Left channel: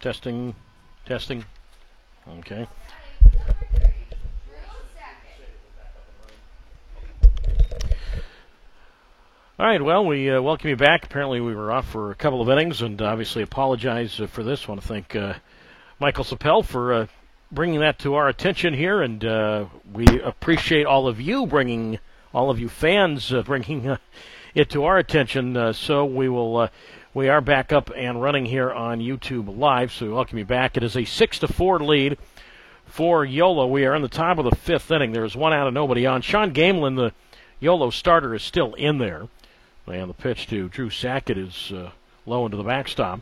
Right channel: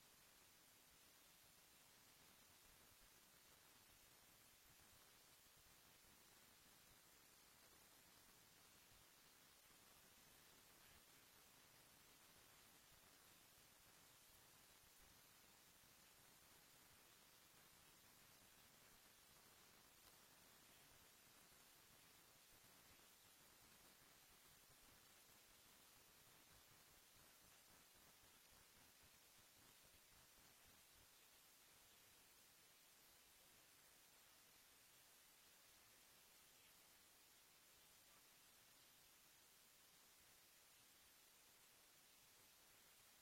Testing, testing. Okay. All right, well, we welcome you back. Apparently, we were off for a couple of innings, and obviously apologize for this. I want to thank Michael Sapel for bringing that to our attention here, and we appreciate all of you fans, bringing it to our attention. So we are back up and running here on YouTube Live. So we welcome you back. It is a 6-4 lead for YOLO. We are in the top of the fifth inning. There is one out and nobody on. Sean Gamelin, the YOLO starter, is still in there. And the pitch to Drew Sackett is low into the backstop.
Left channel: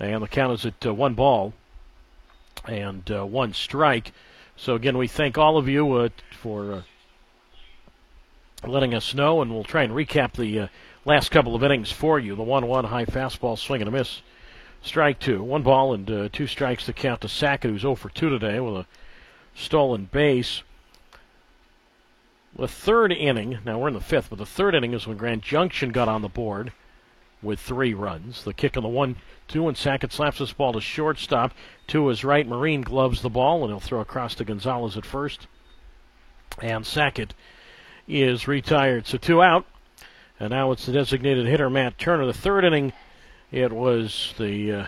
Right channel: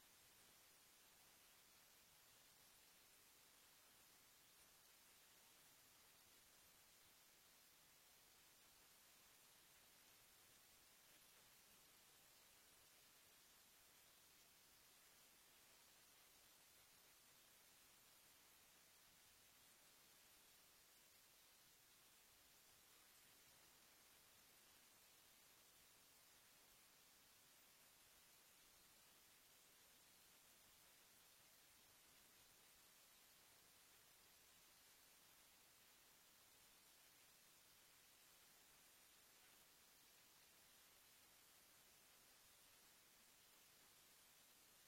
And the count is at 1 ball and 1 strike. So, again, we thank all of you for letting us know, and we'll try and recap the last couple of innings for you. The 1-1 high fastball, swing and a miss. Strike 2. 1 ball and 2 strikes to count to Sackett, who's 0 for 2 today with a stolen base. The third inning, now we're in the fifth, but the third inning is when Grand Junction got on the board with 3 runs. The kick on the 1-2, and Sackett slaps this ball to shortstop. To his right, Marine gloves the ball, and he'll throw across to Gonzalez at first. And Sackett is retired. So 2 out, and now it's the designated hitter, Matt Turner. The third inning, it was the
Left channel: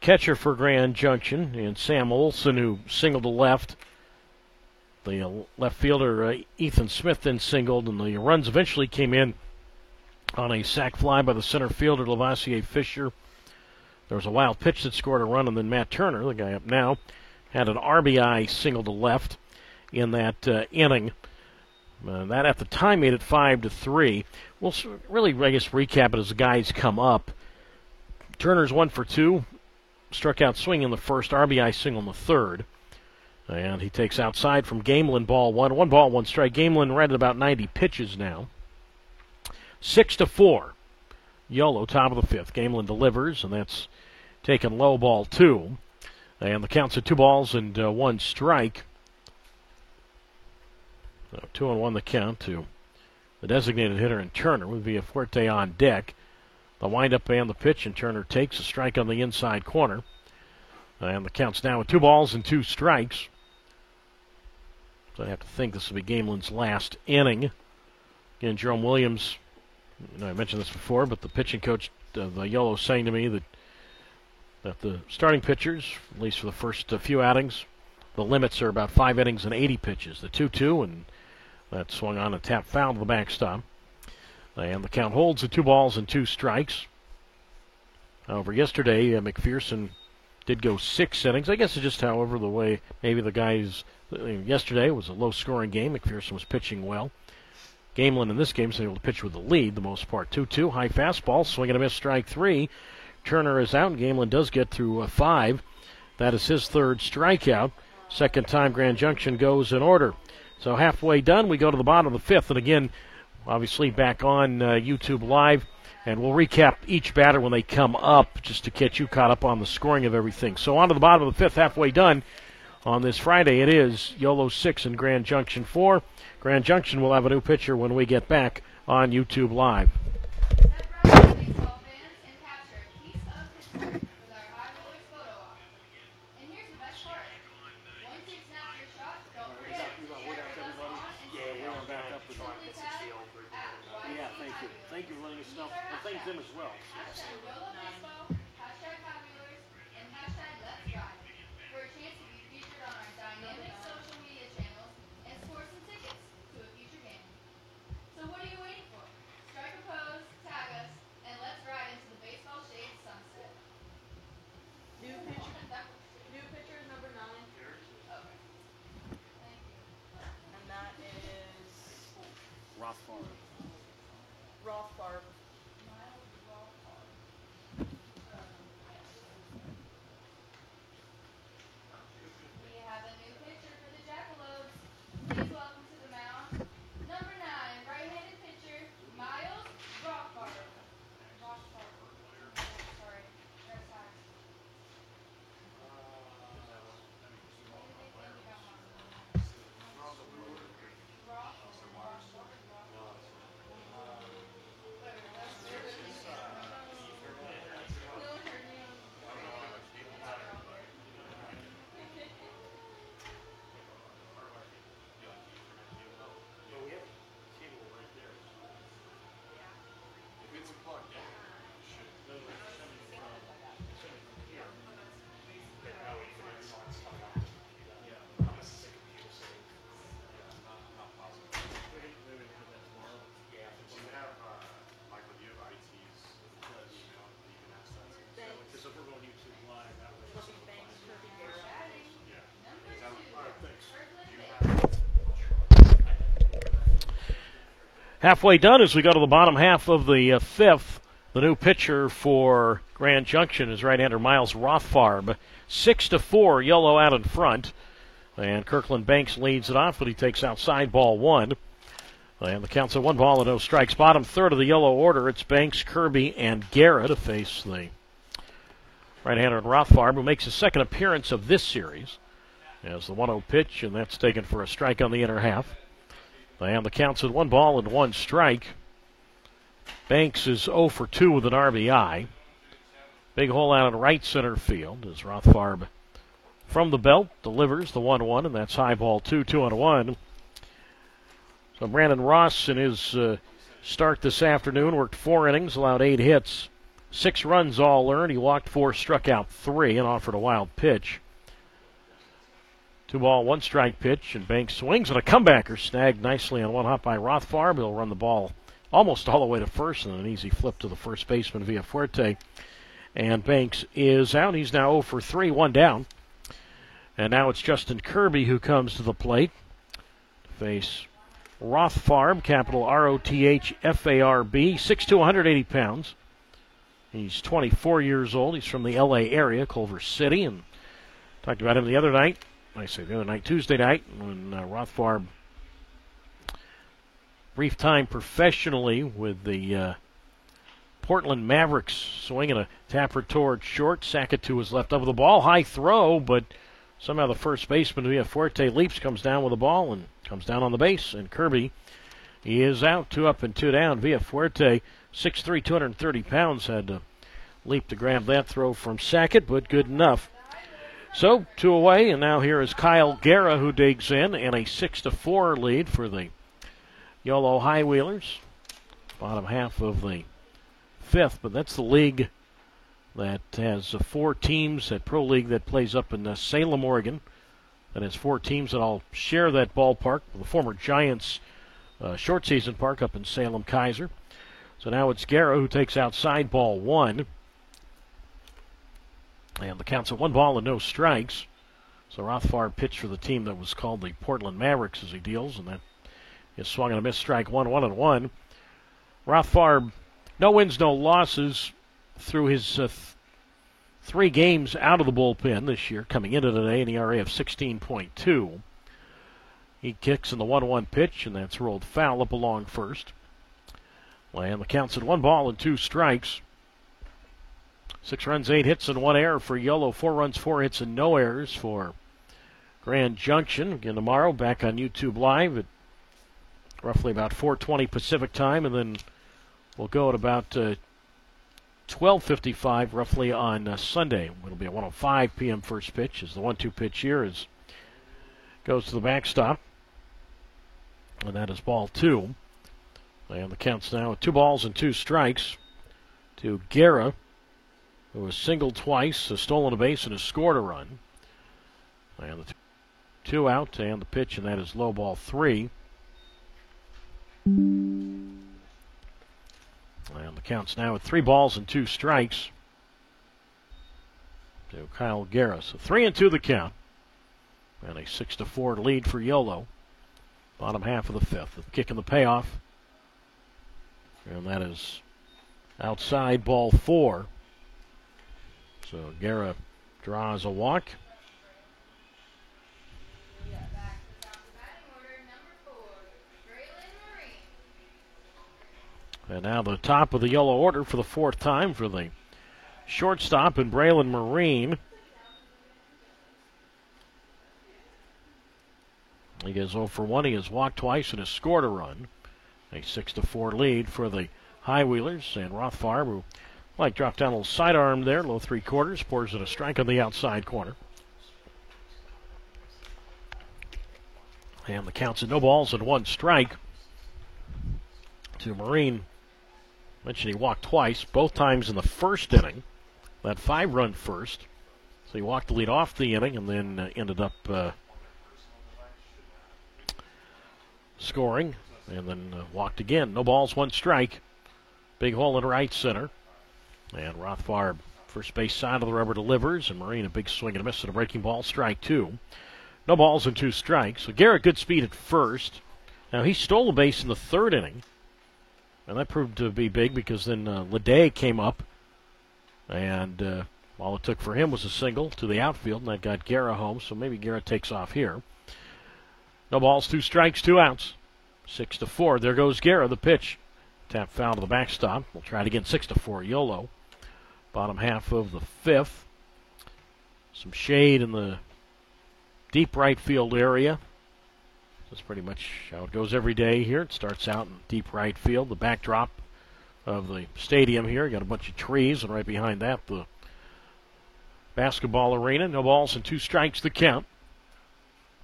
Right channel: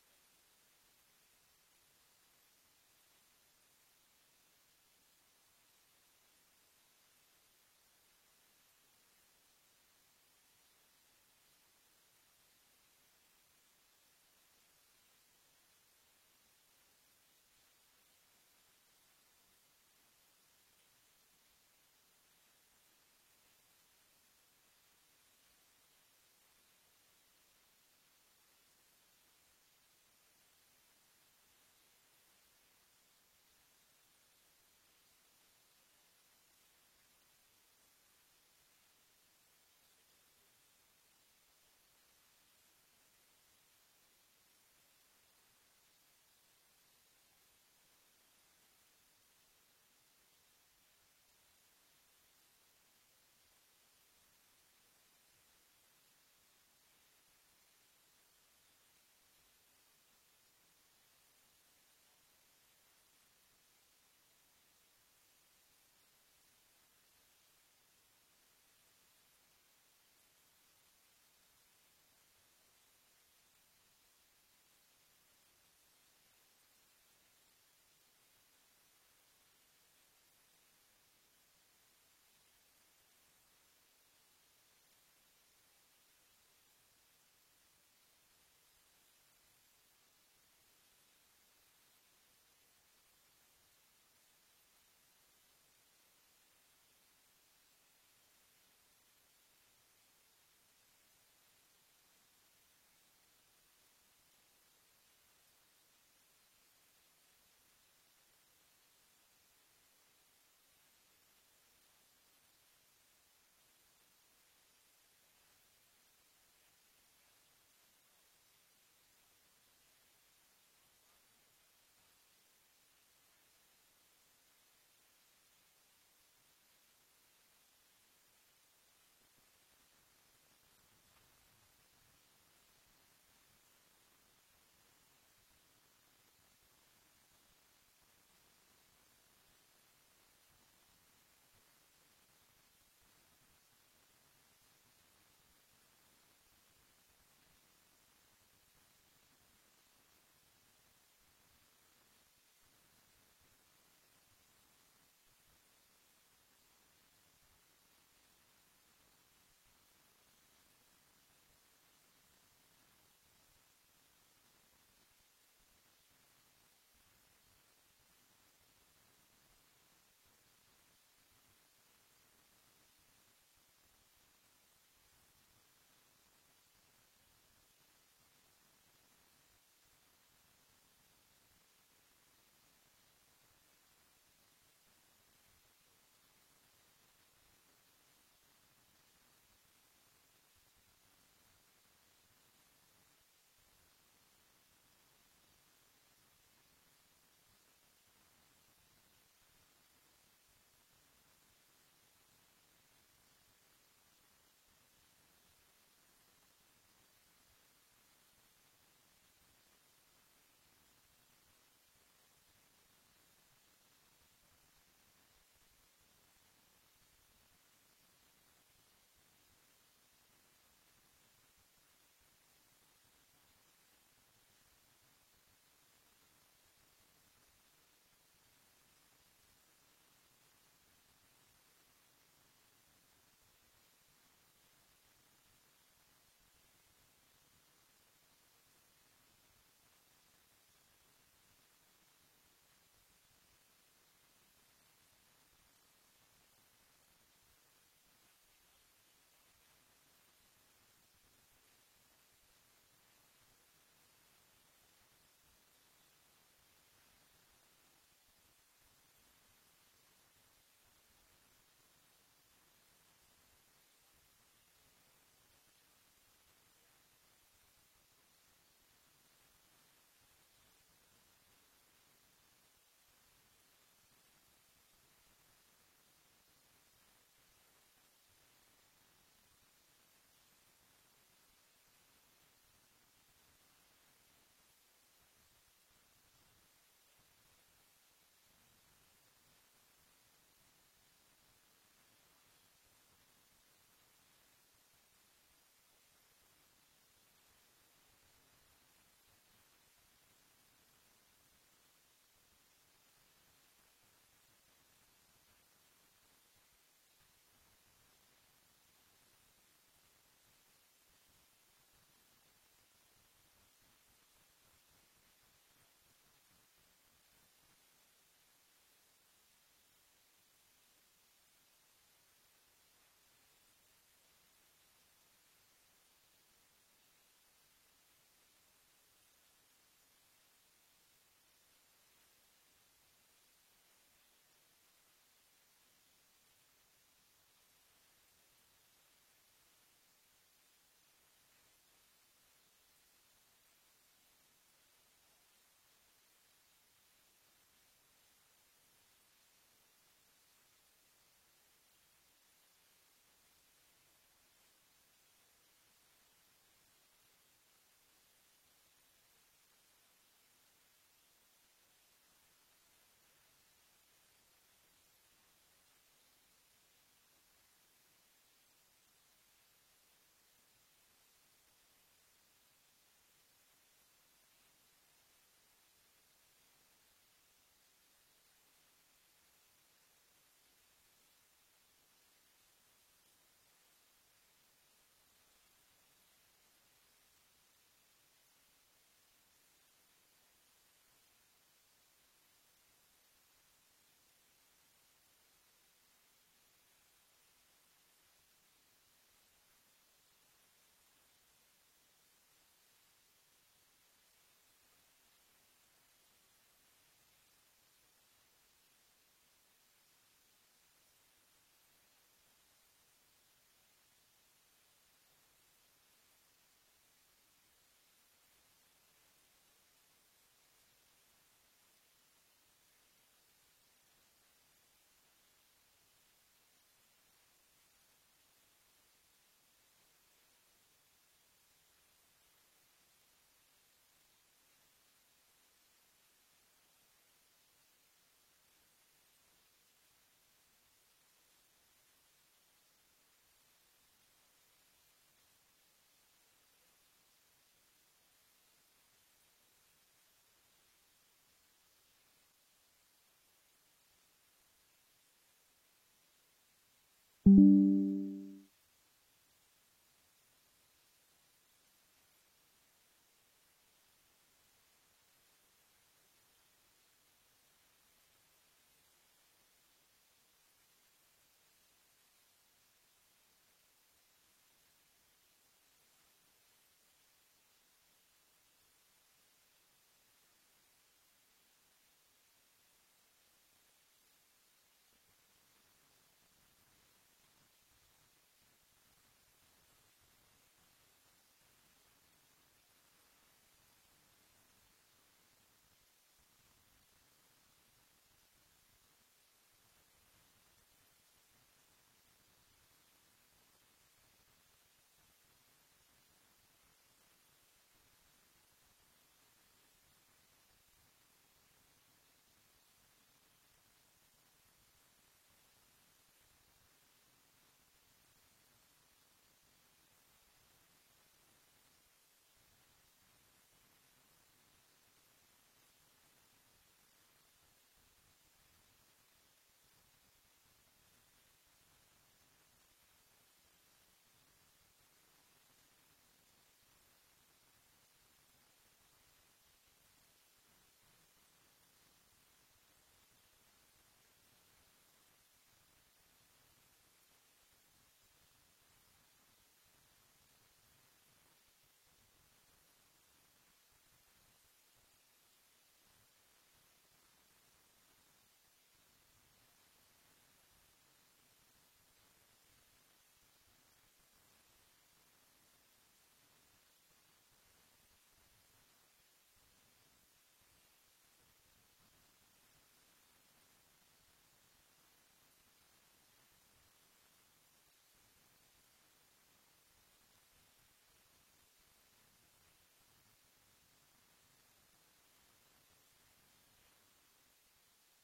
catcher for Grand Junction, and Sam Olson, who singled to left. The left fielder, Ethan Smith, then singled, and the runs eventually came in on a sac fly by the center fielder, Lavoisier Fisher. There was a wild pitch that scored a run, and then Matt Turner, the guy up now, had an RBI single to left in that inning. That at the time made it 5-3. We'll really, I guess, recap it as the guys come up. Turner's 1 for 2, struck out swinging in the first, RBI single in the third. And he takes outside from Gamelin, ball 1. 1 ball, 1 strike. Gamelin right at about 90 pitches now. 6-4. YOLO, top of the fifth. Gamelin delivers, and that's taken low, ball 2. And the count's at 2 balls and 1 strike. So 2-1 the count to the designated hitter, and Turner with Villafuerte on deck. The windup and the pitch, and Turner takes a strike on the inside corner. And the count's now at 2 balls and 2 strikes. So I have to think this will be Gamelin's last inning. Again, Jerome Williams, I mentioned this before, but the pitching coach of the YOLO saying to me that the starting pitchers, at least for the first few outings, the limits are about 5 innings and 80 pitches. The 2-2, and that swung on a tap foul to the backstop. And the count holds at 2 balls and 2 strikes. However, yesterday, McPherson did go 6 innings. I guess it's just, however, the way maybe the guys, yesterday was a low-scoring game. McPherson was pitching well. Gamelin in this game is able to pitch with the lead the most part. 2-2, high fastball, swing and a miss, strike 3. Turner is out, and Gamelin does get through 5. That is his 3rd strikeout. Second time Grand Junction goes in order. So halfway done, we go to the bottom of the 5th. And again, obviously back on YouTube Live. And we'll recap each batter when they come up just to get you caught up on the scoring of everything. So on to the bottom of the 5th, halfway done. On this Friday, it is YOLO 6 and Grand Junction 4. Grand Junction will have a new pitcher when we get back on YouTube Live. Halfway done as we go to the bottom half of the fifth. The new pitcher for Grand Junction is right-hander Miles Rothfarb. 6-4, Yolo out in front. And Kirkland Banks leads it off, but he takes outside ball one. And the count's at 1 ball and no strikes. Bottom third of the yellow order, it's Banks, Kirby, and Guerra to face the right-hander Rothfarb, who makes his second appearance of this series. As the 1-0 pitch, and that's taken for a strike on the inner half. And the count's at 1 ball and 1 strike. Banks is 0 for 2 with an RBI. Big hole out in right center field as Rothfarb from the belt delivers the 1-1, and that's high ball 2, 2-1. So Brandon Ross in his start this afternoon worked 4 innings, allowed 8 hits, 6 runs all earned. He walked 4, struck out 3, and offered a wild pitch. 2 ball, 1 strike pitch, and Banks swings, and a comebacker snagged nicely on 1 hop by Rothfarb. He'll run the ball almost all the way to first, and an easy flip to the first baseman via Fuerte. And Banks is out. He's now 0 for 3, 1 down. And now it's Justin Kirby who comes to the plate to face Rothfarb, capital Rothfarb, 6'2", 180 pounds. He's 24 years old. He's from the L.A. area, Culver City, and talked about him the other night. Tuesday night, when Rothfarb, brief time professionally with the Portland Mavericks, swinging a tapper toward short. Sackett to his left of the ball. High throw, but somehow the first baseman via Fuerte leaps, comes down with the ball, and comes down on the base. And Kirby, he is out, 2 up and 2 down via Fuerte. 6'3", 230 pounds, had to leap to grab that throw from Sackett, but good enough. So 2 away, and now here is Kyle Guerra who digs in, and a 6-4 lead for the Yolo High Wheelers. Bottom half of the fifth, but that's the league that has 4 teams, that pro league that plays up in Salem, Oregon. That has 4 teams that all share that ballpark, the former Giants short season park up in Salem, Kaiser. So now it's Guerra who takes outside ball 1. And the count's at 1 ball and no strikes. So Rothfarb pitched for the team that was called the Portland Mavericks as he deals, and that is swung and a miss, strike 1, 1-1. Rothfarb, no wins, no losses through his 3 games out of the bullpen this year, coming into today, an ERA of 16.2. He kicks in the 1-1 pitch, and that's rolled foul up along first. And the count's at 1 ball and 2 strikes. 6 runs, 8 hits, and 1 error for Yolo. 4 runs, 4 hits, and no errors for Grand Junction. Again tomorrow, back on YouTube Live at roughly about 4:20 Pacific time, and then we'll go at about 12:55 roughly on Sunday. It'll be a 1:05 p.m. first pitch as the 1-2 pitch here goes to the backstop, and that is ball 2. And the count's now at 2 balls and 2 strikes to Guerra, who has singled twice, has stolen a base, and has scored a run. And the 2 out, and the pitch, and that is low ball 3. And the count's now at 3 balls and 2 strikes to Kyle Guerra. So 3-2 the count, and a 6-4 lead for Yolo. Bottom half of the fifth. The kick and the payoff, and that is outside ball 4. So Guerra draws a walk. And now the top of the yellow order for the 4th time for the shortstop in Braylon Marine. He goes 0 for 1. He has walked twice and has scored a run. A 6-4 lead for the High Wheelers. And Rothfarb, who dropped down a little sidearm there, low 3/4, pours it a strike on the outside corner. And the count's at no balls and 1 strike to Marine. Mentioned he walked twice, both times in the first inning. That 5-run first. So he walked the lead off the inning and then ended up scoring and then walked again. No balls, 1 strike. Big hole in right center. And Rothfarb, first base side of the rubber, delivers. And Marine, a big swing and a miss at a breaking ball, strike 2. No balls and 2 strikes. So Garrett, good speed at first. Now he stole a base in the 3rd inning And that proved to be big because then Leday came up, and all it took for him was a single to the outfield, and that got Guerra home, so maybe Guerra takes off here. No balls, 2 strikes, 2 outs. 6-4. There goes Guerra, the pitch. Tap foul to the backstop. We'll try it again, 6-4. Yolo. Bottom half of the 5th. Some shade in the deep right field area. That's pretty much how it goes every day here. It starts out in deep right field. The backdrop of the stadium here. Got a bunch of trees, and right behind that, the basketball arena. No balls and 2 strikes the count.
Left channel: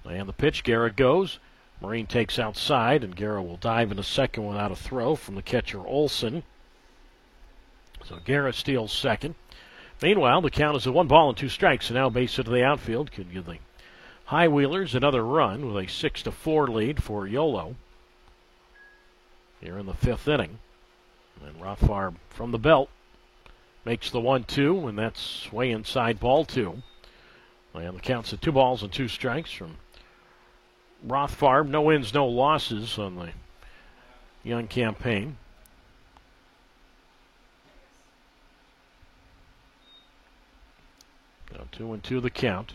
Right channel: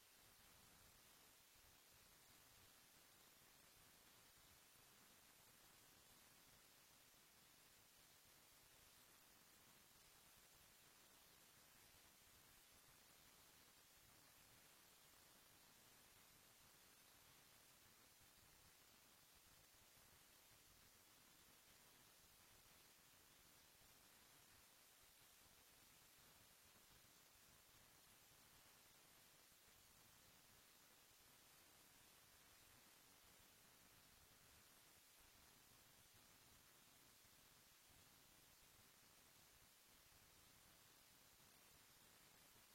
And the pitch, Guerra goes. Marine takes outside, and Guerra will dive in a second without a throw from the catcher Olson. So Guerra steals second. Meanwhile, the count is at 1 ball and 2 strikes, and now base hit to the outfield. Could give the High Wheelers another run with a 6-4 lead for Yolo here in the 5th inning. And Rothfarb from the belt makes the 1-2, and that's way inside ball 2. And the count's at 2 balls and 2 strikes from Rothfarb. No wins, no losses on the young campaign. Now 2-2 the count.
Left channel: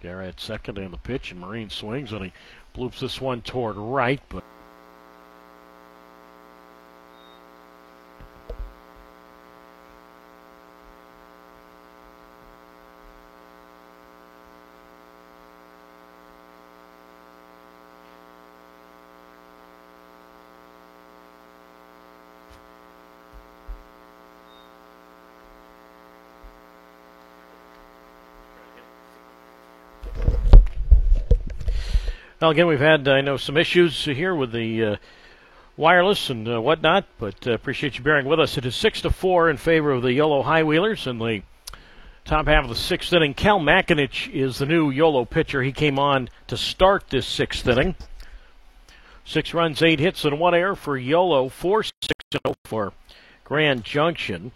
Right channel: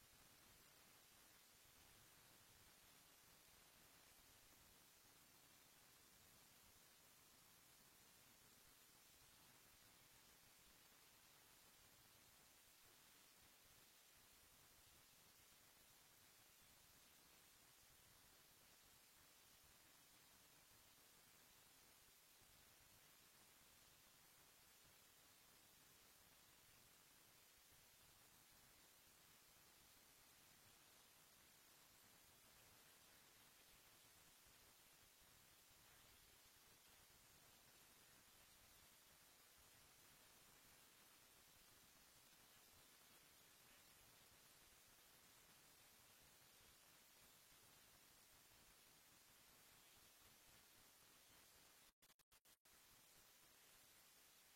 Guerra at second and the pitch, and Marine swings, and he bloops this one toward right, but well, again, we've had, I know, some issues here with the wireless and whatnot, but appreciate you bearing with us. It is 6-4 in favor of the Yolo High Wheelers in the top half of the 6th inning. Cal Makinich is the new Yolo pitcher. He came on to start this 6th inning. 6 runs, 8 hits, and 1 error for Yolo. 4-6-0 for Grand Junction.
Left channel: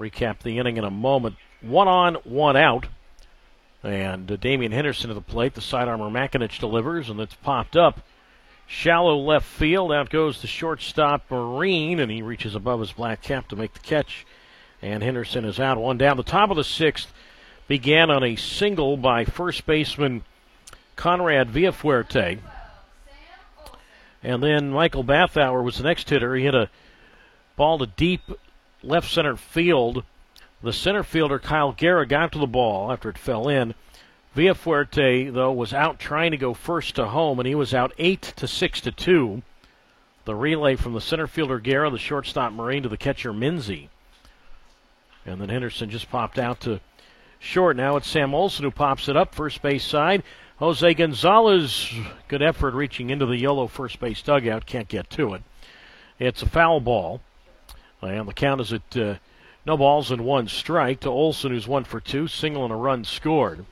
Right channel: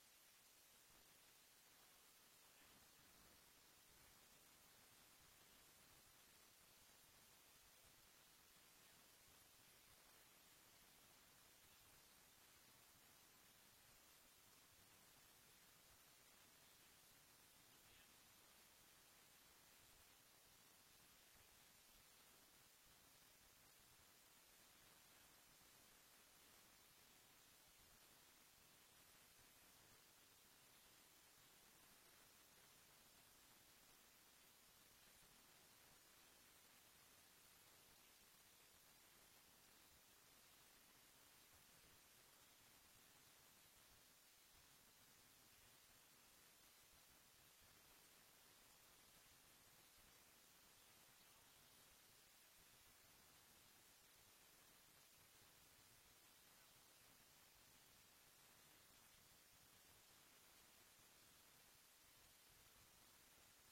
Recap the inning in a moment. 1 on, 1 out. And Damian Henderson to the plate. The side armor Makinich delivers, and it's popped up. Shallow left field. Out goes the shortstop Marine, and he reaches above his black cap to make the catch. And Henderson is out. 1 down. The top of the 6th began on a single by first baseman Conrad Villafuerte. And then Michael Bathauer was the next hitter. He hit a ball to deep left center field. The center fielder, Kyle Guerra, got to the ball after it fell in. Villafuerte, though, was out trying to go first to home, and he was out 8-6-2. The relay from the center fielder, Guerra, the shortstop Marine, to the catcher, Minzy. And then Henderson just popped out to short. Now it's Sam Olson who pops it up, first base side. Jose Gonzalez, good effort reaching into the Yolo first base dugout, can't get to it. It's a foul ball. And the count is at no balls and 1 strike to Olson, who's 1 for 2, single and a run scored.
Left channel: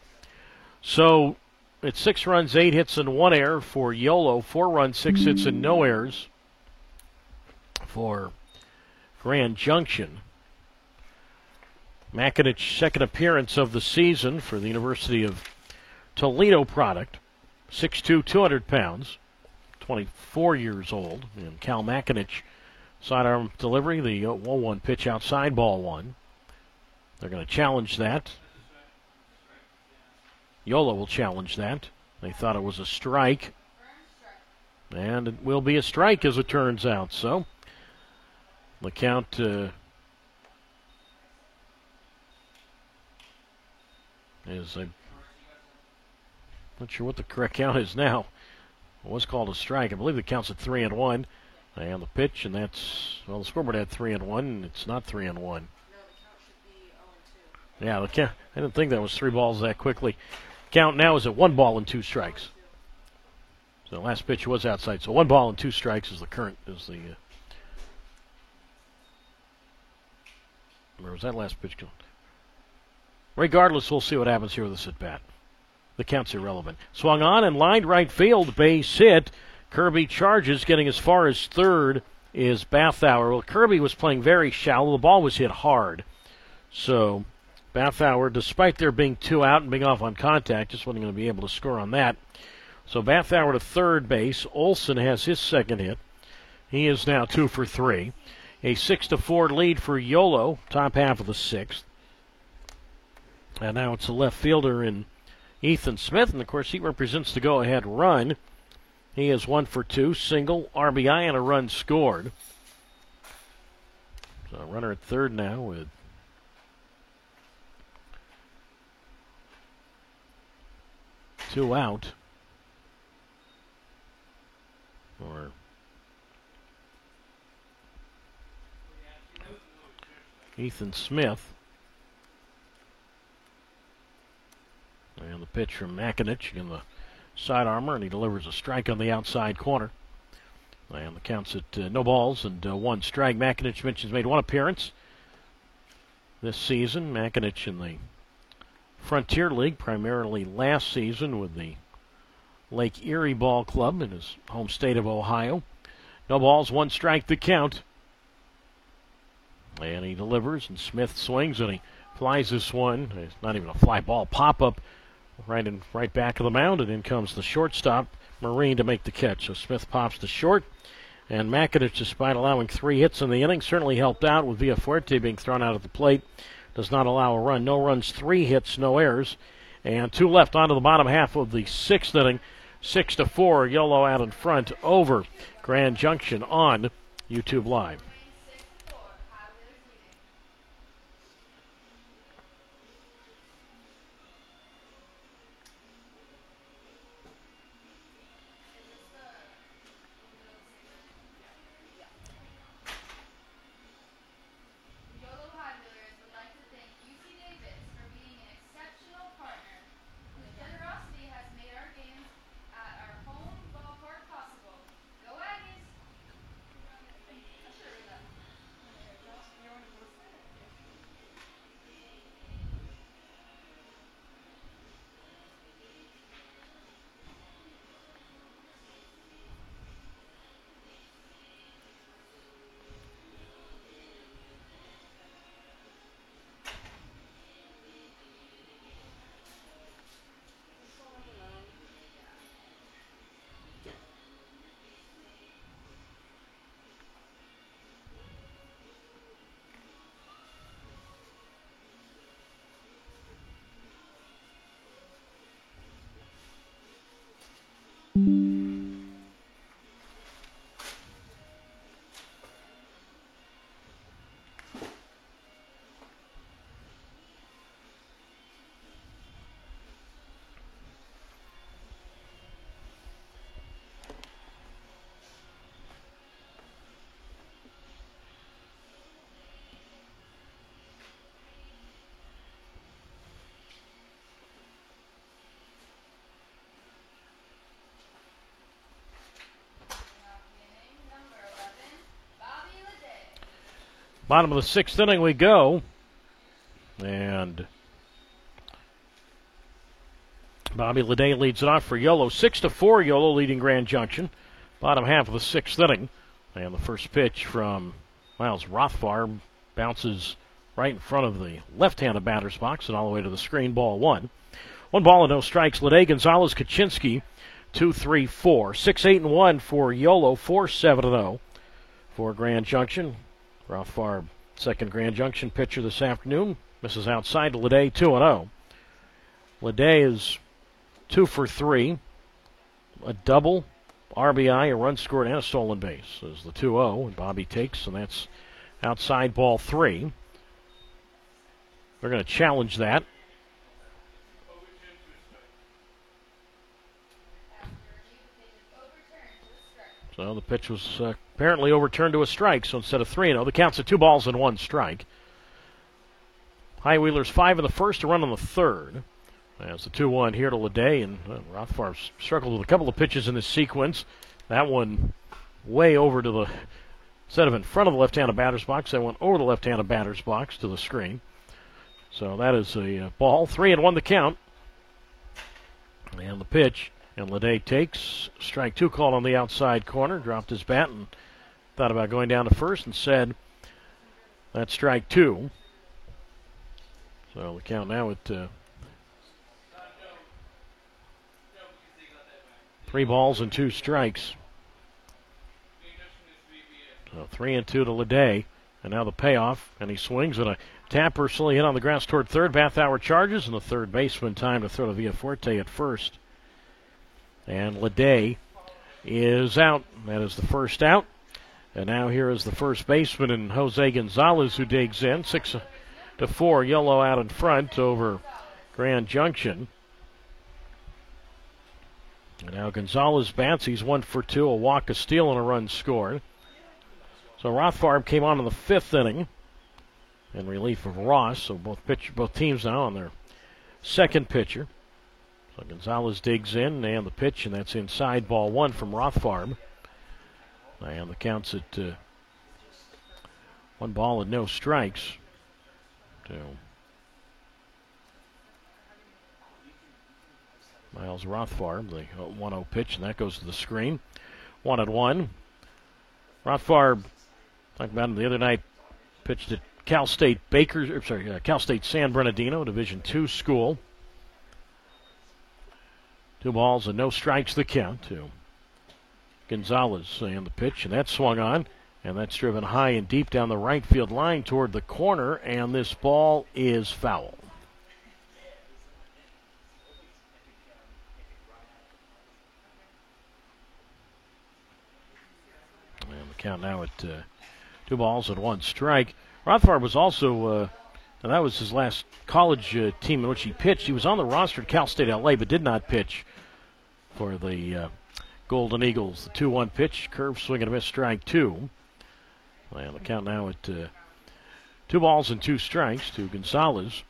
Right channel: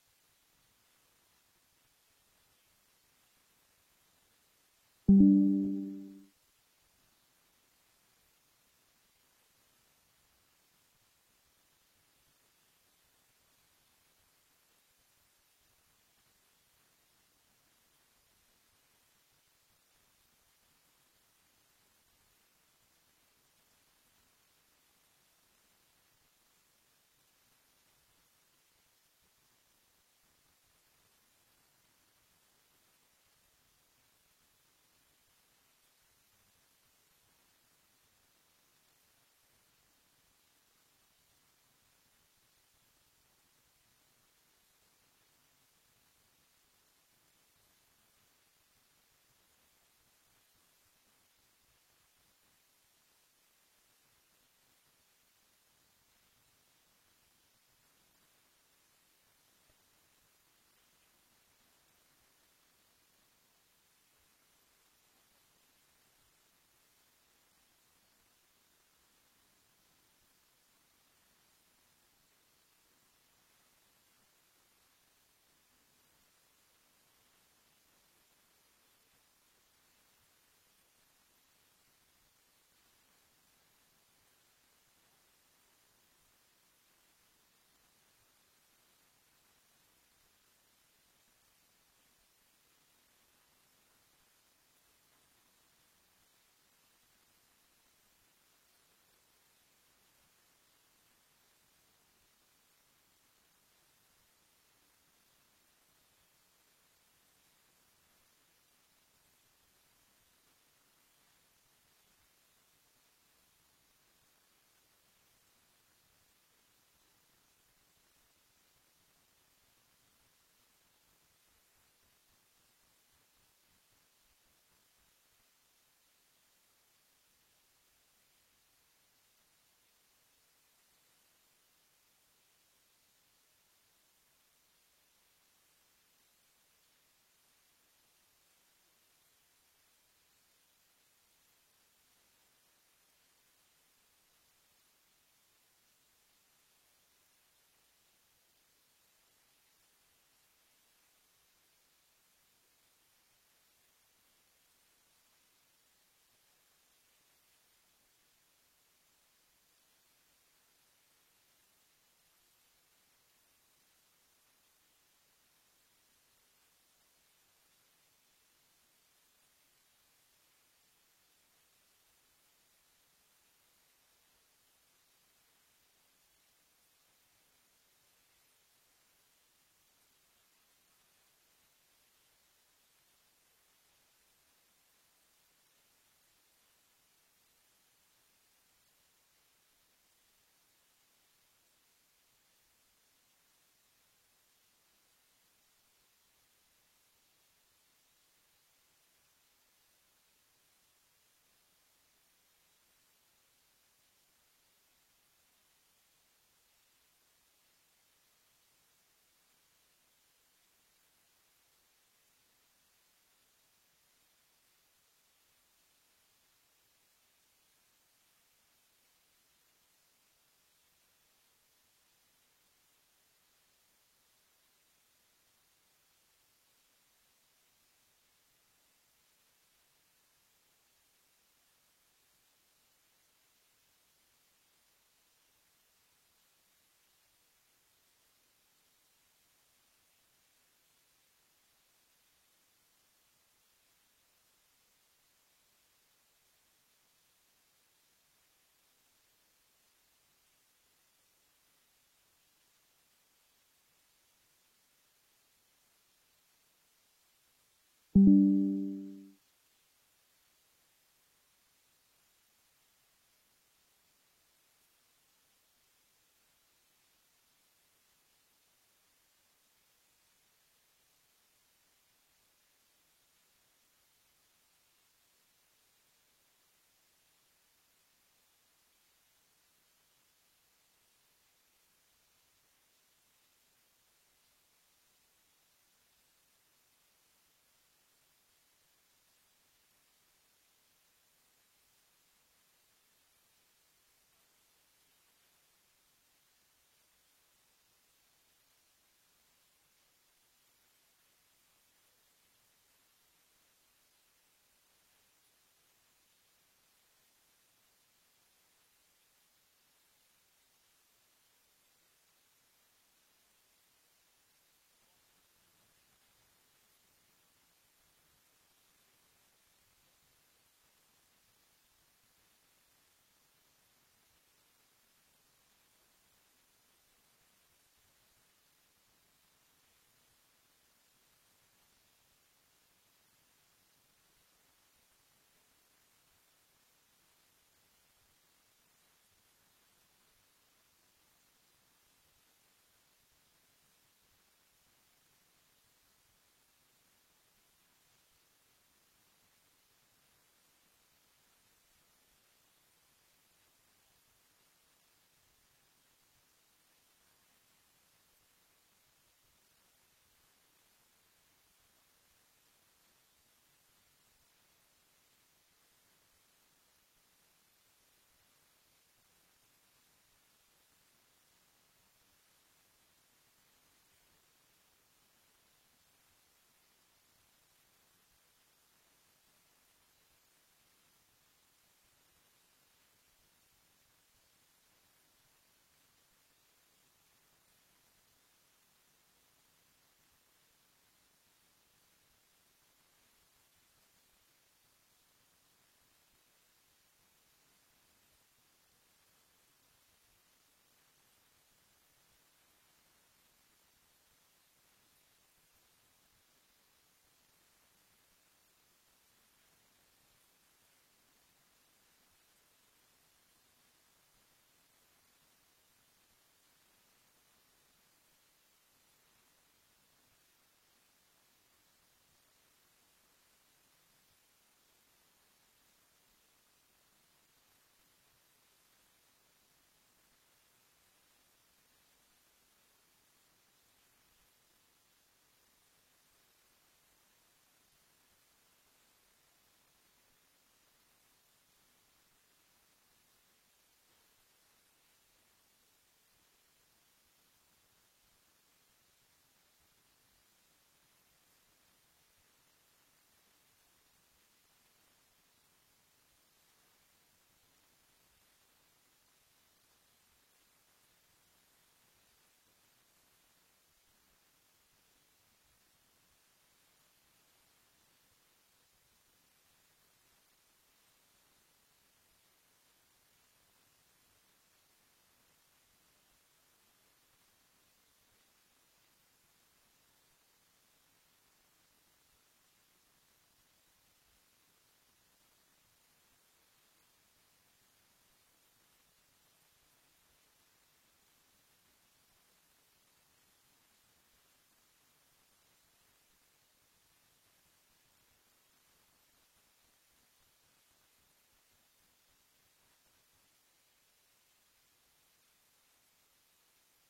So it's 6 runs, 8 hits, and 1 error for Yolo. 4 runs, 6 hits, and no errors for Grand Junction. Makinich, second appearance of the season for the University of Toledo product. 6'2", 200 pounds, 24 years old. And Cal Makinich, sidearm delivery, the 1-1 pitch outside, ball 1. They're going to challenge that. Yolo will challenge that. They thought it was a strike. And it will be a strike as it turns out. So the count is I'm not sure what the correct count is now. It was called a strike. I believe the count's at 3-1. And the pitch, and that's, well, the scoreboard had 3-1, and it's not 3-1. No, the count should be 0-2. Yeah, the count, I didn't think that was 3 balls that quickly. Count now is at 1 ball and 2 strikes. So the last pitch was outside. So 1 ball and 2 strikes is the current, where was that last pitch going? Regardless, we'll see what happens here with this at bat. The count's irrelevant. Swung on and lined right field, base hit. Kirby charges, getting as far as third is Bathauer. Well, Kirby was playing very shallow. The ball was hit hard. So Bathauer, despite there being 2 out and being off on contact, just wasn't going to be able to score on that. So Bathauer to third base. Olson has his second hit. He is now 2 for 3. A 6-4 lead for Yolo, top half of the sixth. And now it's a left fielder in Ethan Smith, and of course he represents the go-ahead run. He is 1 for 2, single, RBI, and a run scored. So runner at third now with two out. Or Ethan Smith. And the pitch from Makinich in the side armor, and he delivers a strike on the outside corner. And the count's at no balls and 1 strike. Makinich mentions made 1 appearance this season. Makinich in the Frontier League, primarily last season with the Lake Erie Ball Club in his home state of Ohio. No balls, 1 strike the count. And he delivers, and Smith swings, and he flies this one. It's not even a fly ball. Pop-up right back of the mound, and in comes the shortstop, Marine, to make the catch. So Smith pops to short, and Makinich, despite allowing 3 hits in the inning, certainly helped out with Villafuerte being thrown out at the plate. Does not allow a run. No runs, 3 hits, no errors. And 2 left onto the bottom half of the 6th inning. 6-4, Yolo out in front over Grand Junction on YouTube Live. Bottom of the 6th inning we go. And Bobby Leday leads it off for Yolo. 6-4, Yolo leading Grand Junction. Bottom half of the 6th inning. And the first pitch from Miles Rothbard bounces right in front of the left-handed batter's box and all the way to the screen. Ball 1. 1 ball and no strikes. Leday, Gonzalez, Kaczynski, 2-3-4. 6-8-1 for Yolo. 4-7-0 for Grand Junction. Rothbard, second Grand Junction pitcher this afternoon, misses outside to Leday, 2-0. Leday is 2 for 3, a double, RBI, a run scored, and a stolen base. As the 2-0, and Bobby takes, and that's outside ball 3. They're going to challenge that. So the pitch was apparently overturned to a strike. So instead of 3-0, the count's at 2 balls and 1 strike. High Wheelers 5 in the first, a run on the third. As the 2-1 here to Leday, and Rothbard struggled with a couple of pitches in this sequence. That one way over to the, instead of in front of the left-handed batter's box, that went over the left-handed batter's box to the screen. So that is a ball. 3-1 the count. And the pitch. And Leday takes strike 2 called on the outside corner, dropped his bat and thought about going down to first and said that's strike 2. So the count now at 3 balls and 2 strikes. So 3-2 to Leday. And now the payoff. And he swings and a tap personally hit on the grass toward third. Bathauer charges, and the third baseman time to throw to Villaforte at first. And Leday is out. That is the first out. And now here is the first baseman and Jose Gonzalez, who digs in. 6-4, Yolo out in front over Grand Junction. And now Gonzalez bats. He's 1 for 2, a walk, a steal, and a run scored. So Rothfarb came on in the 5th inning in relief of Ross. So both teams now on their second pitcher. So Gonzalez digs in, and the pitch, and that's inside, ball 1 from Rothfarb. And the count's at 1 ball and no strikes to Miles Rothfarb, the 1-0 pitch, and that goes to the screen. 1-1. Rothfarb, talked about him the other night, pitched at Cal State Cal State San Bernardino, Division II school. 2 balls and no strikes the count to Gonzalez and the pitch, and that's swung on, and that's driven high and deep down the right field line toward the corner, and this ball is foul. And the count now at 2 balls and 1 strike. Rothfarb was also, and that was his last college team in which he pitched. He was on the roster at Cal State LA, but did not pitch for the Golden Eagles. The 2-1 pitch, curve swing and a miss, strike 2. And the count now at 2 balls and 2 strikes to Gonzalez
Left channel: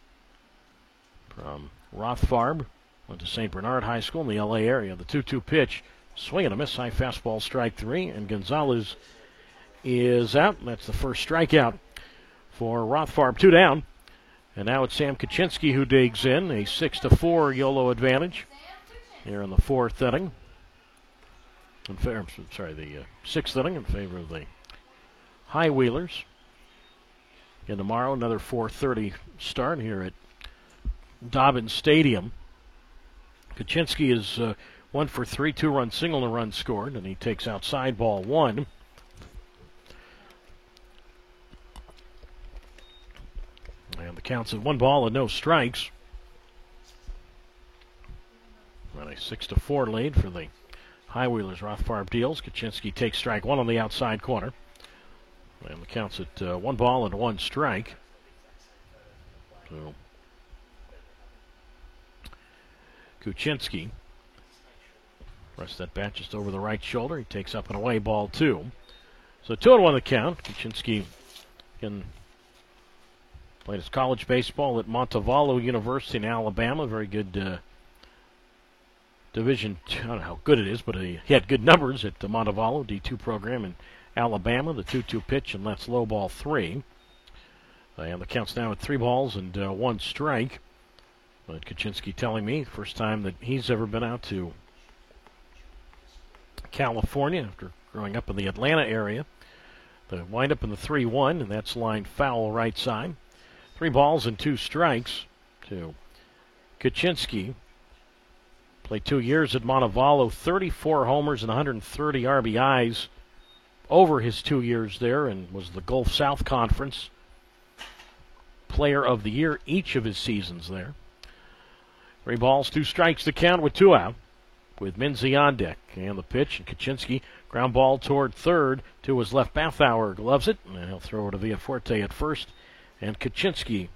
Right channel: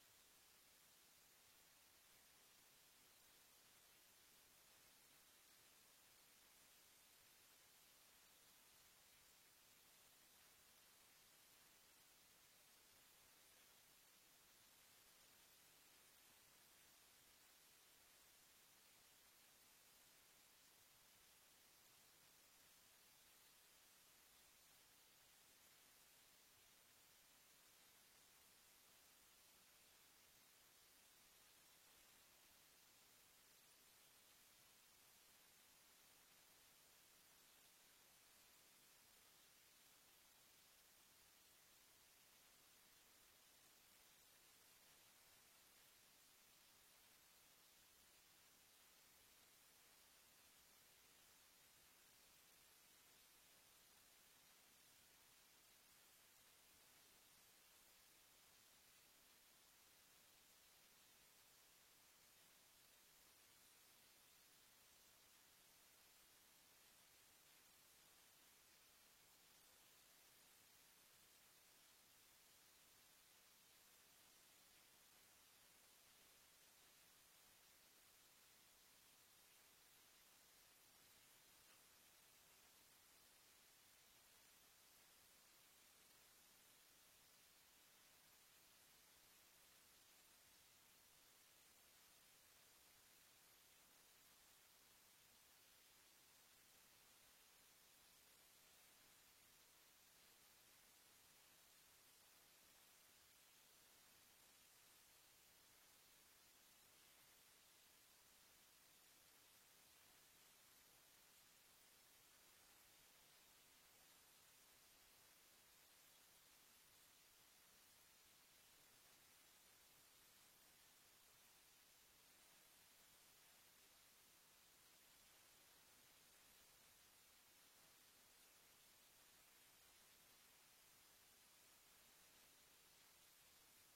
from Rothfarb. Went to St. Bernard High School in the LA area. The 2-2 pitch, swing and a miss, high fastball, strike 3. And Gonzalez is out. That's the first strikeout for Rothfarb. 2 down. And now it's Sam Kaczynski who digs in. A 6-4 Yolo advantage here in the 4th inning. The 6th inning in favor of the High Wheelers. And tomorrow, another 4:30 start here at Dobbins Stadium. Kaczynski is 1 for 3, 2-run single and a run scored, and he takes outside ball 1. And the count's at 1 ball and no strikes. And a 6-4 lead for the High Wheelers. Rothfarb deals. Kaczynski takes strike 1 on the outside corner. And the count's at 1 ball and 1 strike. So Kaczynski, rest that bat just over the right shoulder. He takes up and away, ball 2. So 2-1 the count. Kaczynski played his college baseball at Montevallo University in Alabama. Very good Division, I don't know how good it is, but he had good numbers at the Montevallo D2 program in Alabama. The 2-2 pitch, and that's low, ball 3. And the count's now at 3 balls and 1 strike. But Kaczynski telling me, first time that he's ever been out to California after growing up in the Atlanta area. The windup in the 3-1, and that's lined foul right side. 3 balls and 2 strikes to Kaczynski. Played 2 years at Montevallo, 34 homers and 130 RBIs over his 2 years there, and was the Gulf South Conference Player of the Year each of his seasons there. 3 balls, 2 strikes to count with 2 out, with Minzy on deck. And the pitch, and Kaczynski, ground ball toward third to his left. Bathauer gloves it, and he'll throw it to Villaforte at first. And Kaczynski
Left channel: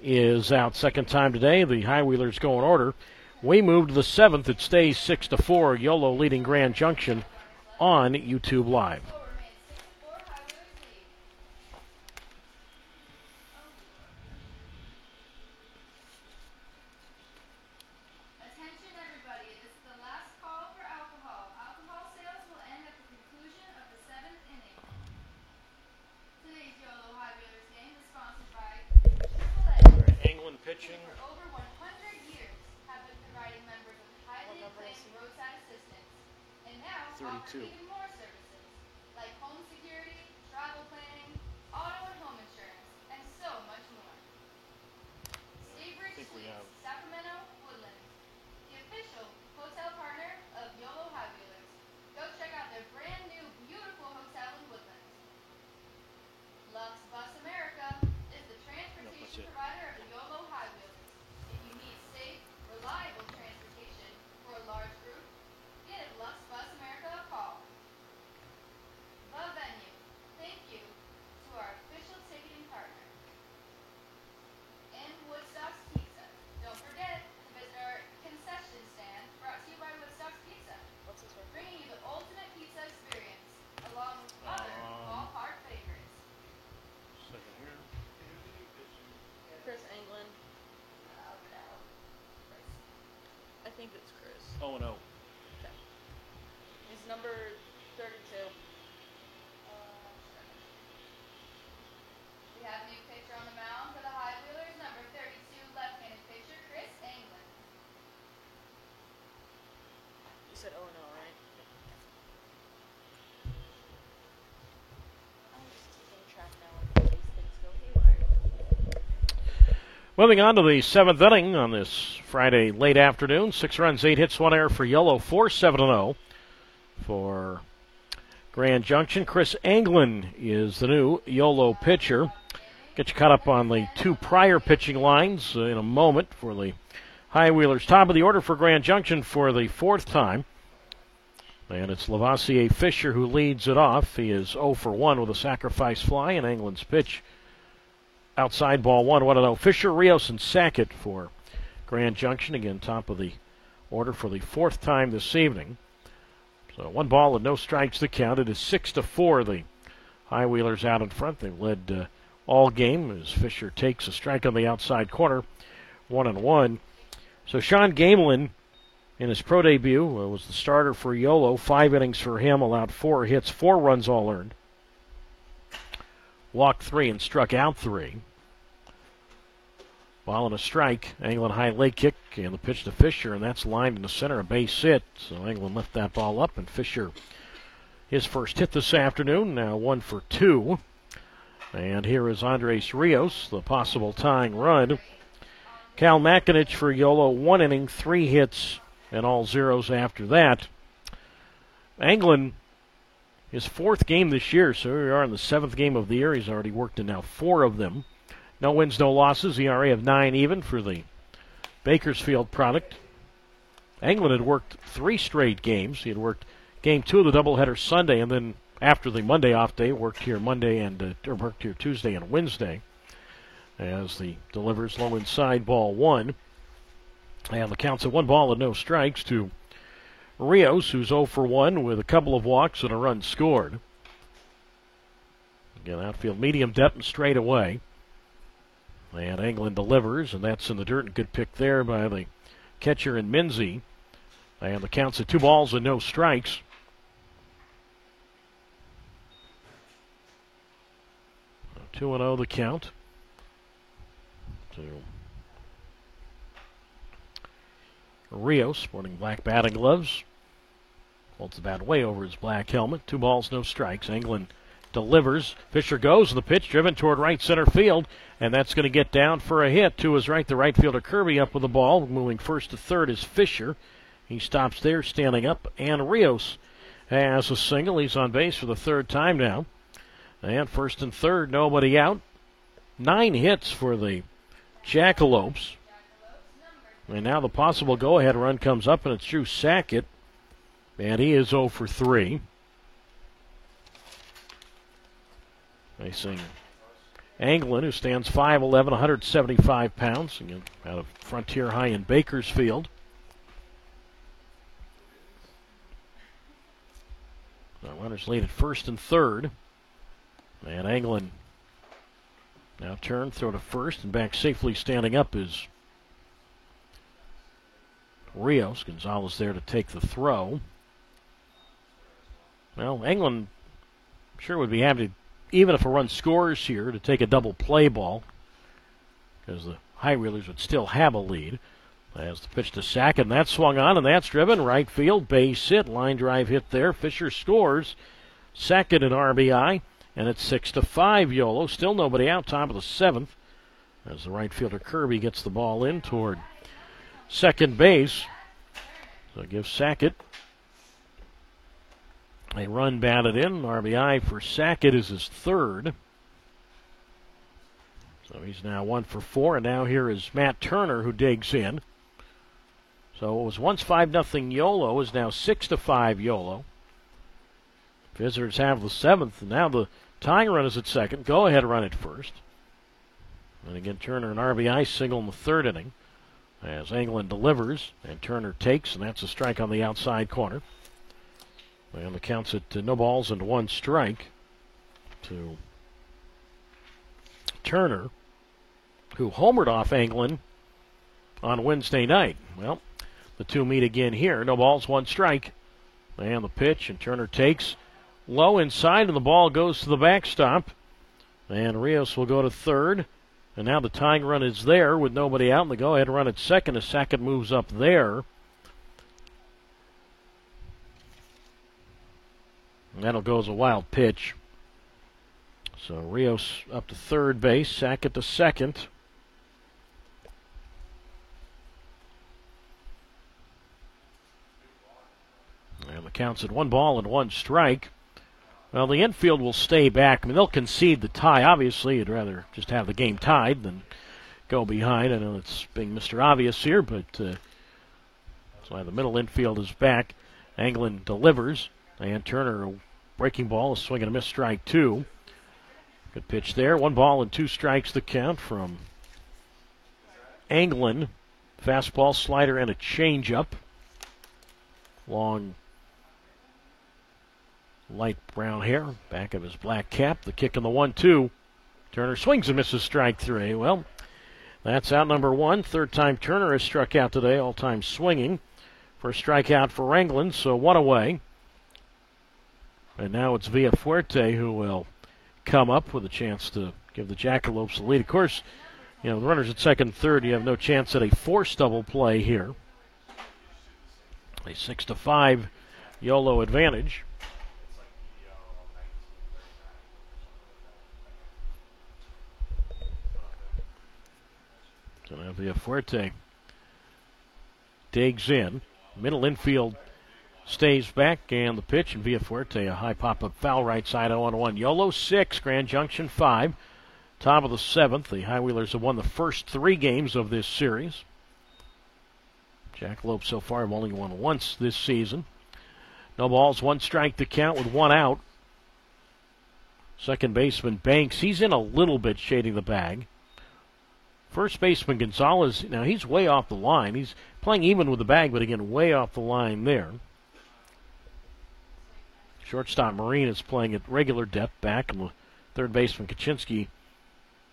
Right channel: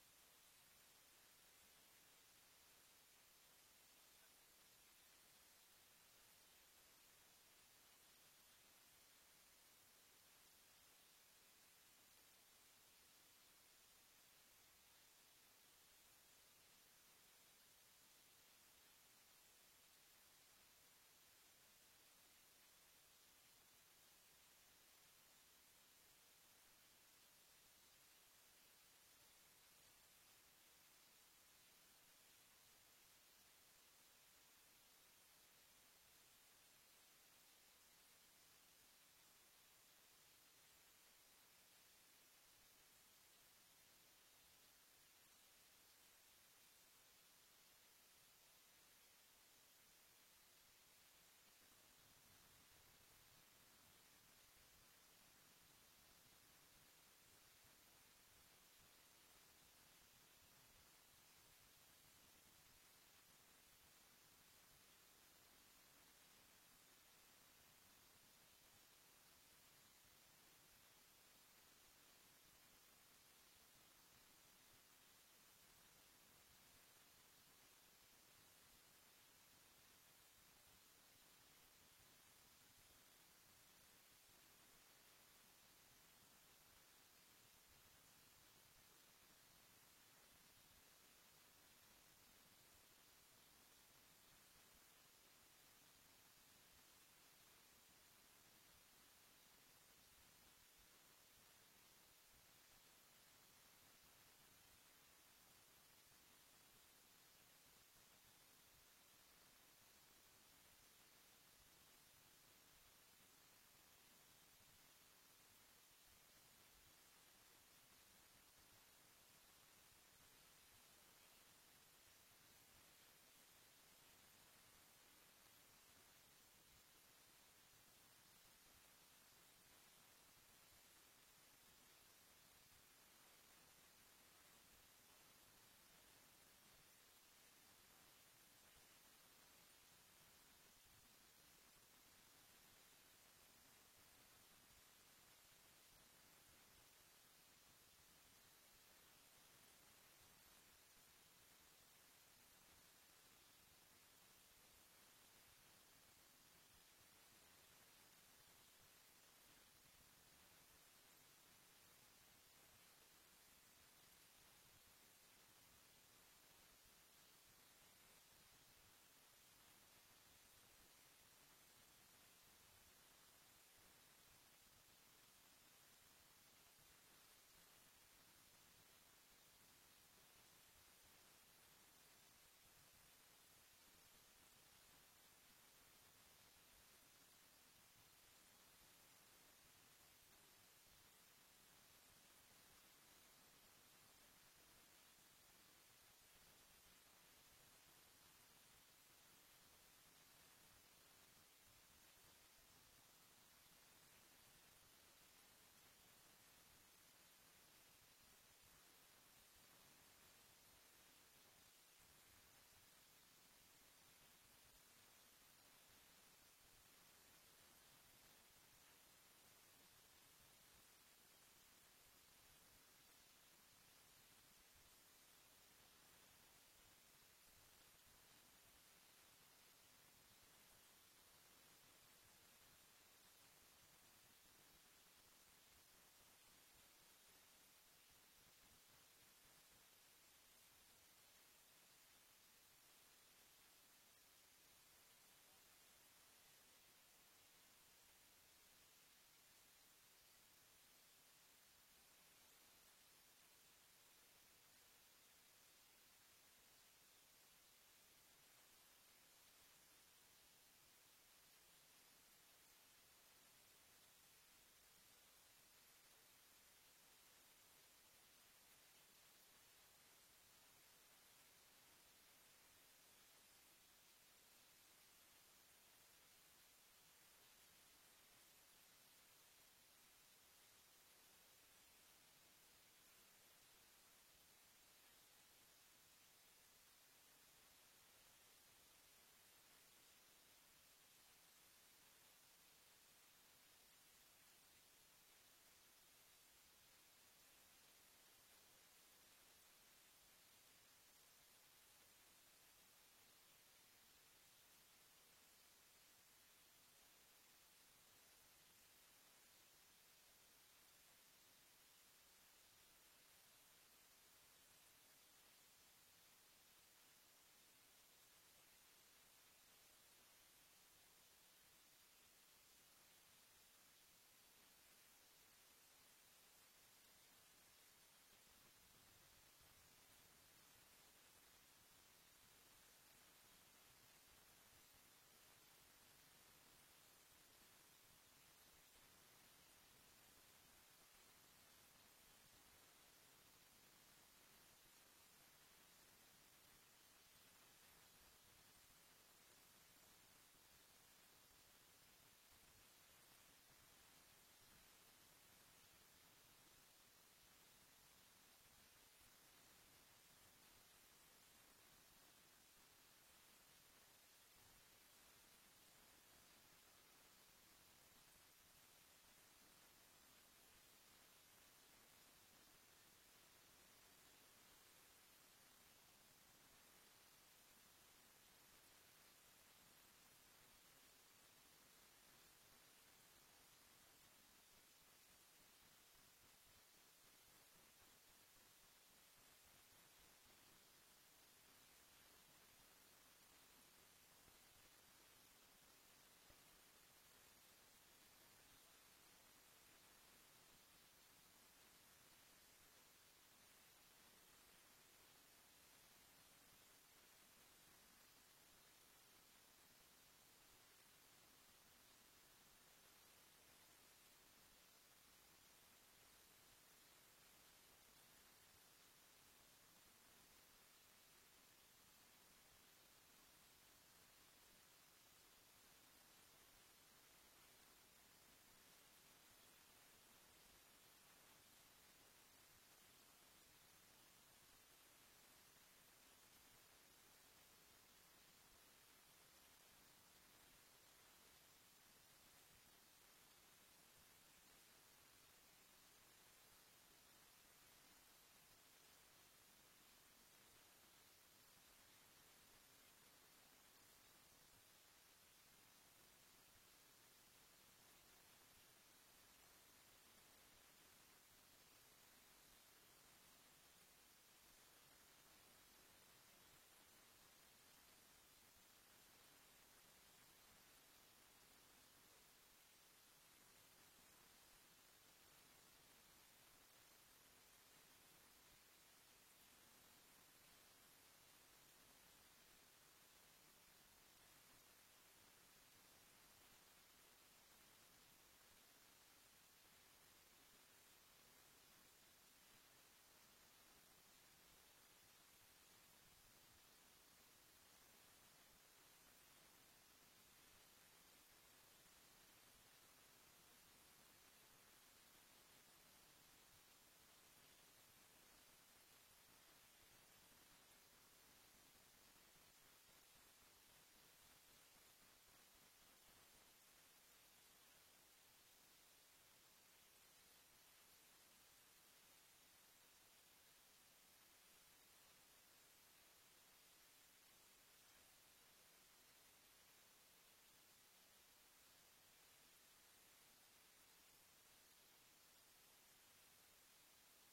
is out. Second time today. The High Wheelers go in order. We move to the 7th. It stays 6-4. Yolo leading Grand Junction on YouTube Live. Pitching. For over 100 years have been providing members of highly acclaimed roadside assistance, and now 32. Offer even more services like home security, travel planning, auto and home insurance, and so much more. Staybridge Suites, Sacramento, Woodlands, the official hotel partner of YOLO High think it's Chris. 0-0. Okay. He's number 32. We have a new pitcher on the mound for the High Wheelers, number 32, left-handed pitcher Chris Anglin. You said 0-0, right? I'm just keeping track now of all these things go haywire. Moving on to the 7th inning on this Friday late afternoon. 6 runs, 8 hits, 1 error for Yolo. 4-7-0 for Grand Junction. Chris Anglin is the new Yolo pitcher. Get you caught up on the 2 prior pitching lines in a moment for the High Wheelers. Top of the order for Grand Junction for the 4th time. And it's Lavoisier Fisher who leads it off. He is 0 for 1 with a sacrifice fly, and Anglin's pitch outside ball 1. 1-0. Fisher, Rios, and Sackett for Grand Junction. Again, top of the order for the 4th time this evening. So 1 ball and no strikes to count. It is 6-4. The High Wheelers out in front. They've led all game as Fisher takes a strike on the outside corner. 1-1. So Sean Gamelin, in his pro debut, was the starter for Yolo. 5 innings for him, allowed 4 hits, 4 runs all earned. Walked 3 and struck out 3. Ball and a strike. Anglin high leg kick and the pitch to Fisher, and that's lined in the center, a base hit. So Anglin left that ball up, and Fisher, his first hit this afternoon, now 1 for 2. And here is Andres Rios, the possible tying run. Cal Makinich for Yolo, 1 inning, 3 hits, and all zeros after that. Anglin, his 4th game this year, so we are in the 7th game of the year. He's already worked in now 4 of them. No wins, no losses. ERA of 9 even for the Bakersfield product. Anglin had worked 3 straight games. He had worked game 2 of the doubleheader Sunday, and then after the Monday off day, worked here worked here Tuesday and Wednesday. As the delivers low inside ball 1, and the count's at 1 ball and no strikes to Rios, who's 0 for 1 with a couple of walks and a run scored. Again, outfield medium depth and straight away. And Anglin delivers, and that's in the dirt. And good pick there by the catcher in Minzy. And the count's at 2 balls and no strikes. So 2-0 the count. To Rios, sporting black batting gloves. Holds the bat way over his black helmet. 2 balls, no strikes. Anglin delivers. Fisher goes, and the pitch driven toward right center field, and that's going to get down for a hit. To his right, the right fielder Kirby up with the ball. Moving first to third is Fisher. He stops there, standing up, and Rios has a single. He's on base for the 3rd time now. And first and third, nobody out. 9 hits for the Jackalopes. And now the possible go-ahead run comes up, and it's Drew Sackett. And he is 0 for 3. Facing Anglin, who stands 5'11", 175 pounds, again, out of Frontier High in Bakersfield. The runners lead at first and third. And Anglin now turn, throw to first, and back safely standing up is Rios. Gonzalez there to take the throw. Well, Anglin sure would be happy, even if a run scores here, to take a double play ball, because the High Wheelers would still have a lead. As the pitch to Sackett, and that's swung on, and that's driven. Right field, base hit, line drive hit there. Fisher scores. Sackett an RBI, and it's 6-5 Yolo. Still nobody out, top of the 7th, as the right fielder Kirby gets the ball in toward second base. So it gives Sackett a run batted in. RBI for Sackett is his 3rd. So he's now 1 for 4, and now here is Matt Turner, who digs in. So it was once 5-0 Yolo, is now 6-5 Yolo. Visitors have the 7th, and now the tying run is at second. Go ahead run at first. And again, Turner an RBI single in the 3rd inning, as Anglin delivers, and Turner takes, and that's a strike on the outside corner. And the count's at no balls and 1 strike to Turner, who homered off Anglin on Wednesday night. Well, The two meet again here. No balls, one strike. And the pitch, and Turner takes low inside, and the ball goes to the backstop. And Rios will go to third. And now the tying run is there with nobody out, and the go-ahead run at second as Sackett moves up there. And that'll go as a wild pitch. So Rios up to third base, Sackett to second. And the count's at 1-1 strike. Well, the infield will stay back. I mean, they'll concede the tie. Obviously, you'd rather just have the game tied than go behind. I know it's being Mr. Obvious here, but that's why the middle infield is back. Anglin delivers. And Turner, a breaking ball, a swing and a miss, strike two. Good pitch there. 1-2 strikes the count from Anglin. Fastball, slider, and a changeup. Long, light brown hair, back of his black cap. The kick in the 1-2. Turner swings and misses, strike three. Well, that's out number one. Third time Turner has struck out today, all-time swinging. First strikeout for Anglin, so one away. And now it's Villafuerte who will come up with a chance to give the Jackalopes the lead. Of course, you know, the runners at second and third, you have no chance at a forced double play here. A 6-5 YOLO advantage. So now Villafuerte digs in. Middle infield stays back, and the pitch, and Villafuerte, a high pop-up foul right side, 0-1. YOLO 6, Grand Junction 5. Top of the seventh. The High Wheelers have won the first three games of this series. Jackalope so far have only won once this season. No balls, one strike to count with one out. Second baseman Banks, he's in a little bit shading the bag. First baseman Gonzalez, now he's way off the line. He's playing even with the bag, but again, way off the line there. Shortstop Marine is playing at regular depth back, and the third baseman Kaczynski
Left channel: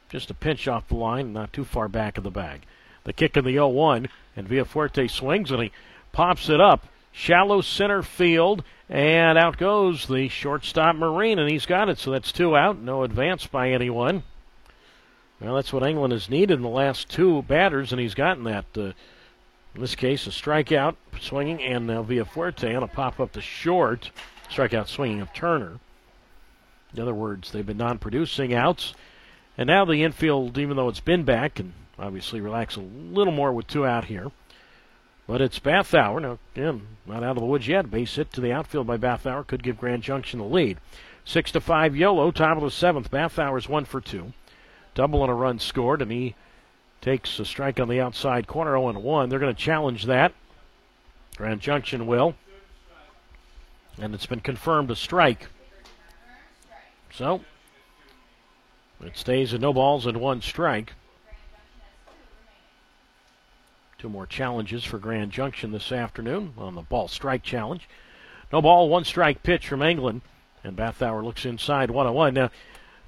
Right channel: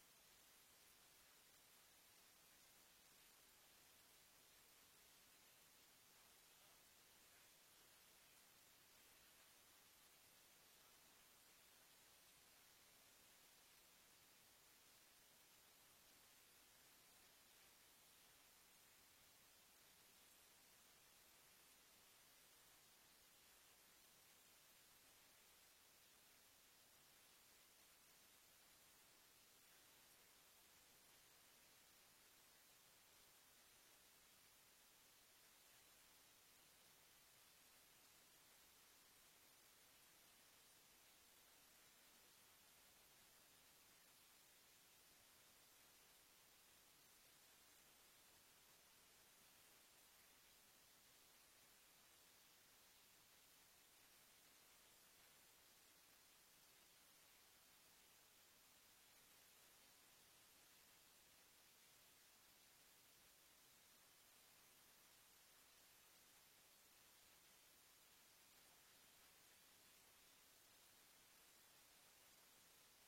just a pinch off the line, not too far back of the bag. The kick in the 0-1, and Villafuerte swings, and he pops it up. Shallow center field, and out goes the shortstop Marine, and he's got it, so that's two out. No advance by anyone. Well, that's what England has needed in the last two batters, and he's gotten that. In this case, a strikeout swinging, and now Villafuerte on a pop-up to short. Strikeout swinging of Turner. In other words, they've been non-producing outs. And now the infield, even though it's been back, and obviously relax a little more with two out here. But it's Bathauer. Now, again, not out of the woods yet. Base hit to the outfield by Bathauer could give Grand Junction the lead. 6-5 YOLO, top of the seventh. Bathauer's 1 for 2. Double and a run scored, and he takes a strike on the outside corner, 0-1. They're going to challenge that. Grand Junction will. And it's been confirmed a strike. So, it stays at no balls and one strike. Two more challenges for Grand Junction this afternoon on the ball strike challenge. No ball, one strike pitch from England. And Bathauer looks inside, 1-1. Now, a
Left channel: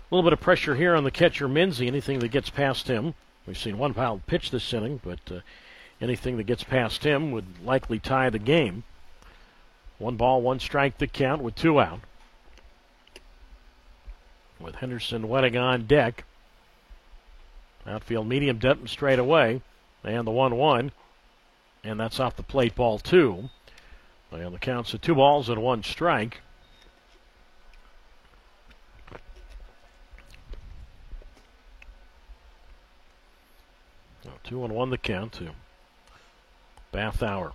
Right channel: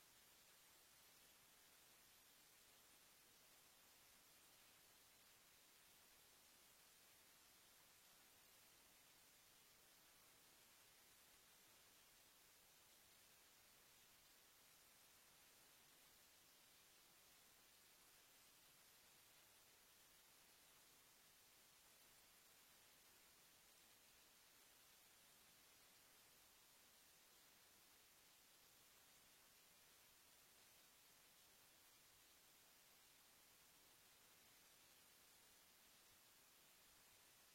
little bit of pressure here on the catcher Minzy. Anything that gets past him. We've seen one foul pitch this inning, but anything that gets past him would likely tie the game. 1 ball, 1 strike to count with two out. With Henderson wetting on deck. Outfield medium depth straight away. And the 1-1. And that's off the plate, ball 2. And the count's at 2 balls and 1 strike. So 2-1 the count to Bathauer.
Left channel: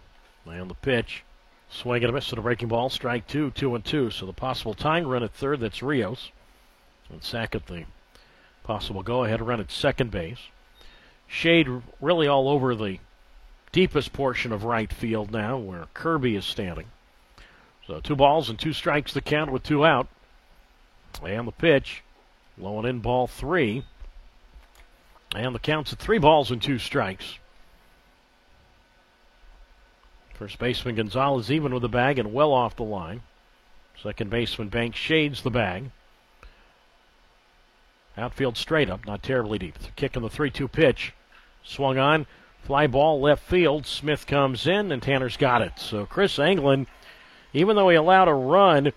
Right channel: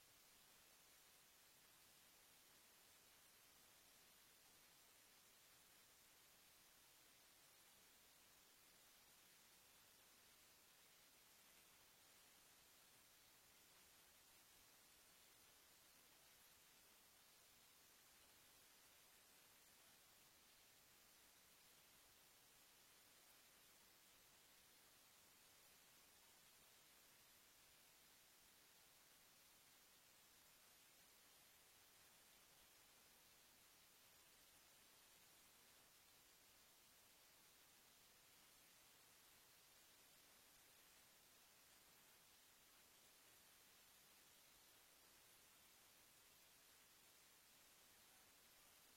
And the pitch. Swing and a miss to the breaking ball. Strike 2, 2-2. So the possible tying run at third, that's Rios. And Sackett, the possible go-ahead run at second base. Shade really all over the deepest portion of right field now, where Kirby is standing. So 2 balls and 2 strikes to count with 2 out. And the pitch, low and in, ball 3. And the count's at 3 balls and 2 strikes. First baseman Gonzalez even with the bag and well off the line. Second baseman Banks shades the bag. Outfield straight up, not terribly deep. Kick in the 3-2 pitch. Swung on, Fly ball left field. Smith comes in, and Tanner's got it. So Chris Anglin, even though he allowed a run,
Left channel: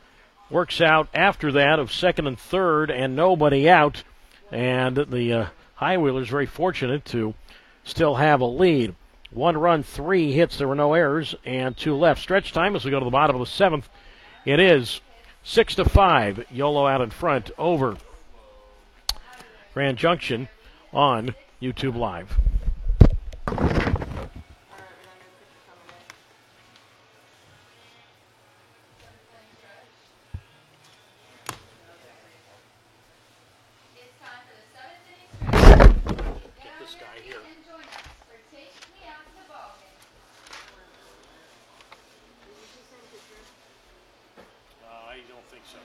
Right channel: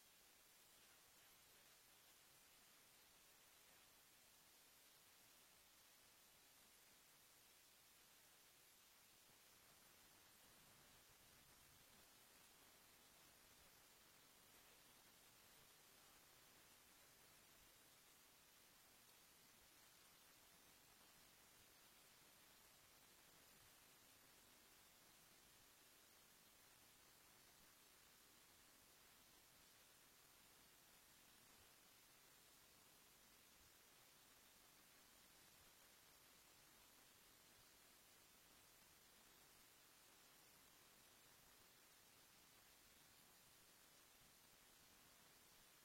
works out after that of second and third and nobody out. And the High Wheelers very fortunate to still have a lead. 1 run, 3 hits. There were no errors, and 2 left. Stretch time as we go to the bottom of the 7th. It is 6-5. YOLO out in front over Grand Junction on YouTube Live. It's time for the 7th inning stretch. Get this guy here. And join us for Take Me Out to the Ballgame. I don't think so.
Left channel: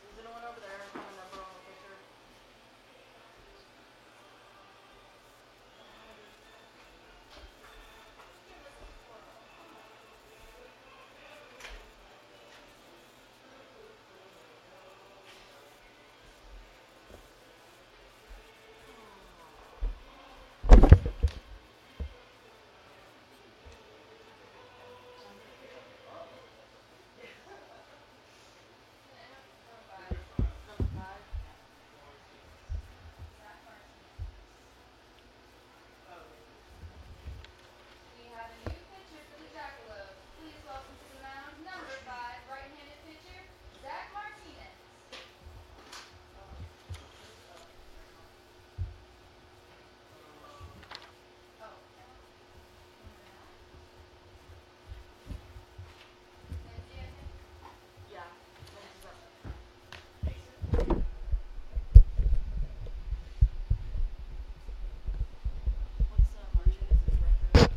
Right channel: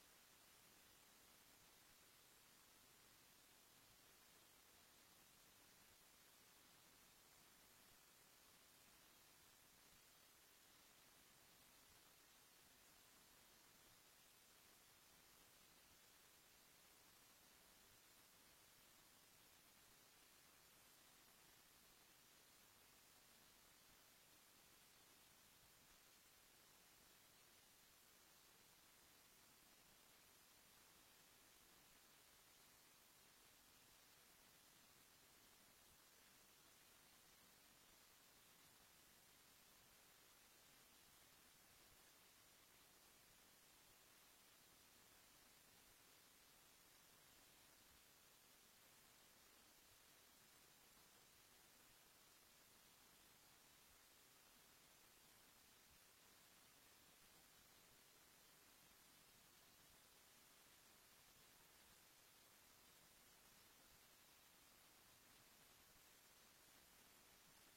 Is anyone over there have a number on the picture? We have a new pitcher for the Jackalopes. Please welcome to the mound number 5, right-handed pitcher, Zach Martinez. Yeah. What's Martinez's record?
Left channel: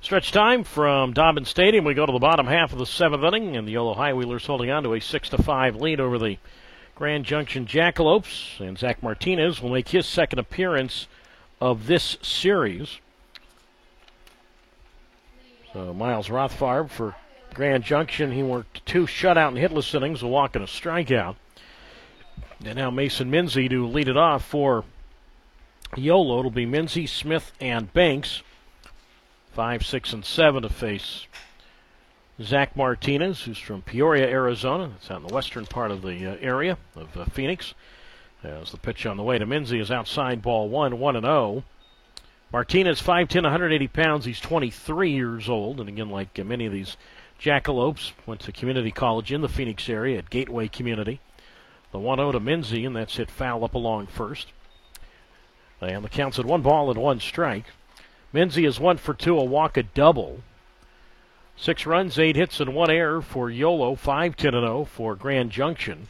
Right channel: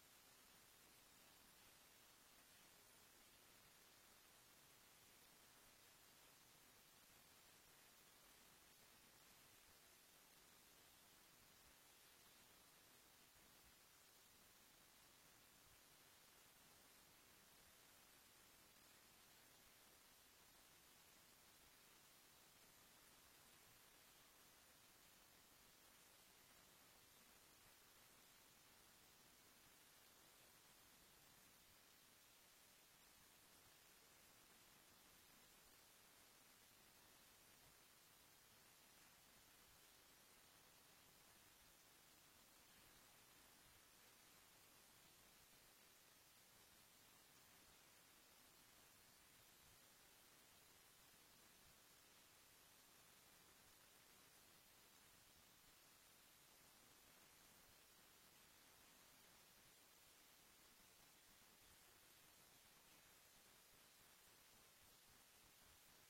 Stretch time from Dobbin Stadium. We go to the bottom half of the 7th inning, and the YOLO High Wheelers holding on to a 6-5 lead over the Grand Junction Jackalopes. And Zach Martinez will make his second appearance of this series. So Miles Rothfarb for Grand Junction. He worked 2 shutout and hitless innings, a walk and a strikeout. And now Mason Minzy to lead it off for YOLO. It'll be Minzy, Smith, and Banks. 5, 6, and 7 to face Zach Martinez, who's from Peoria, Arizona. It's out in the western part of the area of Phoenix. As the pitch on the way to Minzy is outside, ball 1, 1-0. Martinez, 5'10", 180 pounds. He's 23 years old. And again, like many of these Jackalopes, went to community college in the Phoenix area at Gateway Community. The 1-0 to Minzy, and that's hit foul up along first. And the count's at 1 ball and 1 strike. Minzy is 1 for 2, a walk, a double. 6 runs, 8 hits, and 1 error for YOLO. 5-10-0 for Grand Junction.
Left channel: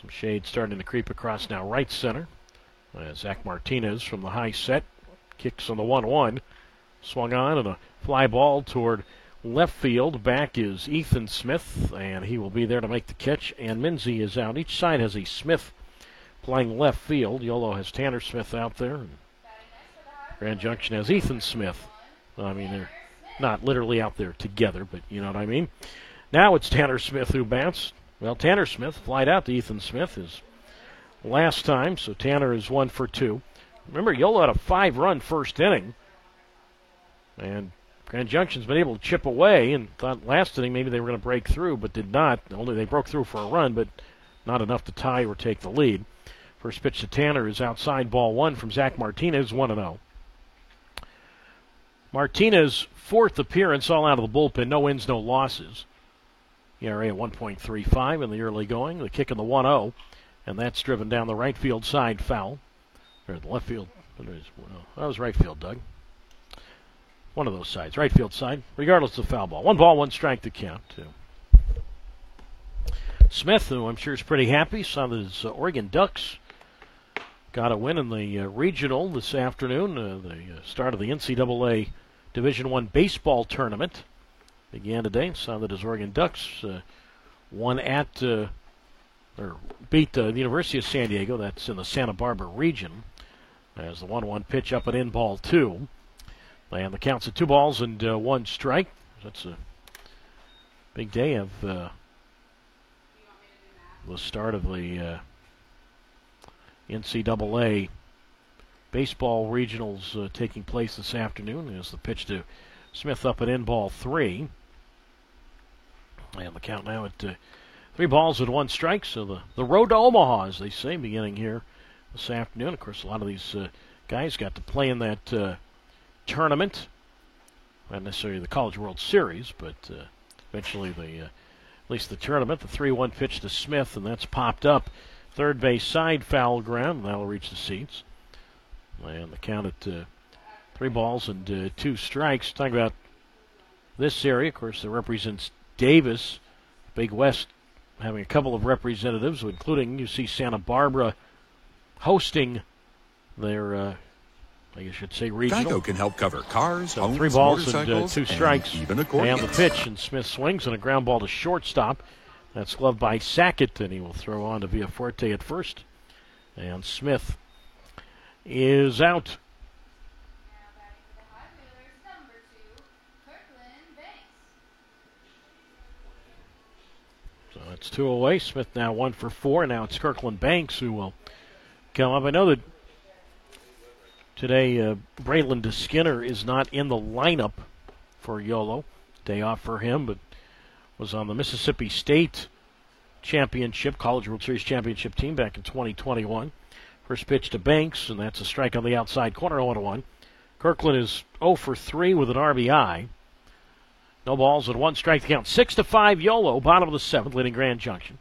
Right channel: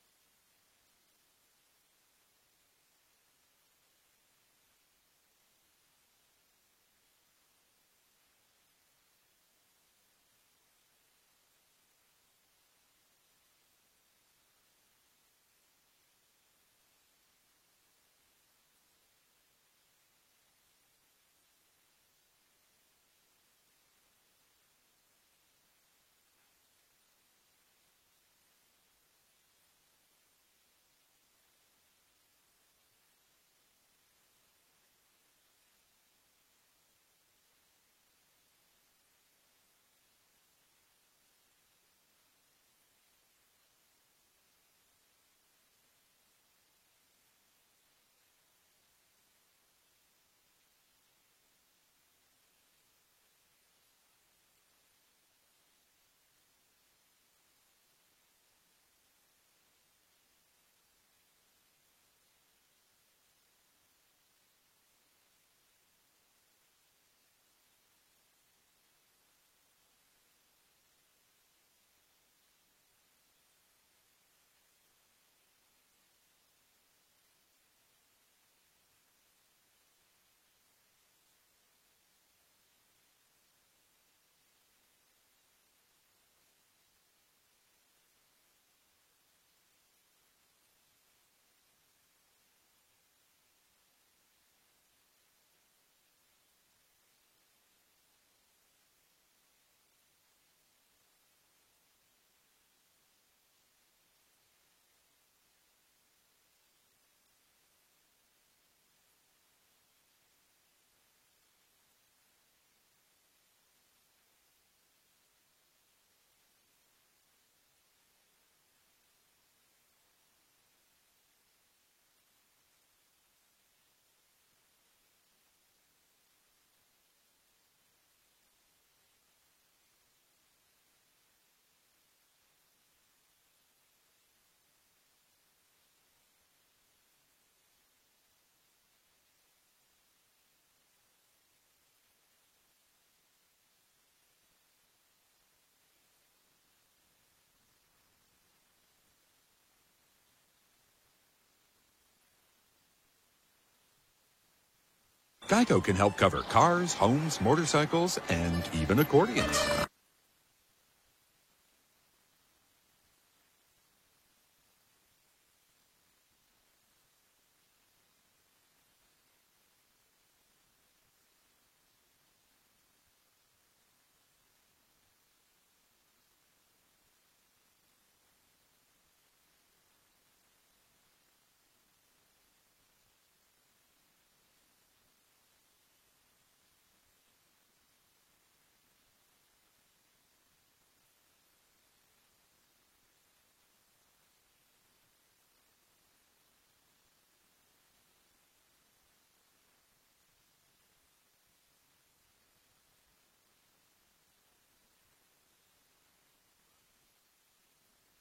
Some shade starting to creep across now right center. Zach Martinez from the high set kicks on the 1-1. Swung on and a fly ball toward left field. Back is Ethan Smith, and he will be there to make the catch. And Minzy is out. Each side has a Smith playing left field. YOLO has Tanner Smith out there. Grand Junction has Ethan Smith. I mean, they're not literally out there together, but you know what I mean. Now it's Tanner Smith who bats. Well, Tanner Smith flied out to Ethan Smith his last time, so Tanner is 1 for 2. Remember, YOLO had a 5-run first inning, and Grand Junction's been able to chip away, and thought last inning maybe they were going to break through, but did not. Only they broke through for a run, but not enough to tie or take the lead. First pitch to Tanner is outside, ball 1 from Zach Martinez, 1-0. Martinez, 4th appearance, all out of the bullpen. No wins, no losses. ERA at 1.35 in the early going. The kick in the 1-0, and that's driven down the right field side foul. Or the left field. That was right field, Doug. One of those sides. Right field side, regardless of foul ball. 1 ball, 1 strike to count. Smith, who I'm sure is pretty happy, saw that his Oregon Ducks got a win in the regional this afternoon. The start of the NCAA Division I baseball tournament began today. Saw that his Oregon Ducks won at, or beat the University of San Diego. That's in the Santa Barbara region. As the 1-1 pitch up and in, ball 2. And the count's at 2 balls and 1 strike. That's a big day of the start of the NCAA baseball regionals taking place this afternoon. As the pitch to Smith up and in, ball 3. And the count now at 3 balls and 1 strike. So the road to Omaha, as they say, beginning here this afternoon. Of course, a lot of these guys got to play in that tournament. Not necessarily the College World Series, but eventually at least the tournament. The 3-1 pitch to Smith, and that's popped up. Third base side foul ground, and that'll reach the seats. And the count at 3 balls and 2 strikes. Talking about this area, of course, that represents Davis. Big West having a couple of representatives, including UC Santa Barbara hosting their, I guess I should say, regional. Geico can help cover cars, So 3 homes, balls motorcycles, and 2 strikes. even And accordions. the pitch, and Smith swings and a ground ball to shortstop. That's gloved by Sackett, and he will throw on to Villafuerte at first. And Smith is out. Now batting for the High Wheelers, number 2, Kirkland Banks. So it's 2 away. Smith now 1 for 4. Now it's Kirkland Banks who will come up. I know that today Braylon Skinner is not in the lineup for YOLO. Day off for him, but was on the Mississippi State Championship, College World Series Championship team back in 2021. First pitch to Banks, and that's a strike on the outside corner, 0-1. Kirkland is 0 for 3 with an RBI. No balls and 1 strike to count. 6-5 YOLO, bottom of the 7th, leading Grand Junction.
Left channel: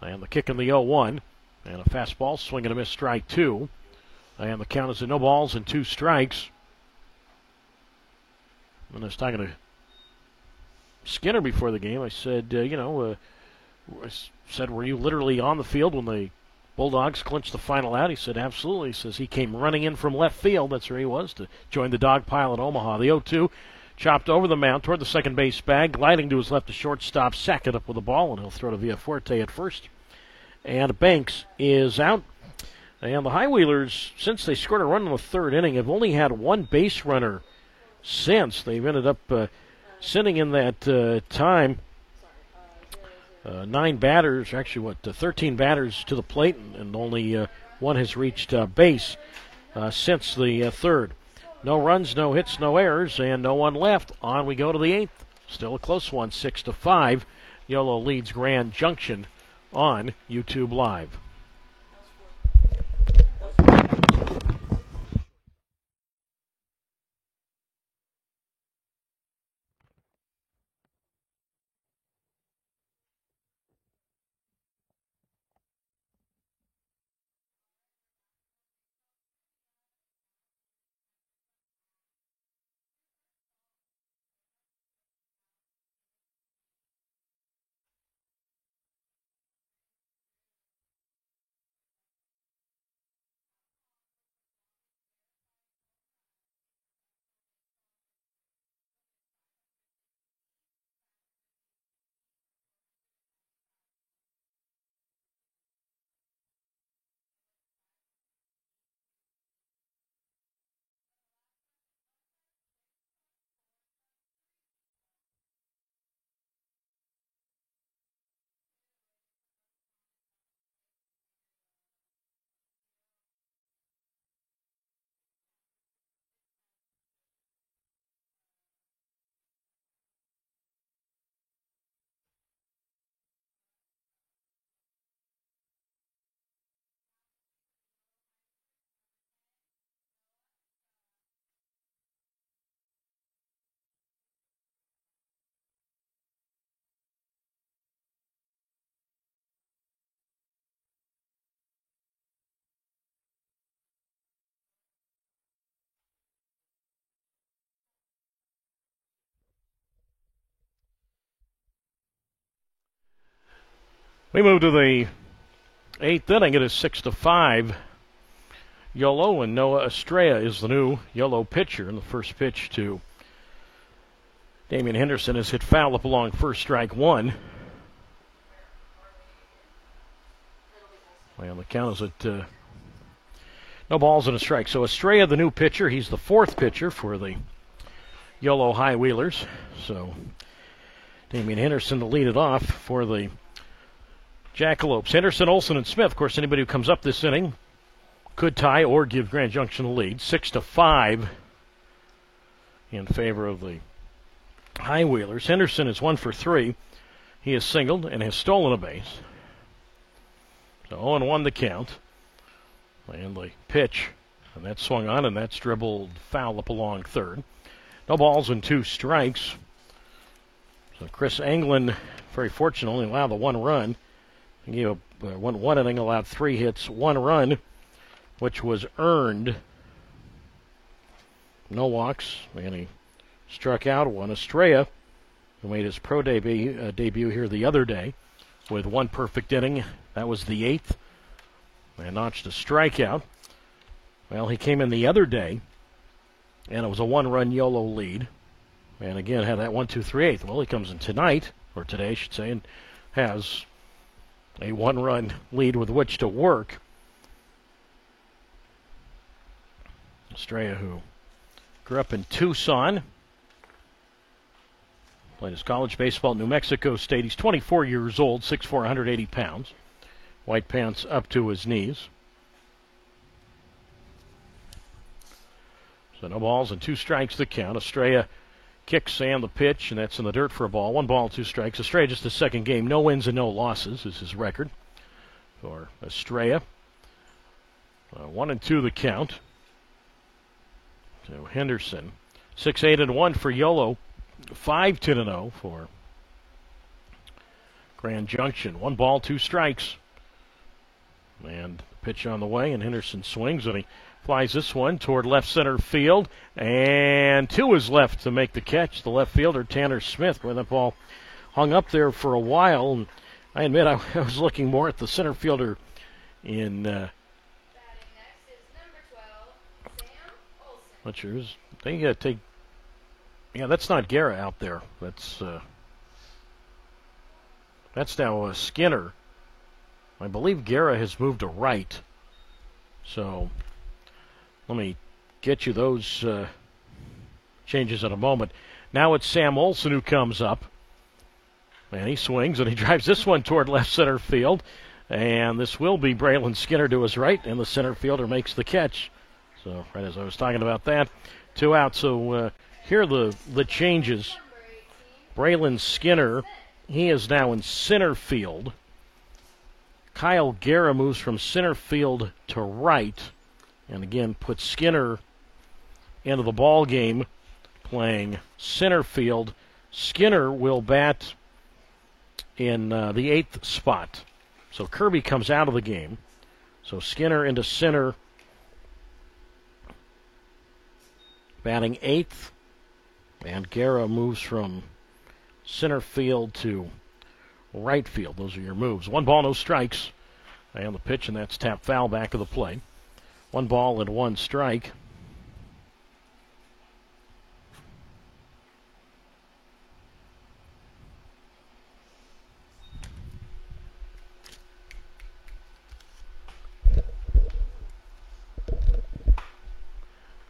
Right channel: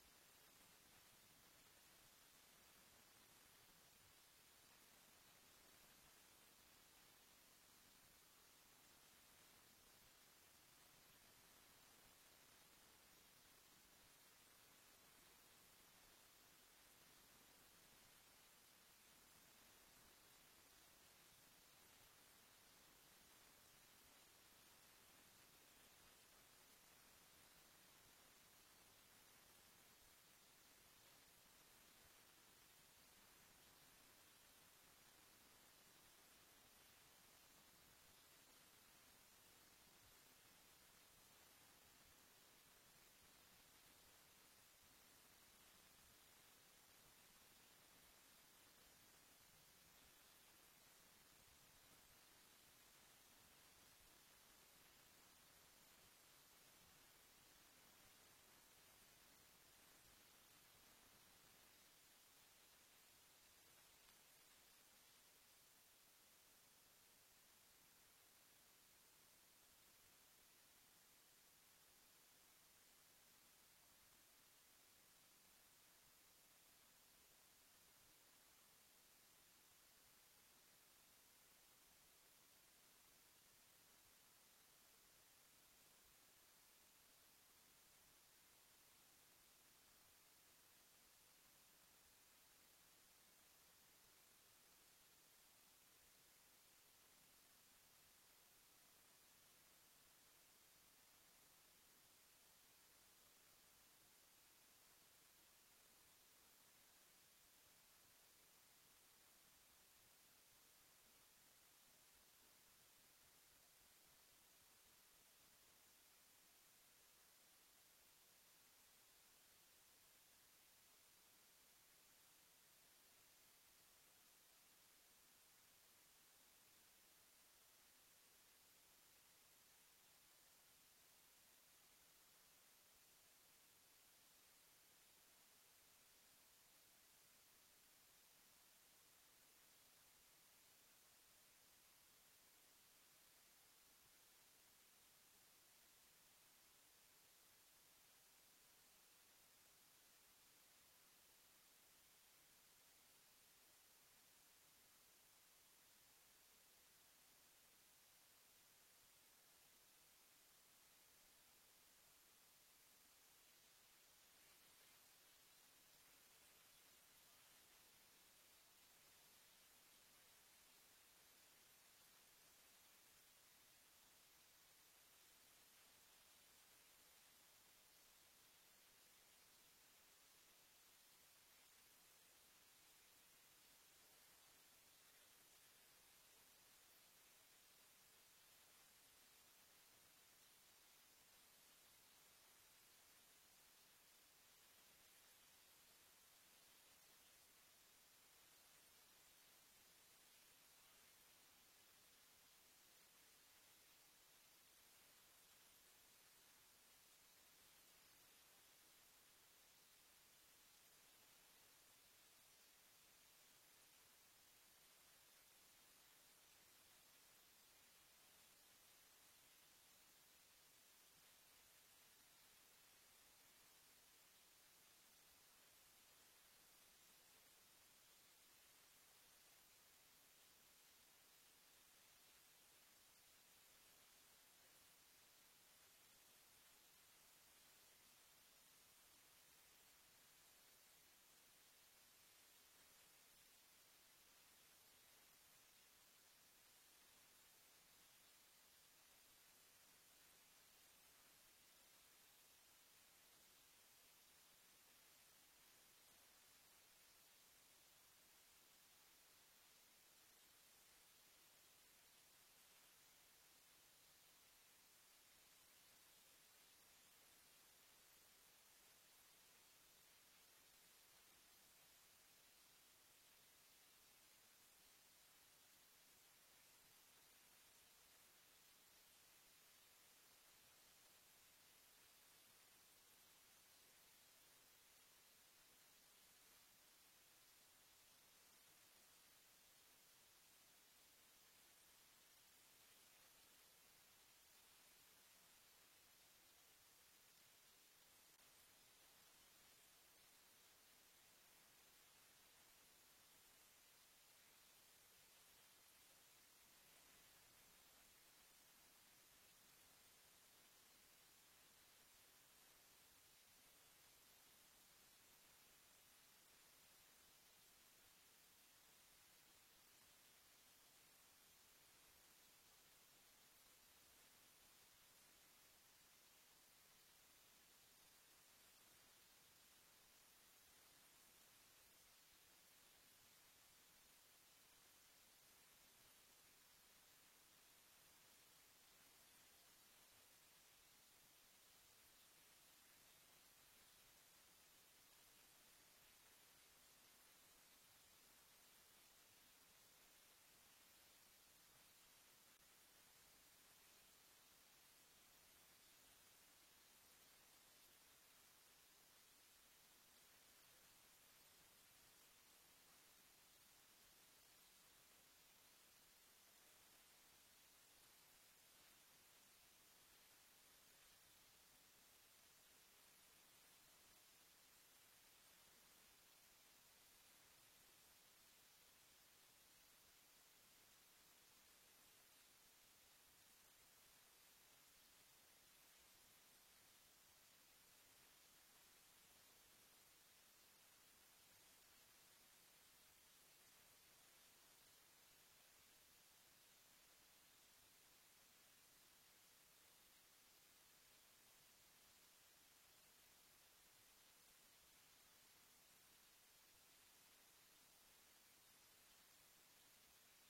And the kick in the 0-1. And a fastball, swing and a miss, strike 2. And the count is at no balls and 2 strikes. And I was talking to Skinner before the game. I said, I said, were you literally on the field when the Bulldogs clinched the final out? He said, absolutely. He says he came running in from left field. That's where he was to join the dog pile at Omaha. The 0-2 chopped over the mound toward the second base bag, gliding to his left to shortstop, Sackett up with the ball, and he'll throw to Villafuerte at first. And Banks is out. And the High Wheelers, since they scored a run in the 3rd inning, have only had 1 base runner since. They've ended up sitting in that time 9 batters, actually 13 batters to the plate, and only 1 has reached base since the 3rd. No runs, no hits, no errors, and no 1 left. On we go to the 8th. Still a close one, 6-5. YOLO leads Grand Junction on YouTube Live. We move to the 8th inning. It is 6-5. YOLO, and Noah Estrella is the new YOLO pitcher. And the first pitch to Damian Henderson is hit foul up along first, strike 1. And the count is at No balls and a strike. So Estrella, the new pitcher, he's the fourth pitcher for the Yolo High Wheelers. So Damian Henderson to lead it off for the Jackalopes. Henderson, Olson, and Smith. Of course, anybody who comes up this inning could tie or give Grand Junction the lead. 6-5 in favor of the High Wheelers. Henderson is 1 for 3. He has singled and has stolen a base. So 0-1 the count. And the pitch, and that's swung on, and that's dribbled foul up along third. No balls and 2 strikes. So Chris Anglin, very fortunate, only allowed the 1 run. He gave one inning, allowed 3 hits, 1 run, which was earned. No walks, and he struck out one. Estrella, who made his pro debut here the other day with 1 perfect inning. That was the 8th. And notched a strikeout. Well, he came in the other day, and it was a 1-run YOLO lead. And again, had that 1-2-3-8. Well, he comes in tonight, or today, I should say, and has a 1-run lead with which to work. Estrella, who grew up in Tucson, played his college baseball at New Mexico State. He's 24 years old, 6'4", 180 pounds. White pants up to his knees. So no balls and 2 strikes to count. Estrella kicks and the pitch, and that's in the dirt for a ball. 1 ball, 2 strikes. Estrella just the second game. No wins and no losses is his record for Estrella. 1-2 the count. So Henderson, 6-8-1 for YOLO. 5-10-0 for Grand Junction. 1 ball, 2 strikes. And pitch on the way, and Henderson swings, and he flies this one toward left center field, and 2 is left to make the catch. The left fielder, Tanner Smith, where that ball hung up there for a while. And I admit I was looking more at the center fielder in Batting next is number 12, Sam Olson. Butchers. They take. Yeah, that's not Guerra out there. That's now Skinner. I believe Guerra has moved to right. So let me get you those changes in a moment. Now it's Sam Olson who comes up. And he swings, and he drives this one toward left center field. And this will be Braylon Skinner to his right, and the center fielder makes the catch. So right as I was talking about that, 2 out. So here are the changes. Braylon Skinner, he is now in center field. Kyle Guerra moves from center field to right, and again puts Skinner into the ball game, playing center field. Skinner will bat in the 8th spot. So Kirby comes out of the game. So Skinner into center, batting 8th, and Guerra moves from center field to right field. Those are your moves. 1 ball, no strikes. And the pitch, and that's tapped foul back of the plate. 1 ball and 1 strike.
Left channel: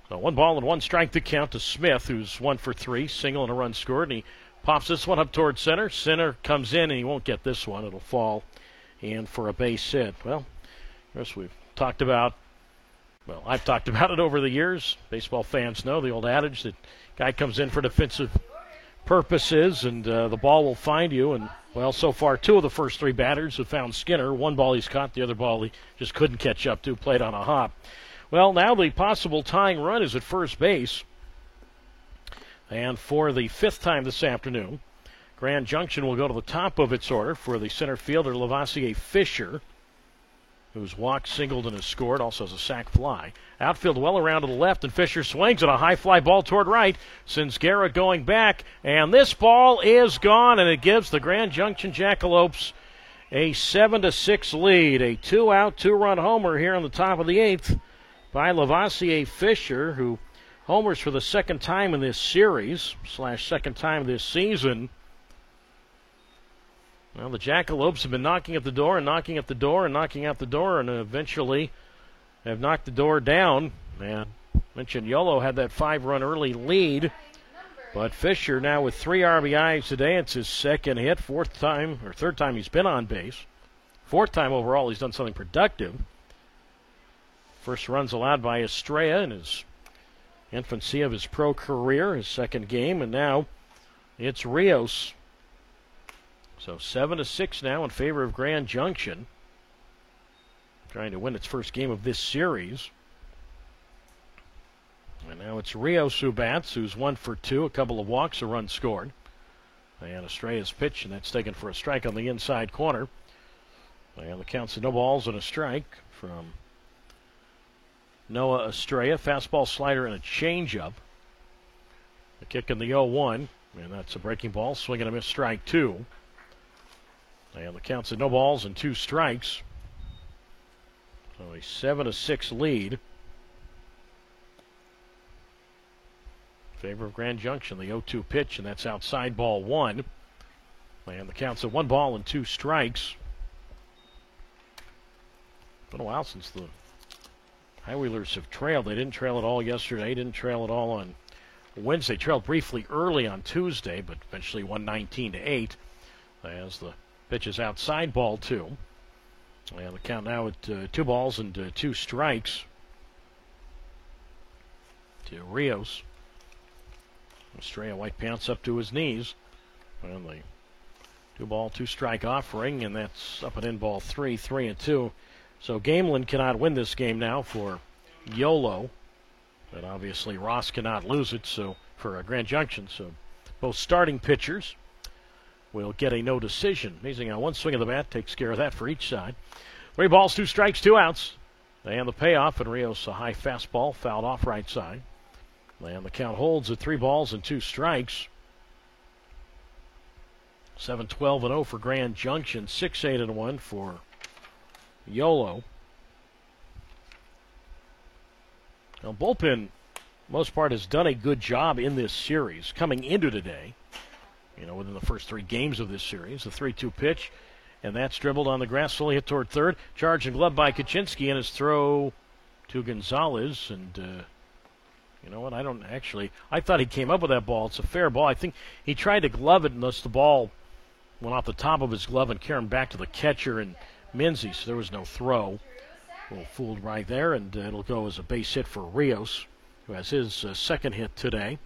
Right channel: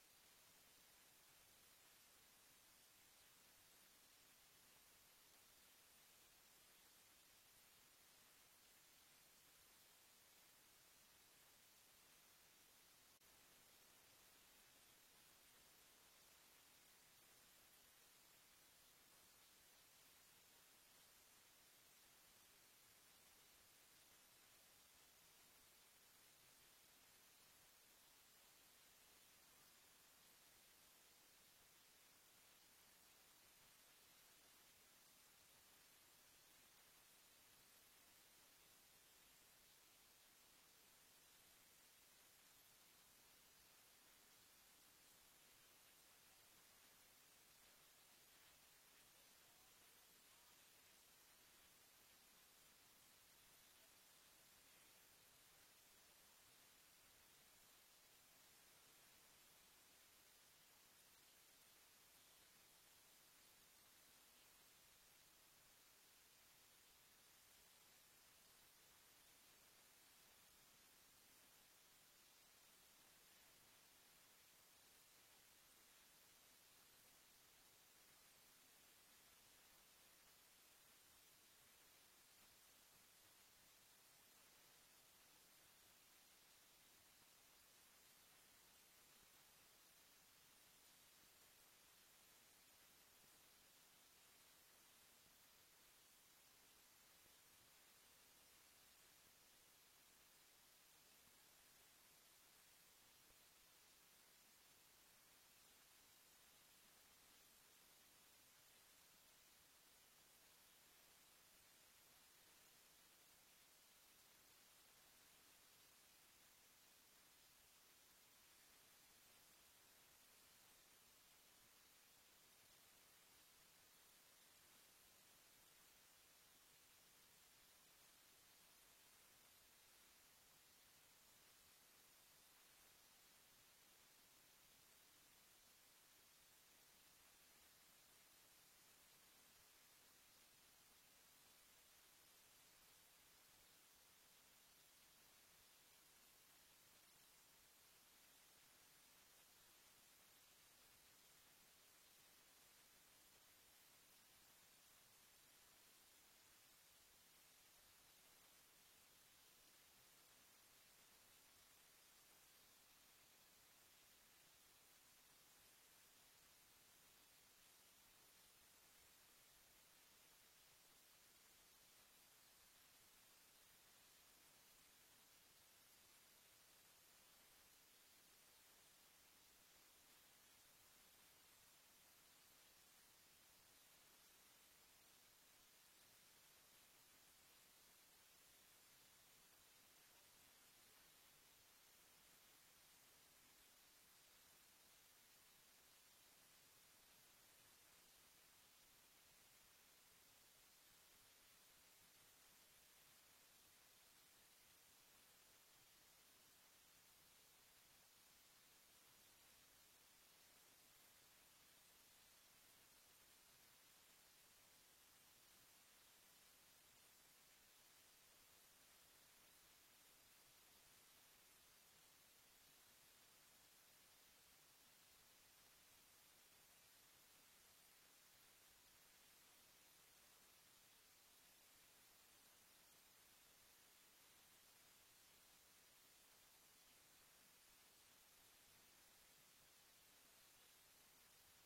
So 1 ball and 1 strike to count to Smith, who's 1 for 3, single and a run scored, and he pops this one up toward center. Center comes in, and he won't get this one. It'll fall in for a base hit. Well, as we've talked about, well, I've talked about it over the years. Baseball fans know the old adage that guy comes in for defensive purposes, and the ball will find you. And, well, so far 2 of the first 3 batters have found Skinner. 1 ball he's caught, the other ball he just couldn't catch up to, played on a hop. Well, now the possible tying run is at first base. And for the 5th time this afternoon, Grand Junction will go to the top of its order for the center fielder, Lavoisier Fisher, who's walked, singled, and has scored, also has a sac fly. Outfield well around to the left, and Fisher swings at a high fly ball toward right, sends Guerra going back, and this ball is gone, and it gives the Grand Junction Jackalopes a 7-6 lead. A 2-out, 2-run homer here on the top of the 8th by Lavoisier Fisher, who homers for the 2nd time in this series, / 2nd time this season. Well, the Jackalopes have been knocking at the door and knocking at the door and knocking at the door, and eventually have knocked the door down. And mentioned Yolo had that 5-run early lead. But Fisher now with 3 RBIs today. It's his second hit, third time he's been on base. 4th time overall he's done something productive. First runs allowed by Estrella in his infancy of his pro career, his second game, and now it's Rios. So 7-6 now in favor of Grand Junction, trying to win its first game of this series. And now it's Rios who bats, who's 1 for 2, a couple of walks, a run scored. And Estrella's pitch, and that's taken for a strike on the inside corner. And the count's no balls and a strike from Noah Estrella. Fastball, slider, and a changeup. The kick in the 0-1, and that's a breaking ball, swing and a miss, strike 2. And the count's no balls and 2 strikes. So a 7-6 lead in favor of Grand Junction. The 0-2 pitch, and that's outside, ball 1. And the count's at 1 ball and 2 strikes. Been a while since the High Wheelers have trailed. They didn't trail at all yesterday, didn't trail at all on Wednesday. Trailed briefly early on Tuesday, but eventually won 19-8 as the pitch is outside, ball 2. And the count now at 2 balls and 2 strikes to Rios. Estrella white pants up to his knees. And the 2 ball, 2 strike offering, and that's up and in, ball 3, 3-2. So Gamelin cannot win this game now for Yolo. But obviously Ross cannot lose it so for Grand Junction. So both starting pitchers will get a no decision. Amazing how 1 swing of the bat takes care of that for each side. 3 balls, 2 strikes, 2 outs. And the payoff, and Rios a high fastball fouled off right side. And the count holds at 3 balls and 2 strikes. 7-12-0 for Grand Junction. 6-8-1 for Yolo. Now, bullpen, most part, has done a good job in this series coming into today. Within the first 3 games of this series, the 3-2 pitch, and that's dribbled on the grass, slowly hit toward third. Charged and gloved by Kaczynski, and his throw to Gonzalez. And you know what? I thought he came up with that ball. It's a fair ball. I think he tried to glove it, and thus the ball went off the top of his glove and carried him back to the catcher and Minzy, so there was no throw. A little fooled right there, and it'll go as a base hit for Rios, who has his second hit today.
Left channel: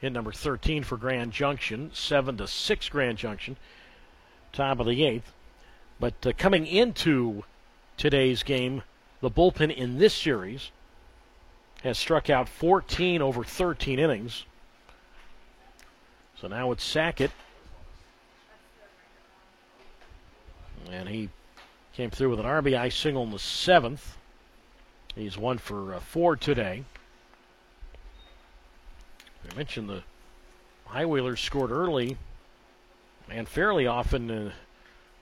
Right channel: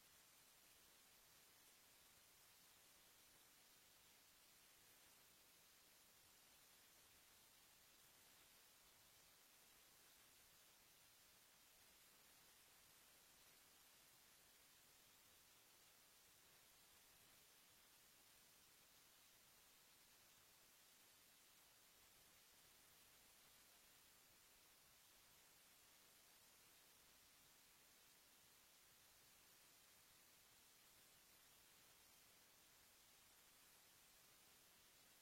Hit number 13 for Grand Junction, 7-6 Grand Junction, top of the 8th. But coming into today's game, the bullpen in this series has struck out 14 over 13 innings. So now it's Sackett, and he came through with an RBI single in the 7th. He's 1 for 4 today. I mentioned the High Wheelers scored early and fairly often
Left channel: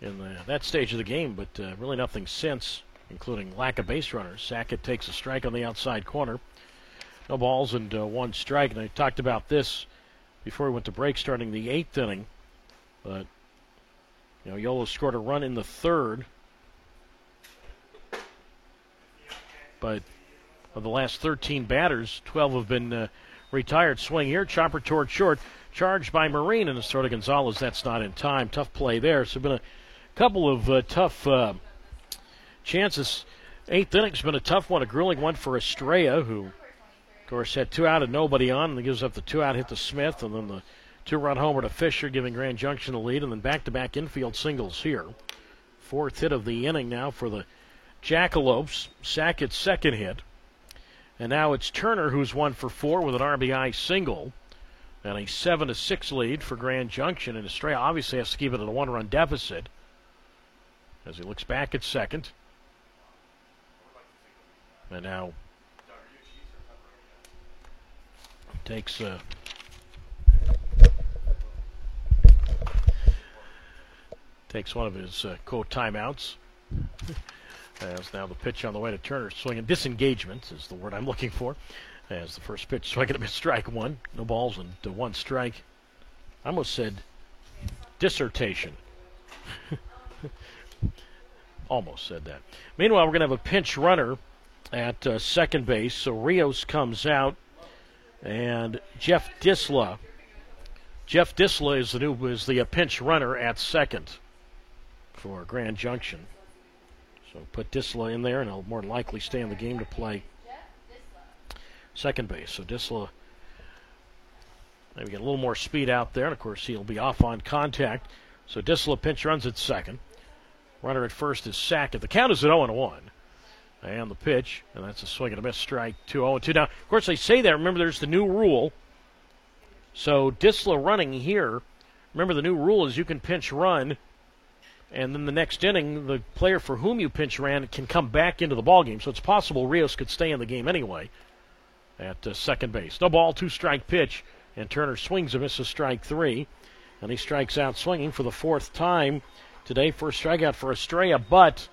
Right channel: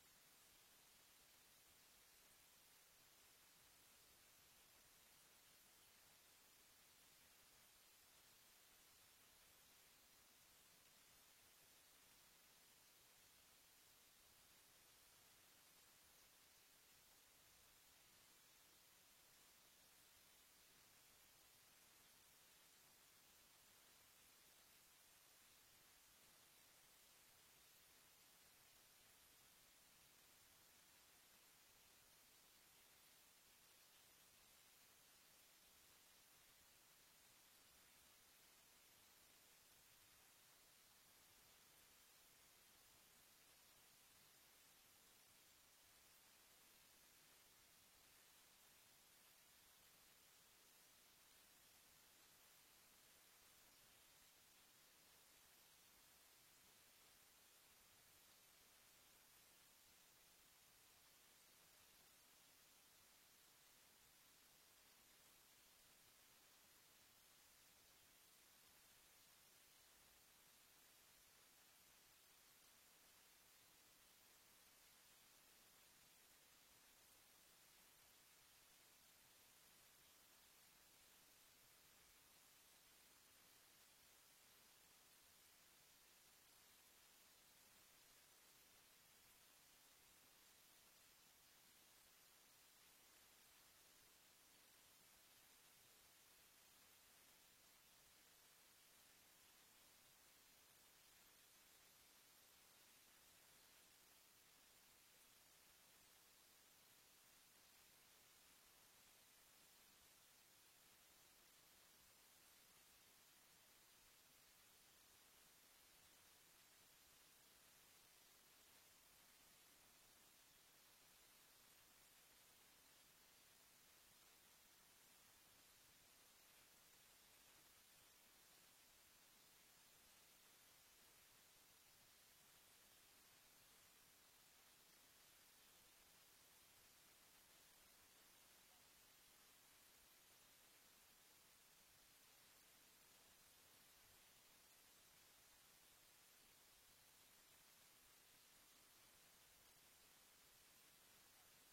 in that stage of the game, but really nothing since, including lack of base runners. Sackett takes a strike on the outside corner. No balls and 1 strike. And I talked about this before we went to break, starting the 8th inning. But Yolo scored a run in the 3rd. But of the last 13 batters, 12 have been retired. Swing here, chopper toward short, charged by Marine, and his throw to Gonzalez. That's not in time. Tough play there. So been a couple of tough chances. 8th inning's been a tough one, a grueling one for Estrella, who, of course, had 2 out and nobody on, and he gives up the 2-out hit to Smith, and then the 2-run homer to Fisher, giving Grand Junction the lead, and then back-to-back infield singles here. 4th hit of the inning now for the Jackalopes. Sackett's second hit. And now it's Turner, who's 1 for 4 with an RBI single. And a 7-6 lead for Grand Junction. And Estrella obviously has to keep it at a 1-run deficit as he looks back at second. And now takes one of his quote timeouts. As now the pitch on the way to Turner, swinging. Disengagement is the word I'm looking for. As the first pitch, swinging a strike 1. No balls and 1 strike. I almost said dissertation. Almost said that. Meanwhile, we're going to have a pinch runner at second base. So Rios comes out, and Jeff Disla. Jeff Disla is the pinch runner at second for Grand Junction. So put Disla in there, and he'll more than likely stay in the game to play second base. So Disla maybe get a little more speed out there, and of course he'll be off on contact. So Disla pinch runs at second. Runner at first is Sackett. The count is at 0-1. And the pitch, and that's a swing and a miss, strike 2-0-2. Now, of course, they say that. Remember, there's the new rule. So Disla running here. Remember, the new rule is you can pinch run, and then the next inning, the player for whom you pinch ran can come back into the ballgame. So it's possible Rios could stay in the game anyway at second base. No ball, 2-strike pitch, and Turner swings and misses strike 3. And he strikes out swinging for the fourth time today. First strikeout for Estrella, but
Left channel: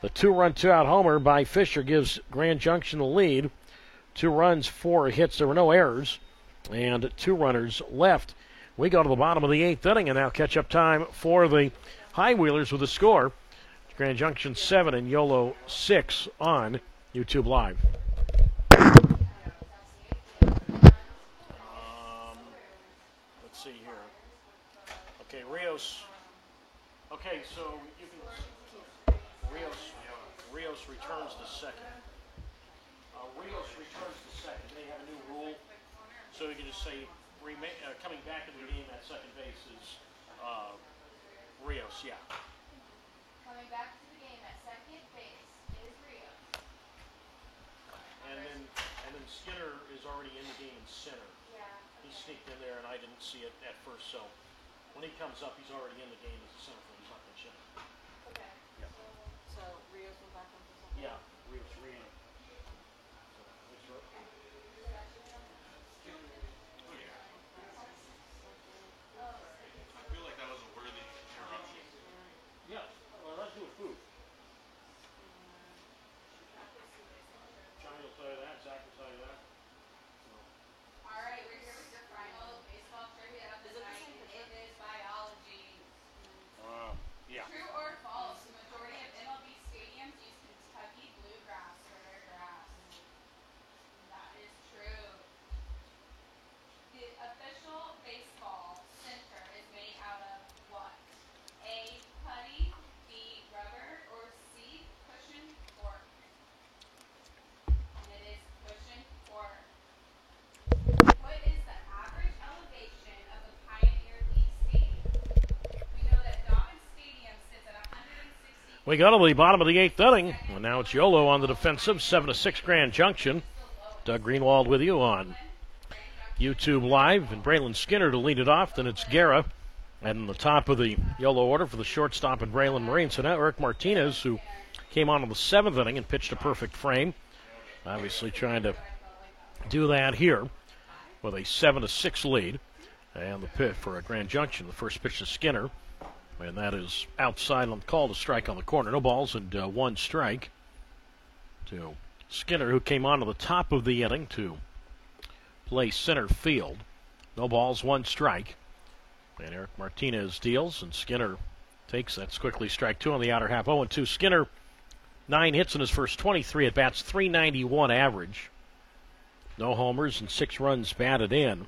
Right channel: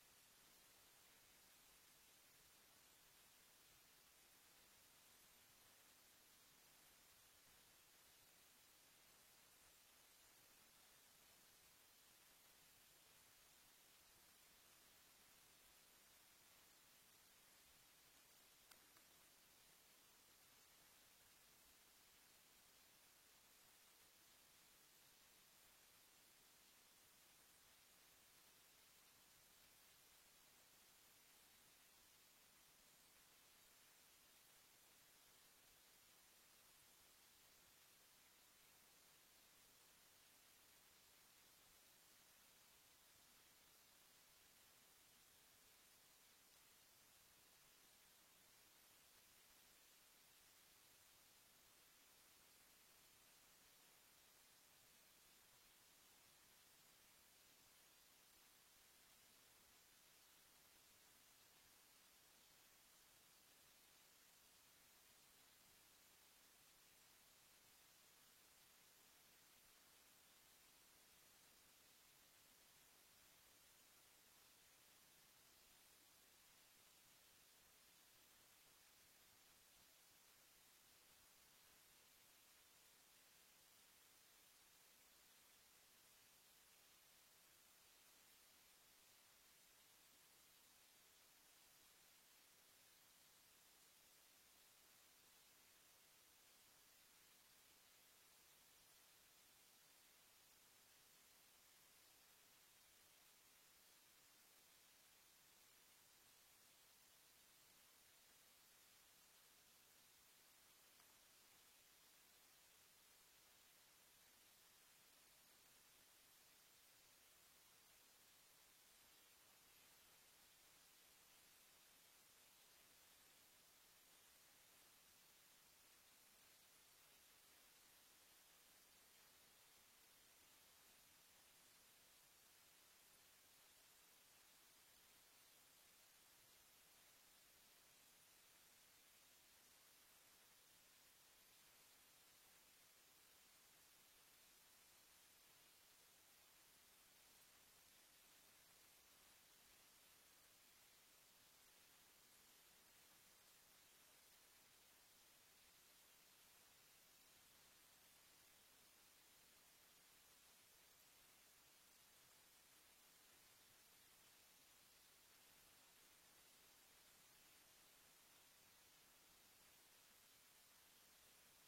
the 2-run, 2-out homer by Fisher gives Grand Junction the lead. 2 runs, 4 hits. There were no errors, and 2 runners left. We go to the bottom of the 8th inning, and now catch-up time for the High Wheelers with a score. Grand Junction 7 and YOLO 6 on YouTube Live. Let's see here. Okay, Rios. Okay, so you can. Rios returns to second. Rios returns to second. They have a new rule, so you can just say coming back into the game at second base is Rios. Yeah. Coming back to the game at second base is Rios. And then Skinner is already in the game in center. Yeah. He sneaked in there, and I didn't see it at first. So when he comes up, he's already in the game as a center fielder. He's not going to check. Okay. Yeah. So Rios will back up to something? Yeah, Rios re-enter. Yeah, well, let's do a food. Johnny will tell you that. Zach will tell you that. All right, we're here with your final baseball trivia of the night. It is biology. Yeah. True or false? The majority of MLB stadiums use Kentucky bluegrass for their grass. That is true. The official baseball center is made out of what? A, putty, B, rubber, or C, cushion cork? And it is cushion cork. What is the average elevation of the Pioneer League Stadium? We know that Dobbins Stadium sits at 160. We go to the bottom of the 8th inning. Well, now it's YOLO on the defensive, 7-6 Grand Junction. Doug Greenwald with you on YouTube Live, and Braylon Skinner to lead it off. Then it's Guerra, and the top of the YOLO order for the shortstop and Braylon Marine. So now Eric Martinez, who came on in the 7th inning and pitched a perfect frame, obviously trying to do that here with a 7-6 lead. And the pitch for a Grand Junction, the first pitch to Skinner, and that is outside on the call to strike on the corner. No balls and 1 strike to Skinner, who came on to the top of the inning to play center field. No balls, 1 strike. And Eric Martinez deals, and Skinner takes that's quickly strike 2 on the outer half. 0-2. Skinner, 9 hits in his first 23 at bats, 391 average. No homers and 6 runs batted in.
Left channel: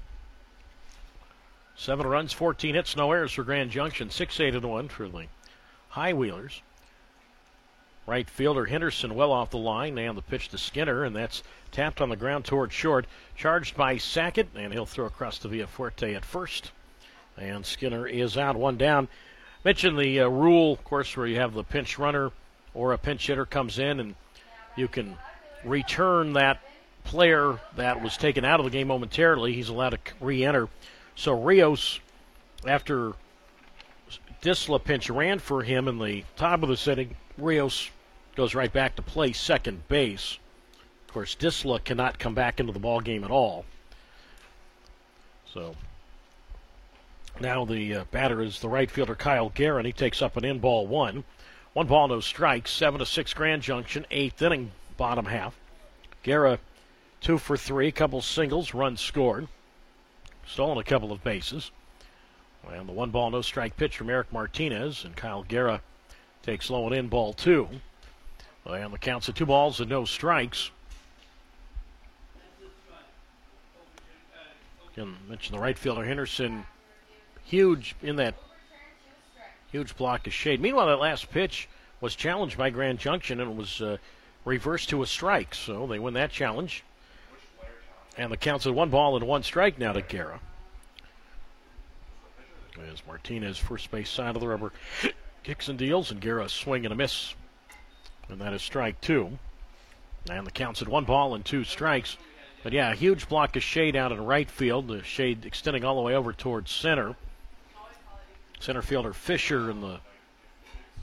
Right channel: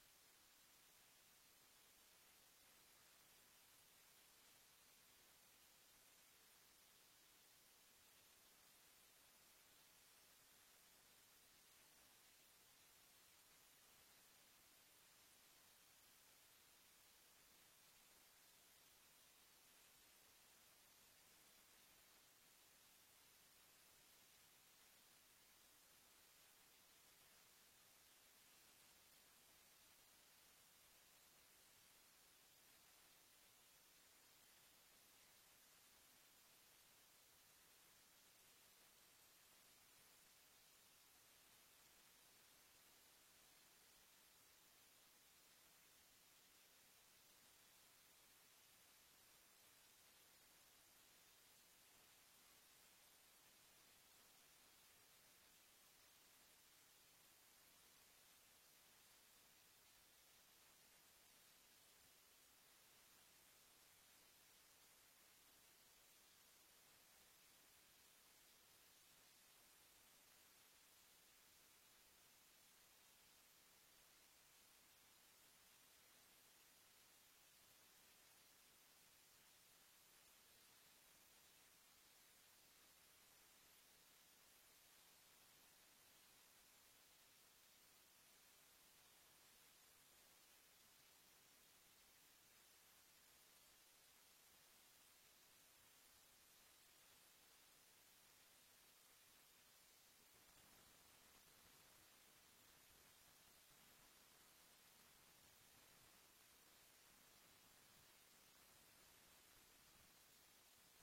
7 runs, 14 hits, no errors for Grand Junction. 6-8-1 for the High Wheelers. Right fielder Henderson well off the line, and the pitch to Skinner, and that's tapped on the ground toward short. Charged by Sackett, and he'll throw across to Villafuerte at first. And Skinner is out, 1 down. Mentioned the rule, of course, where you have the pinch runner or a pinch hitter comes in, and you can return that player that was taken out of the game momentarily. He's allowed to re-enter. So Rios, after Disla pinch ran for him in the top of the setting, Rios goes right back to play second base. Of course, Disla cannot come back into the ball game at all. So now the batter is the right fielder Kyle Guerin. He takes up an in ball 1. 1 ball, no strikes. 7-6 Grand Junction, 8th inning, bottom half. Guerra 2 for 3, couple singles, runs scored. Stolen a couple of bases. And the 1 ball, no strike pitch from Eric Martinez, and Kyle Guerra takes low and in ball 2. And the count's at 2 balls and no strikes. Again, mentioned the right fielder Henderson, huge in that huge block of shade. Meanwhile, that last pitch was challenged by Grand Junction and was reversed to a strike. So they win that challenge. And the count's at 1 ball and 1 strike now to Guerra. As Martinez, first base side of the rubber, kicks and deals, and Guerra swing and a miss. And that is strike 2. And the count's at 1 ball and 2 strikes. But yeah, a huge block of shade out in right field. The shade extending all the way over towards center. Center fielder Fisher in the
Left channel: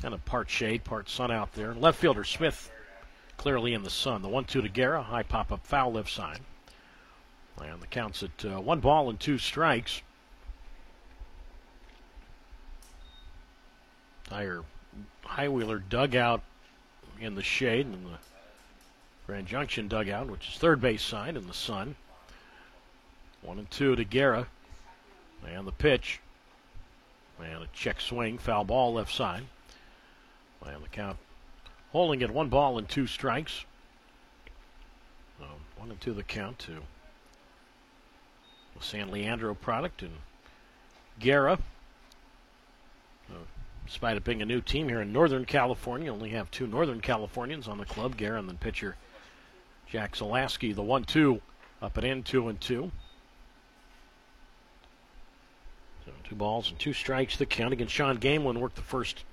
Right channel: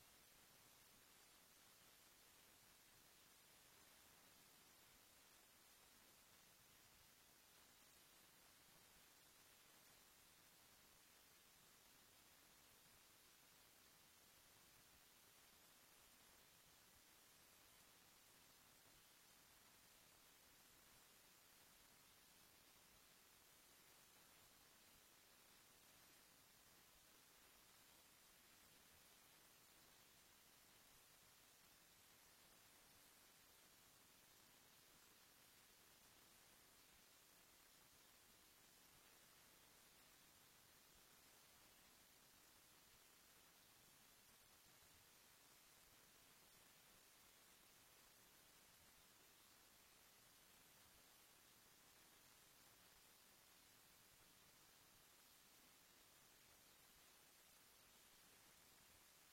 kind of part shade, part sun out there. Left fielder Smith clearly in the sun. The 1-2 to Guerra, high pop-up foul left side. And the count's at 1 ball and 2 strikes. Entire Highwheeler dugout in the shade, and the Grand Junction dugout, which is third base side in the sun. 1-2 to Guerra. And the pitch. And a check swing, foul ball left side. And the count holding at 1 ball and 2 strikes. 1-2 the count to the San Leandro product. And Guerra, despite it being a new team here in Northern California, only have 2 Northern Californians on the club, Guerra and then pitcher Jack Zalaski. The 1-2 up and in, 2-2. So 2 balls and 2 strikes the count. Again, Sean Gamelin worked the first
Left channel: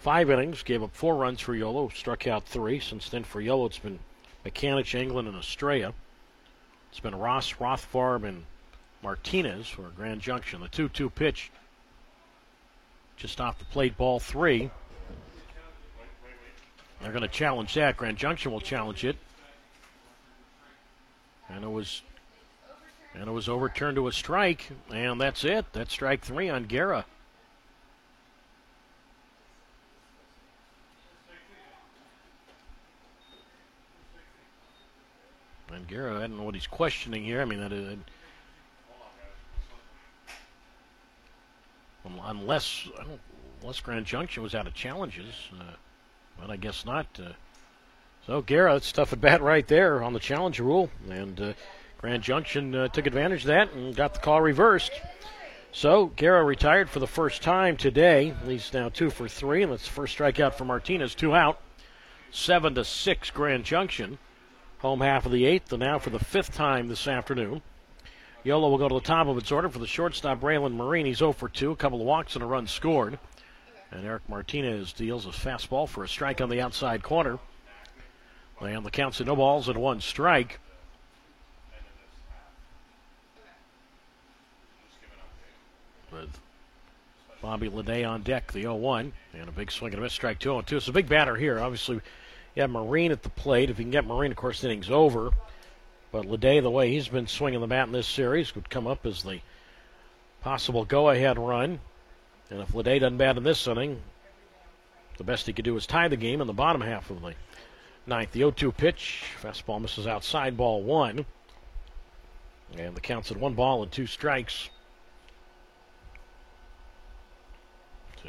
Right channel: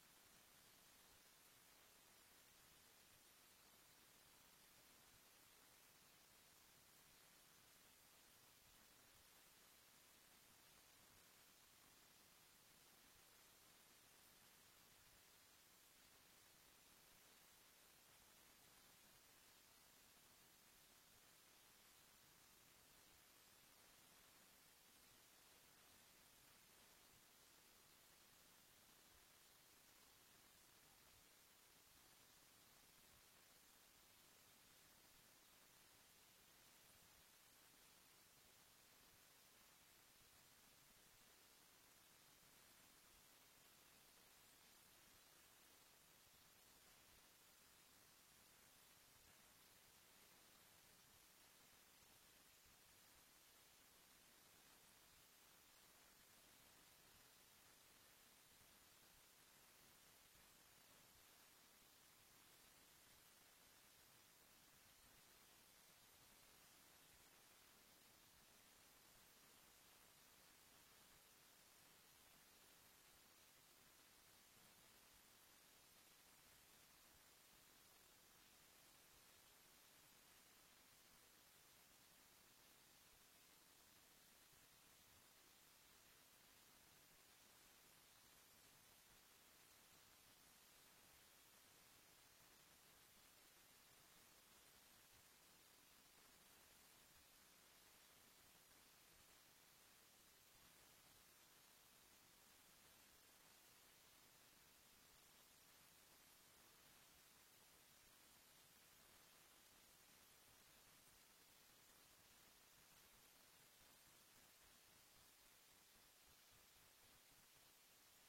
5 innings, gave up 4 runs for Yolo, struck out 3. Since then for Yolo, it's been McCanich, England, and Estrella. It's been Ross, Rothfarb, and Martinez for Grand Junction. The 2-2 pitch just off the plate, ball 3. They're going to challenge that. Grand Junction will challenge it. And it was overturned to a strike, and that's it. That's strike 3 on Guerra. And Guerra, I don't know what he's questioning here. I mean, unless Grand Junction was out of challenges, but I guess not. So Guerra, that's tough at bat right there on the challenge rule, and Grand Junction took advantage of that and got the call reversed. So Guerra retired for the first time today. He's now 2 for 3, and that's the first strikeout for Martinez. 2 out. 7-6 Grand Junction. Home half of the 8th, and now for the 5th time this afternoon. Yolo will go to the top of its order for the shortstop, Braylon Marine. He's 0 for 2, a couple of walks and a run scored. And Eric Martinez deals a fastball for a strike on the outside corner. And the count's at 0 balls and 1 strike. With Bobby Leday on deck, the 0-1. And a big swing and a miss, strike 2-2. It's a big batter here. Obviously, you have Marine at the plate. If you can get Marine, of course, the inning's over. But Leday, the way he's been swinging the bat in this series, would come up as the possible go-ahead run. And if Leday doesn't bat in this inning, the best he could do is tie the game in the bottom half of the 9th. The 0-2 pitch. Fastball misses outside, ball 1. And the count's at 1 ball and 2 strikes. So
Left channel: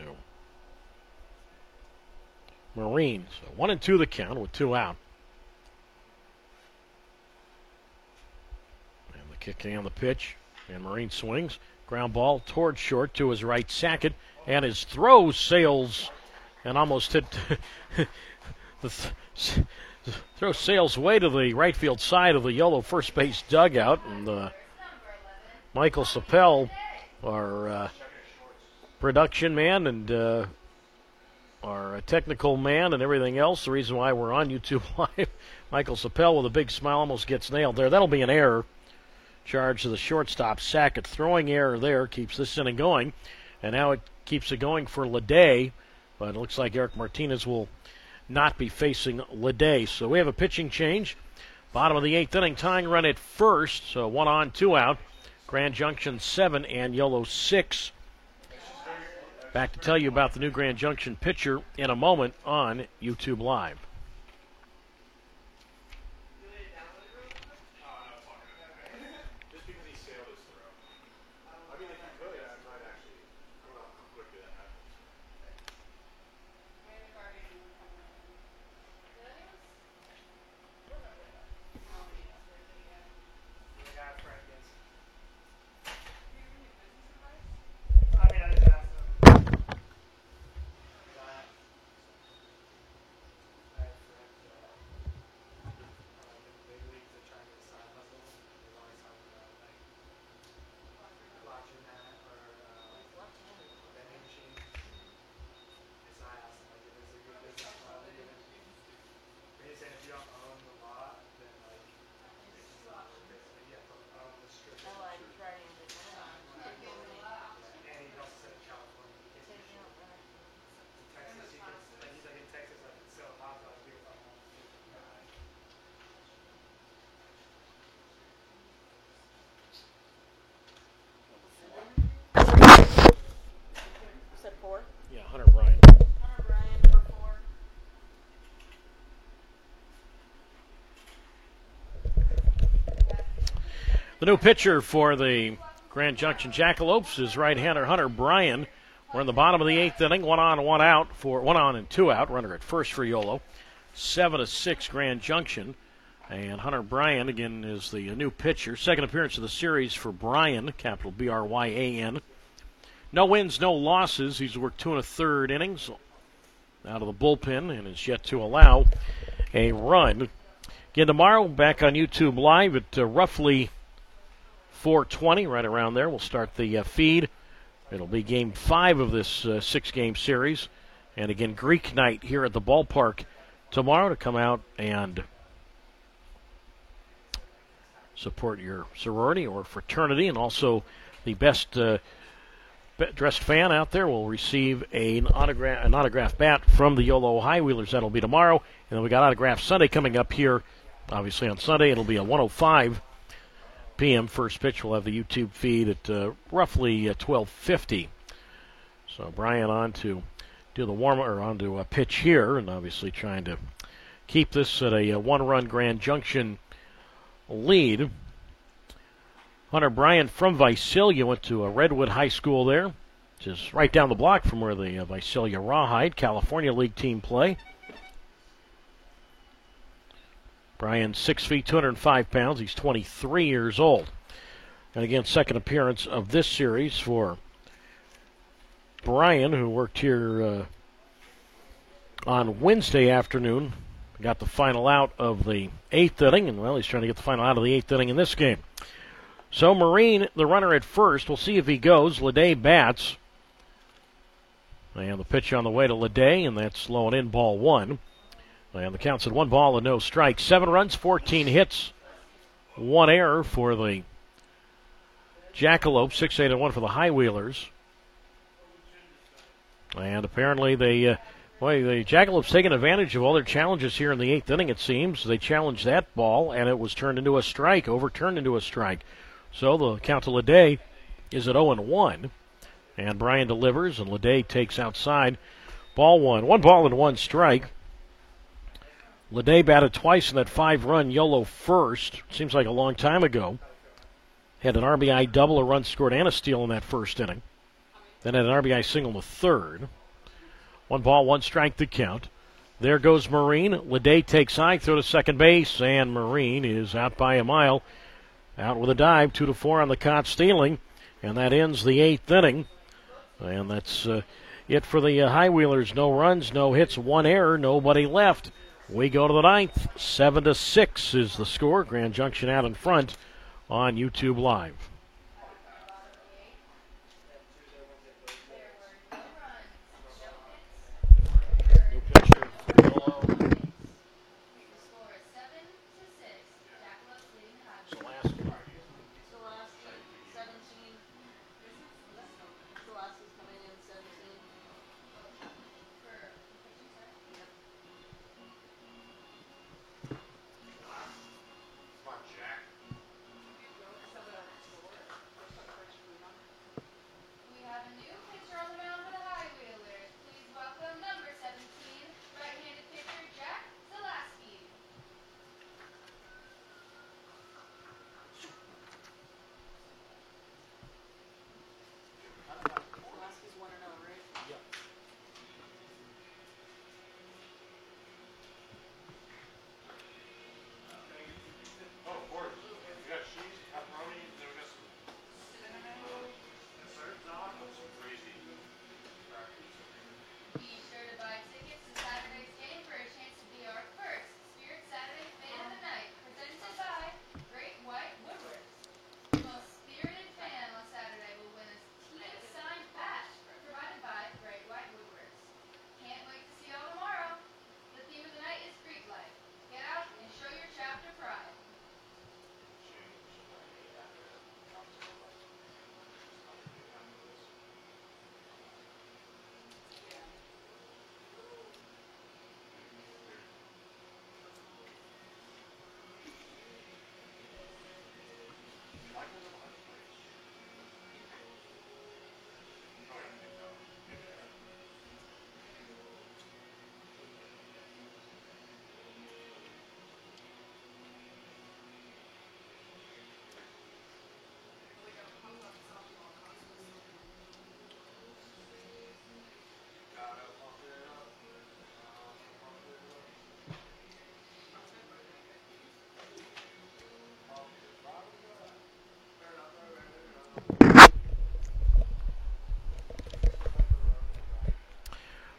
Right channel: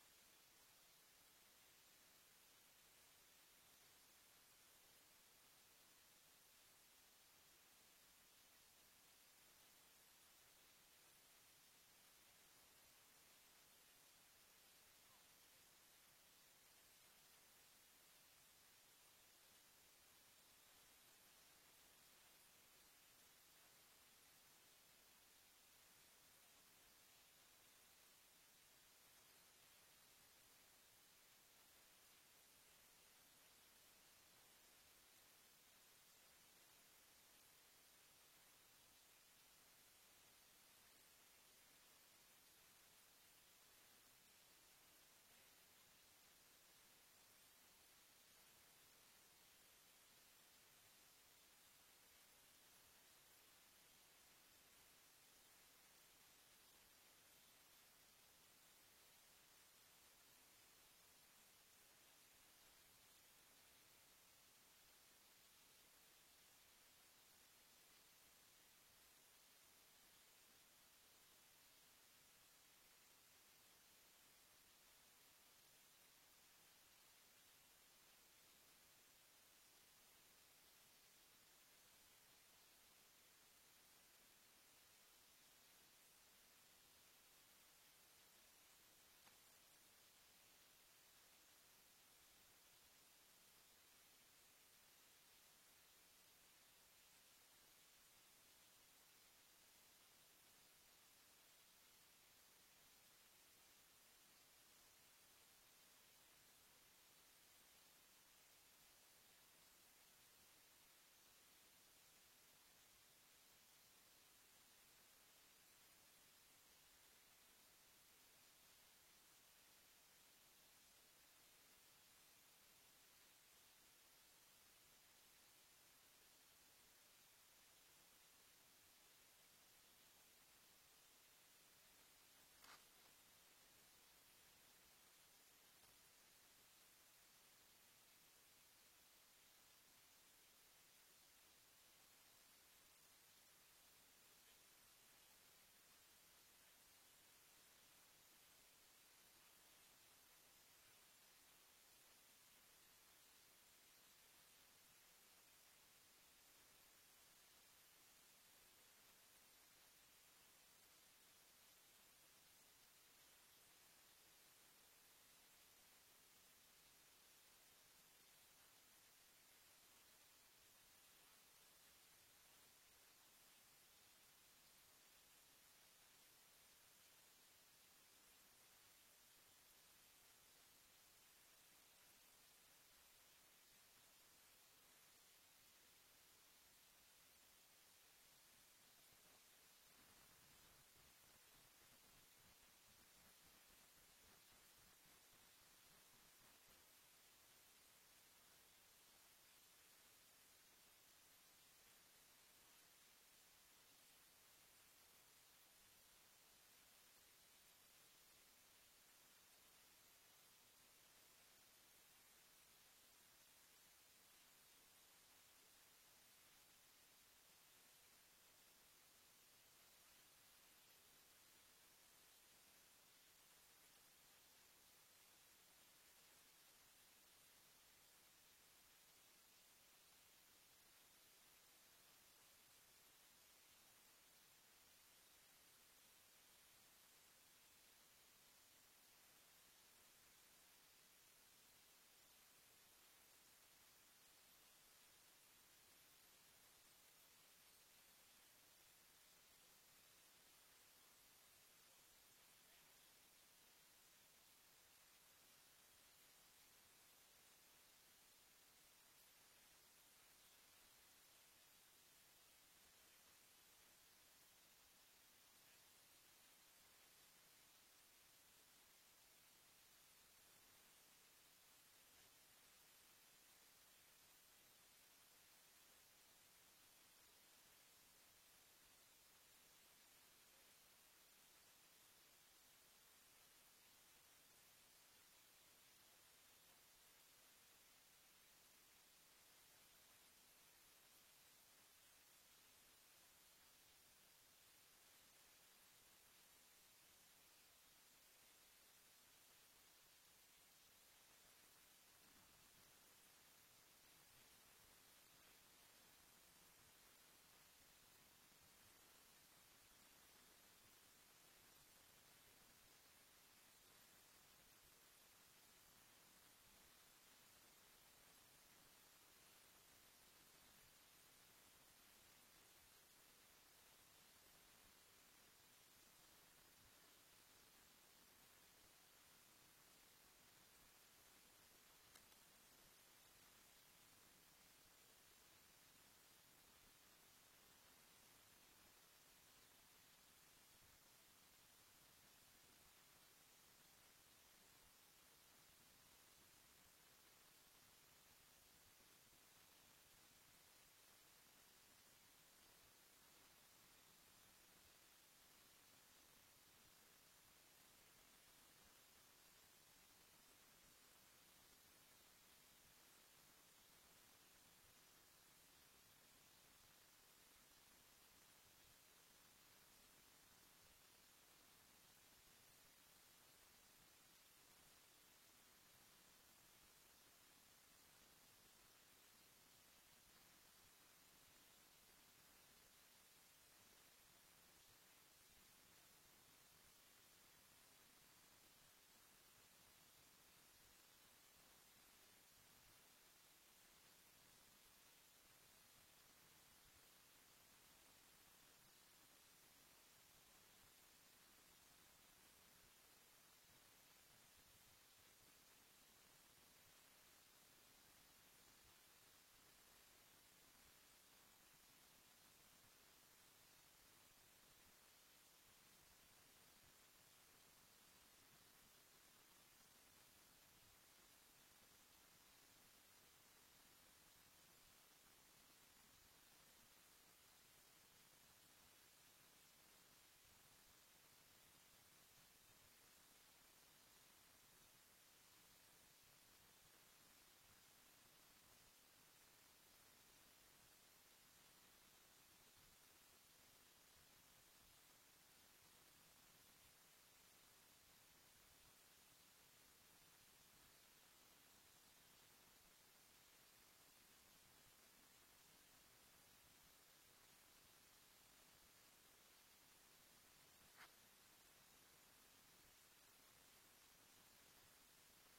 Marine. So 1-2 the count with 2 out. And the kick on the pitch. And Marine swings. Ground ball towards short to his right, Sackett. And his throw sails and almost hit the throw sails way to the right field side of the Yolo first base dugout. And Michael Sapel, our production man and our technical man and everything else, the reason why we're on YouTube Live, Michael Sapel with a big smile almost gets nailed there. That'll be an error. Charge to the shortstop, Sackett. Throwing error there keeps this inning going. And now it keeps it going for Leday. But it looks like Eric Martinez will not be facing Leday. So we have a pitching change. Bottom of the 8th inning, tying run at first. So 1 on, 2 out. Grand Junction 7 and Yolo 6. Back to tell you about the new Grand Junction pitcher in a moment on YouTube Live. The new pitcher for the Grand Junction Jackalopes is right-hander Hunter Bryan. We're in the bottom of the 8th inning, 1 on, 1 out for 1 on and 2 out. Runner at first for Yolo. 7-6 Grand Junction. And Hunter Bryan, again, is the new pitcher. Second appearance of the series for Bryan, capital B-R-Y-A-N. No wins, no losses. He's worked 2 1/3 innings out of the bullpen and is yet to allow a run. Again, tomorrow, back on YouTube Live at roughly 4:20, right around there. We'll start the feed. It'll be Game 5 of this 6-game series. And again, Greek night here at the ballpark tomorrow to come out and support your sorority or fraternity. And also the best dressed fan out there will receive an autograph bat from the Yolo High Wheelers. That'll be tomorrow. And then we got Autograph Sunday coming up here. Obviously on Sunday, it'll be a 1:05 p.m. first pitch. We'll have the YouTube feed at roughly 12:50. So Bryan on to do the on to a pitch here, and obviously trying to keep this at a 1-run Grand Junction lead. Hunter Bryan from Visalia went to a Redwood High School there, which is right down the block from where the Visalia Rawhide California League team play. Bryan 6 feet, 205 pounds. He's 23 years old. And again, second appearance of this series for Bryan, who worked here on Wednesday afternoon. Got the final out of the 8th inning, and well, he's trying to get the final out of the 8th inning in this game. So Marine, the runner at first. We'll see if he goes. Leday bats. And the pitch on the way to Leday, and that's low and in, ball 1. And the count's at 1 ball and no strike. 7 runs, 14 hits, 1 error for the Jackalope. 6-8-1 for the High Wheelers. And apparently the Jackalopes taking advantage of all their challenges here in the 8th inning, it seems. They challenged that ball, and it was turned into a strike, overturned into a strike. So the count to Leday is at 0-1. And Bryan delivers, and Leday takes outside. Ball 1. 1 ball and 1 strike. Leday batted twice in that 5-run Yolo first. Seems like a long time ago. Had an RBI double, a run scored, and a steal in that first inning. Then had an RBI single in the 3rd. 1 ball, 1 strike to count. There goes Marine. Leday takes high, throw to second base, and Marine is out by a mile. Out with a dive, 2-4 on the caught stealing, and that ends the 8th inning. And that's it for the High Wheelers. No runs, no hits, 1 error, nobody left. We go to the 9th. 7-6 is the score. Grand Junction out in front on YouTube Live. New pitcher for Yolo. Zalaski. Zalaski, 17. Zalaski's coming in 17.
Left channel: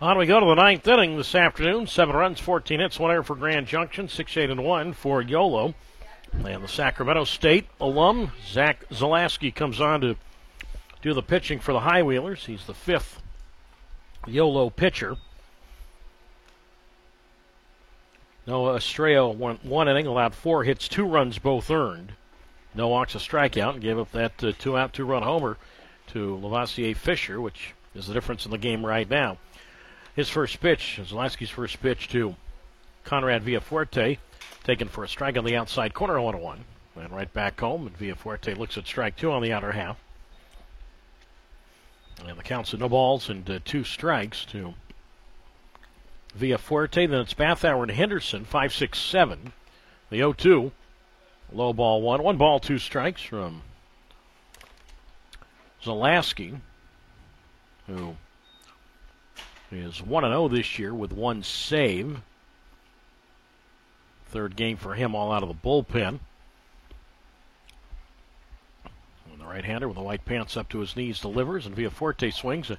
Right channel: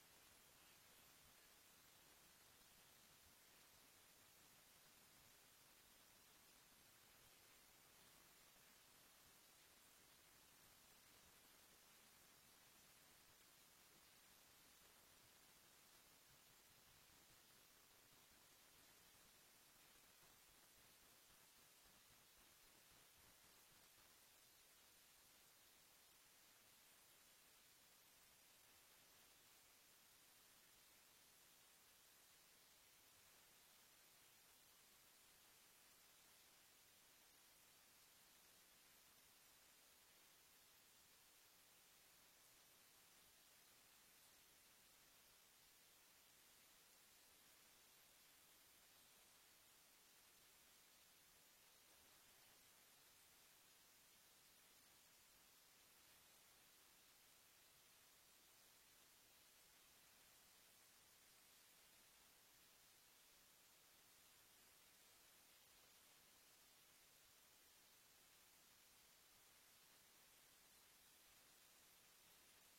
On we go to the ninth inning this afternoon. 7 runs, 14 hits, 1 error for Grand Junction, 6-8-1 for YOLO. And the Sacramento State alum, Zach Zalaski, comes on to do the pitching for the High Wheelers. He's the 5th YOLO pitcher. Noah Estrella went 1 inning, allowed 4 hits, 2 runs, both earned. No walks, a strikeout, and gave up that 2-out, 2-run homer to Lavoisier Fisher, which is the difference in the game right now. His first pitch, Zalaski's first pitch to Conrad Villafuerte, taken for a strike on the outside corner, 1-1. And right back home, and Villafuerte looks at strike 2 on the outer half. And the count's at no balls and 2 strikes to Villafuerte. Then it's Bathauer and Henderson, 5-6-7. The 0-2. Low ball 1. 1 ball, 2 strikes from Zalaski, who is 1-0 this year with 1 save. Third game for him, all out of the bullpen. And the right-hander with the white pants up to his knees delivers, and Villafuerte swings. A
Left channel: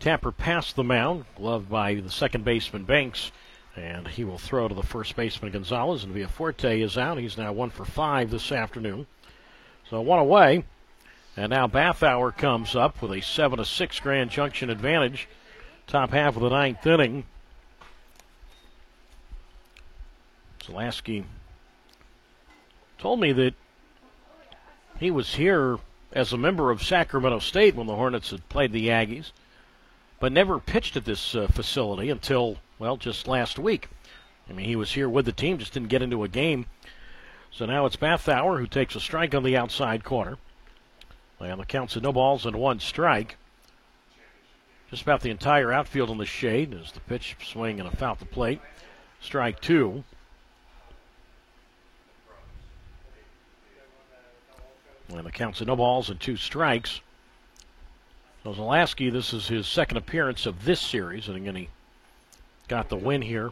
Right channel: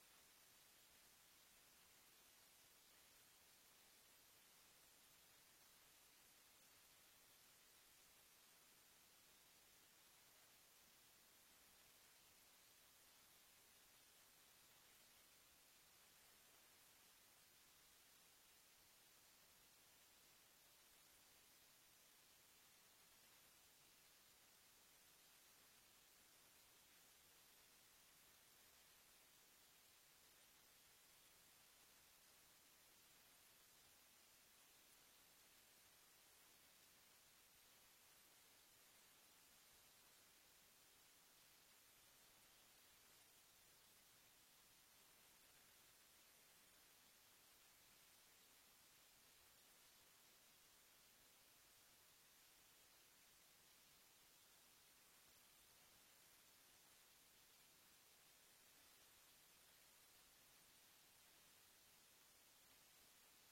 tapper past the mound, gloved by the second baseman Banks, and he will throw to the first baseman Gonzalez, and Villafuerte is out. He's now 1 for 5 this afternoon. So 1 away, and now Bathauer comes up with a 7-6 Grand Junction advantage. Top half of the ninth inning. Zalaski told me that he was here as a member of Sacramento State when the Hornets had played the Aggies, but never pitched at this facility until, well, just last week. I mean, he was here with the team, just didn't get into a game. So now it's Bathauer who takes a strike on the outside corner. And the count's at no balls and 1 strike. Just about the entire outfield in the shade as the pitch, swing, and a foul at the plate. Strike 2. And the count's at no balls and 2 strikes. So Zalaski, this is his second appearance of this series, and again he got the win here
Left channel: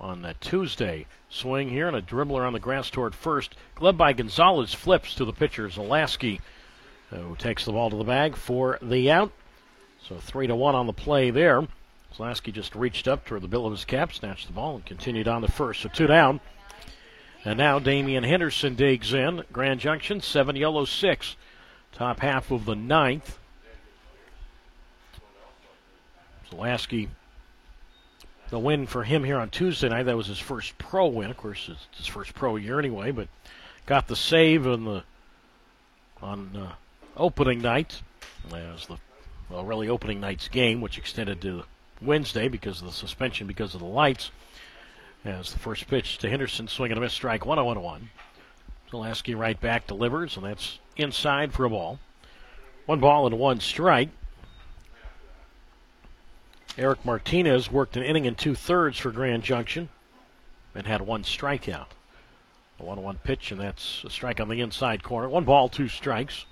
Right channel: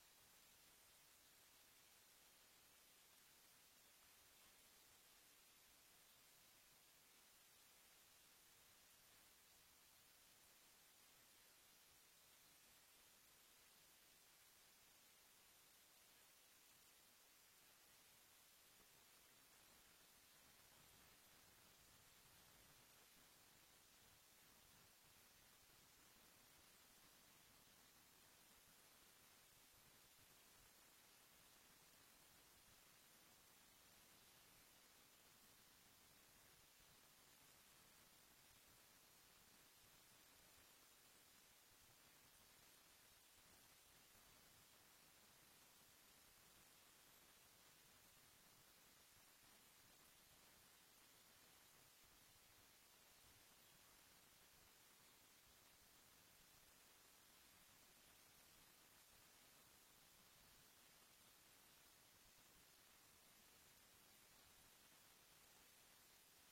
on that Tuesday. Swing here and a dribbler on the grass toward first. Gloved by Gonzalez, flips to the pitcher Zalaski, who takes the ball to the bag for the out. So 3-1 on the play there. Zalaski just reached up toward the bill of his cap, snatched the ball, and continued on to first. So 2 down. And now Damian Henderson digs in. Grand Junction, 7, YOLO 6. Top half of the ninth. Zalaski, the win for him here on Tuesday night. That was his first pro win. Of course, it's his first pro year anyway, but got the save on opening night. That was the really opening night's game, which extended to Wednesday because of the suspension because of the lights. As the first pitch to Henderson, swing and a miss, strike 1-0-1. Zalaski right back delivers, and that's inside for a ball. 1 ball and 1 strike. Eric Martinez worked an inning and 2/3 for Grand Junction and had 1 strikeout. A 1-1 pitch, and that's a strike on the inside corner. 1 ball, 2 strikes.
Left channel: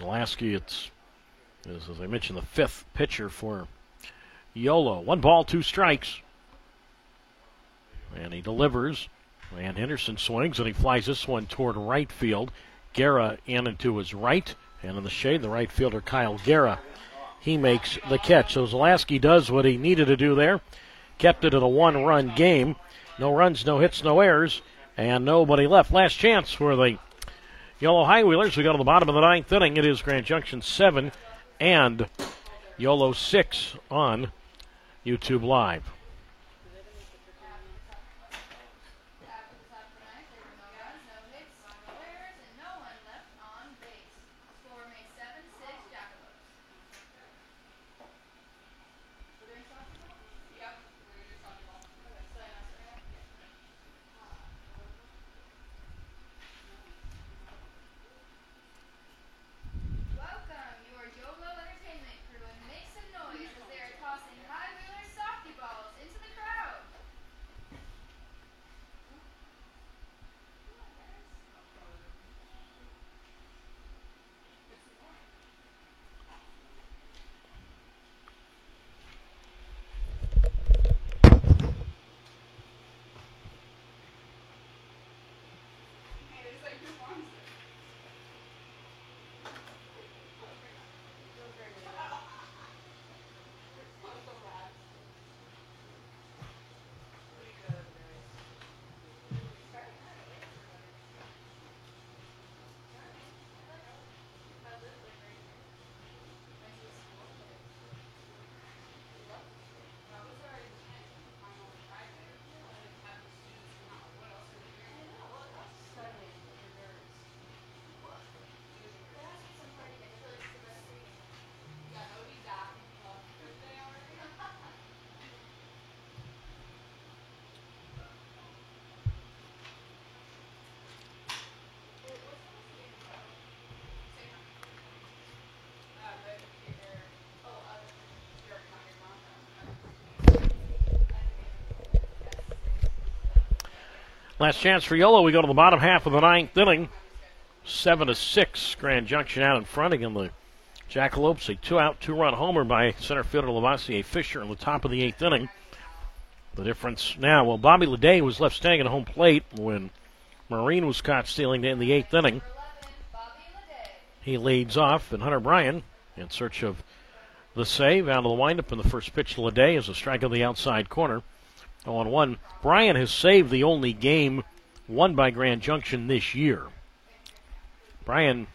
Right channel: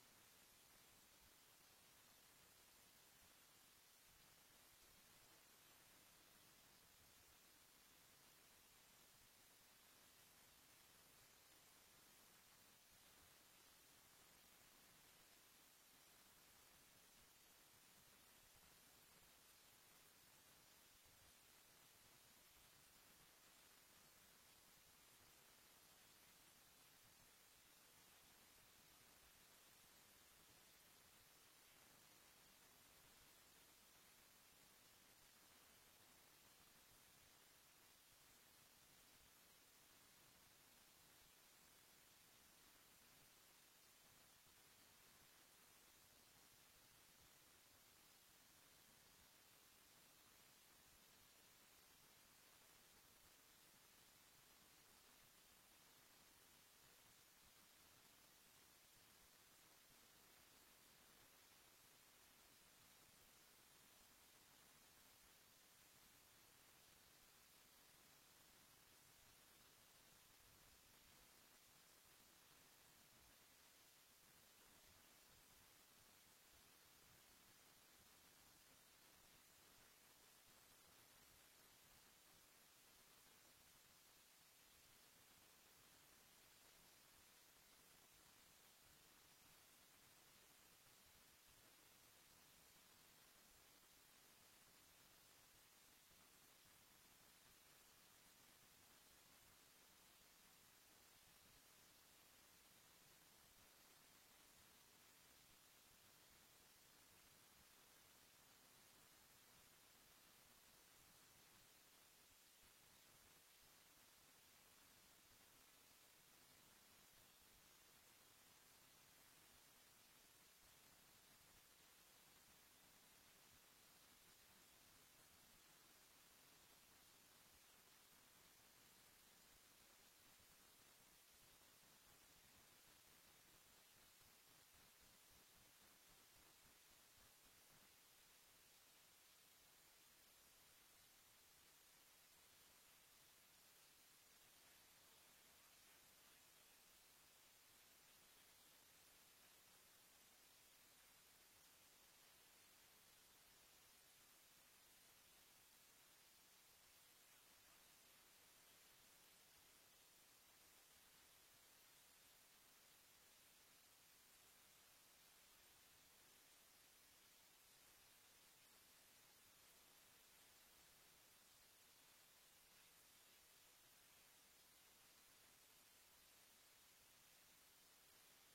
Zalaski, it's, as I mentioned, the 5th pitcher for YOLO. 1 ball, 2 strikes. And he delivers. And Henderson swings, and he flies this one toward right field. Guerra in and to his right. And in the shade, the right fielder, Kyle Guerra. He makes the catch. So Zalaski does what he needed to do there. Kept it at a 1-run game. No runs, no hits, no errors, and nobody left. Last chance for the YOLO High Wheelers. We go to the bottom of the ninth inning. It is Grand Junction 7 and YOLO 6 on YouTube Live. Last chance for Yolo. We go to the bottom half of the ninth inning. 7-6. Grand Junction out in front again. The Jackalopes, a 2-out, 2-run homer by center fielder Lavoisier Fisher in the top of the eighth inning. The difference now, well, Bobby Leday was left standing at home plate when Marine was caught stealing in the eighth inning. He leads off, and Hunter Bryan, in search of the save, out of the windup, and the first pitch to Leday is a strike on the outside corner. 0-1. Bryan has saved the only game won by Grand Junction this year. Bryan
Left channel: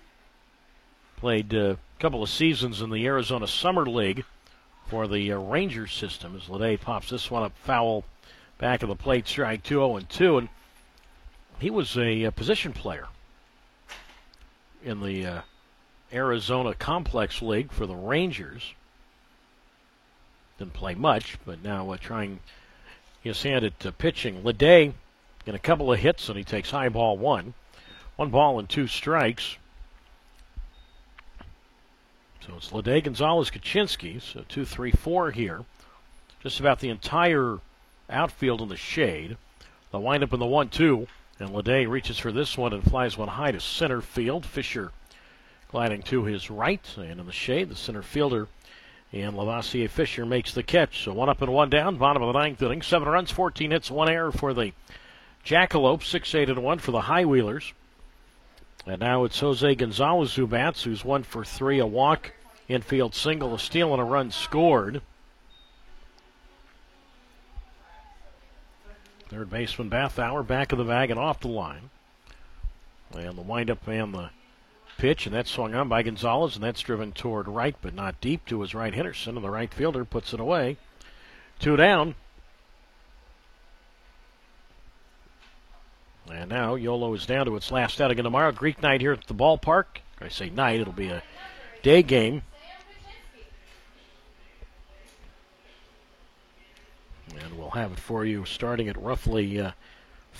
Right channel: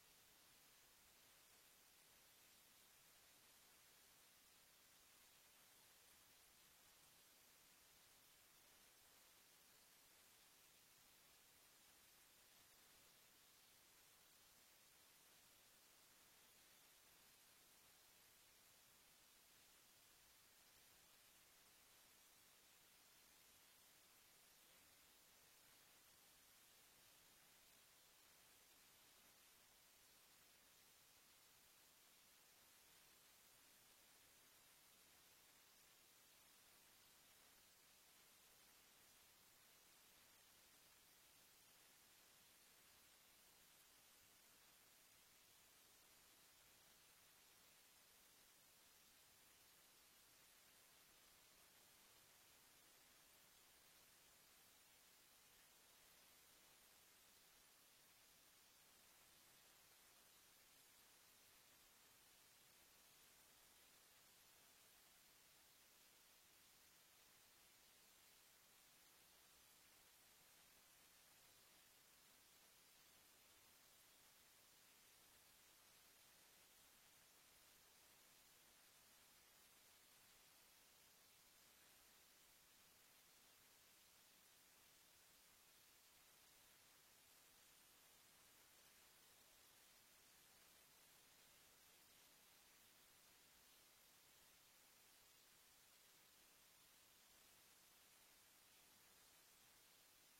played a couple of seasons in the Arizona Summer League for the Rangers system as Leday pops this one up foul back of the plate, strike 2, 0-2. And he was a position player in the Arizona Complex League for the Rangers. Didn't play much, but now trying his hand at pitching. Leday in a couple of hits, and he takes high ball one. 1 ball and 2 strikes. So it's Leday, Gonzalez, Kaczynski. So 2, 3, 4 here. Just about the entire outfield in the shade. They'll wind up in the 1-2. And Leday reaches for this one and flies one high to center field. Fisher gliding to his right. And in the shade, the center fielder and Lavoisier Fisher makes the catch. So 1 up and 1 down. Bottom of the ninth inning. 7 runs, 14 hits, 1 error for the Jackalopes. 6-8-1 for the High Wheelers. And now it's Jose Gonzalez who bats, who's 1 for 3, a walk, infield single, a steal, and a run scored. Third baseman Bathauer back of the bag and off the line. And the windup and the pitch, and that's swung on by Gonzalez, and that's driven toward right, but not deep to his right. Henderson, and the right fielder puts it away. 2 down. And now Yolo is down to its last outing tomorrow. Greek night here at the ballpark. I say night, it'll be a day game. And we'll have it for you starting at roughly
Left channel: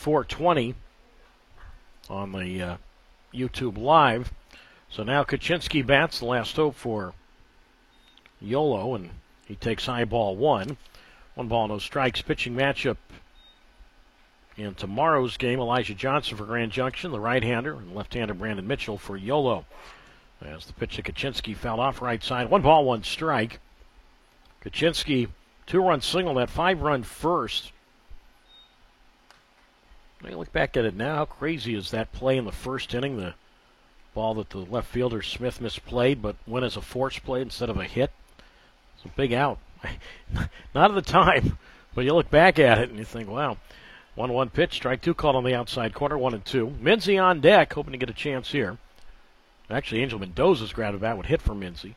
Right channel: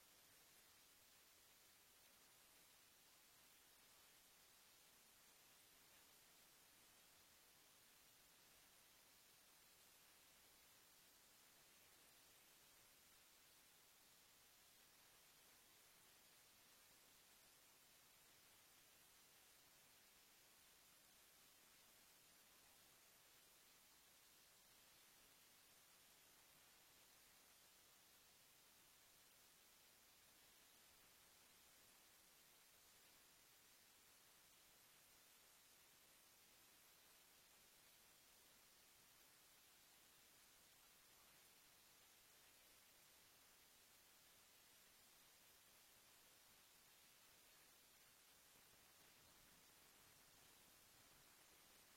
4:20 on the YouTube Live. So now Kaczynski bats, the last hope for Yolo, and he takes high ball one. 1 ball, no strikes. Pitching matchup in tomorrow's game, Elijah Johnson for Grand Junction, the right-hander, and left-hander Brandon Mitchell for Yolo. As the pitch to Kaczynski fouled off right side. 1 ball, 1 strike. Kaczynski, 2-run single, that 5-run first. When you look back at it now, how crazy is that play in the first inning? The ball that the left fielder Smith misplayed, but went as a force play instead of a hit. It's a big out. Not at the time, but you look back at it and you think, wow. 1-1 pitch, strike 2 called on the outside corner, 1-2. Minzy on deck, hoping to get a chance here. Actually, Angel Mendoza's grabbed a bat would hit for Minzy.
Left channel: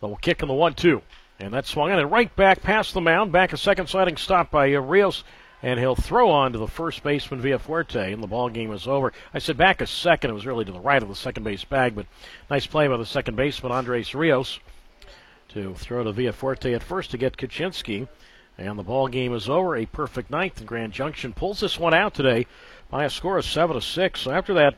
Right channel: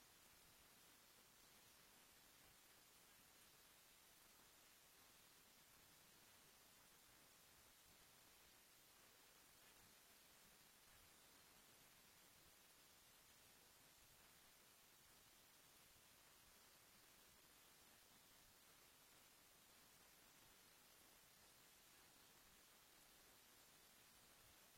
They'll kick in the 1-2. And that swung in and right back past the mound. Back a second sliding stop by Rios. And he'll throw on to the first baseman Villafuerte, and the ball game is over. I said back a second. It was really to the right of the second base bag, but nice play by the second baseman, Andres Rios, to throw to Villafuerte at first to get Kaczynski. And the ball game is over. A perfect ninth, and Grand Junction pulls this one out today by a score of 7-6. So after that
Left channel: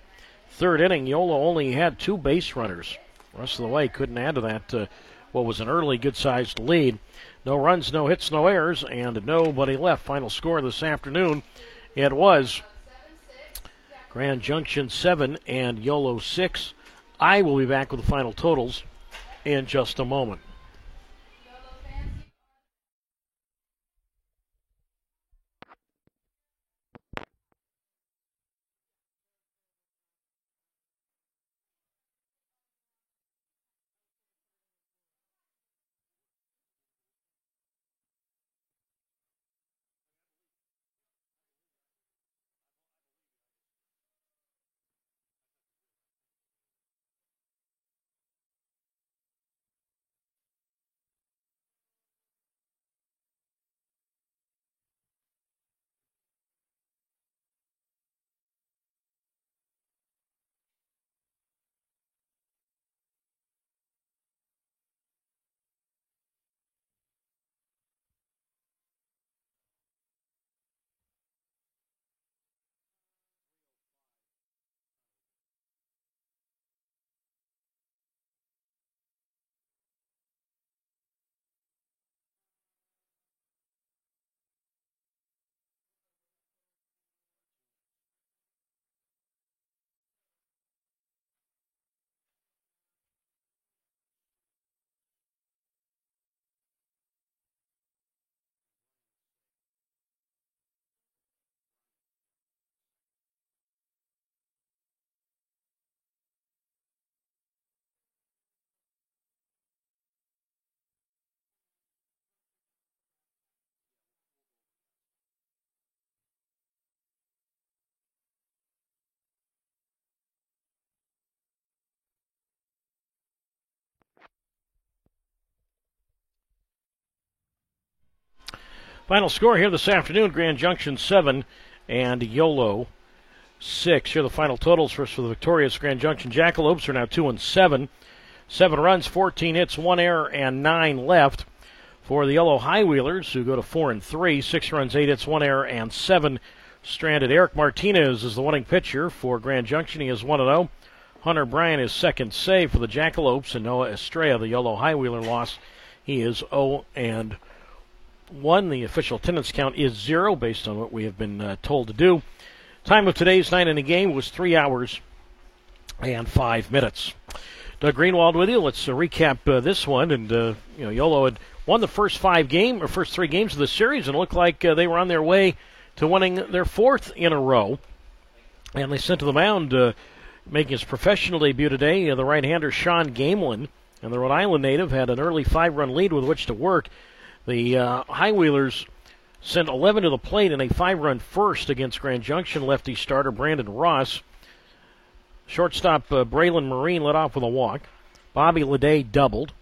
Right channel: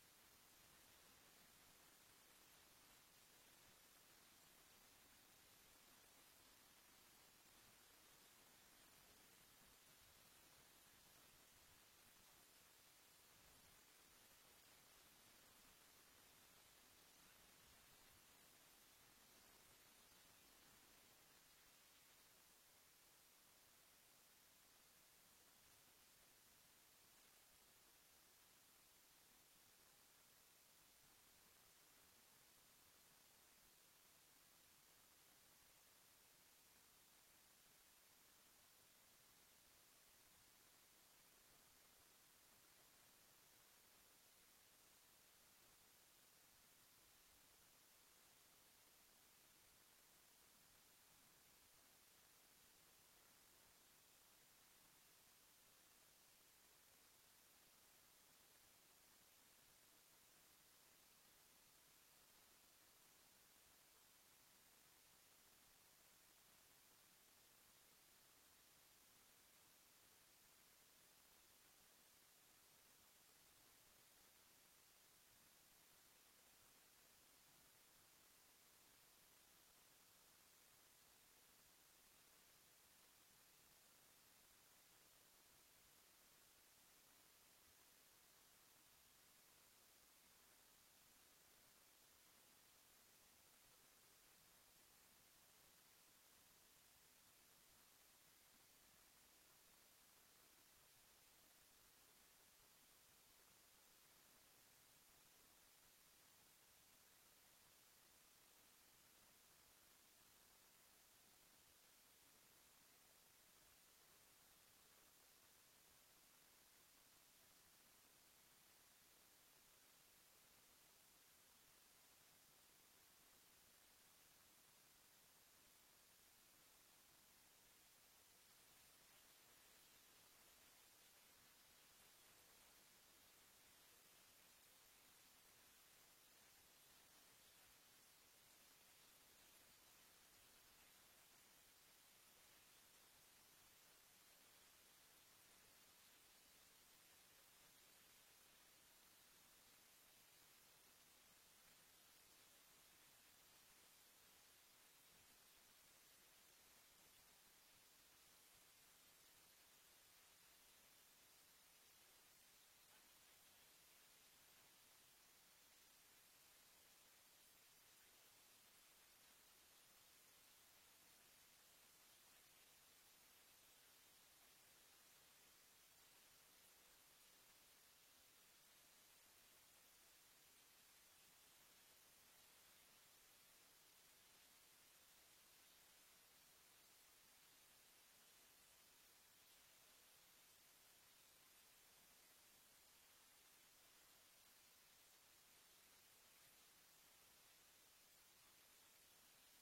third inning, Yolo only had 2 base runners. The rest of the way couldn't add to that what was an early good-sized lead. No runs, no hits, no errors, and nobody left. Final score this afternoon, it was Grand Junction 7 and Yolo 6. I will be back with the final totals in just a moment. Final score here this afternoon, Grand Junction 7 and YOLO 6. Here are the final totals for the victorious Grand Junction Jackalopes are now 2-7. 7 runs, 14 hits, 1 error, and 9 left. For the Yellow High Wheelers, who go to 4-3, 6 runs, 8 hits, 1 error, and 7 stranded. Eric Martinez is the winning pitcher for Grand Junction. He is 1-0. Hunter Bryan is second save for the Jackalopes, and Noah Estrella, the Yellow High Wheeler, loss. He is 0-1. The official attendance count is 0 based on what we have been told to do. Time of today's 9-inning game was 3 hours and 5 minutes. Doug Greenwald with you. Let's recap this one. And YOLO had won the first 3 games of the series, and it looked like they were on their way to winning their 4th in a row. And they sent to the mound, making his professional debut today, the right-hander Sean Gamelin. And the Rhode Island native had an early 5-run lead with which to work. The High Wheelers sent 11 to the plate in a 5-run first against Grand Junction lefty starter Brandon Ross. Shortstop Braylon Marine led off with a walk. Bobby Leday doubled.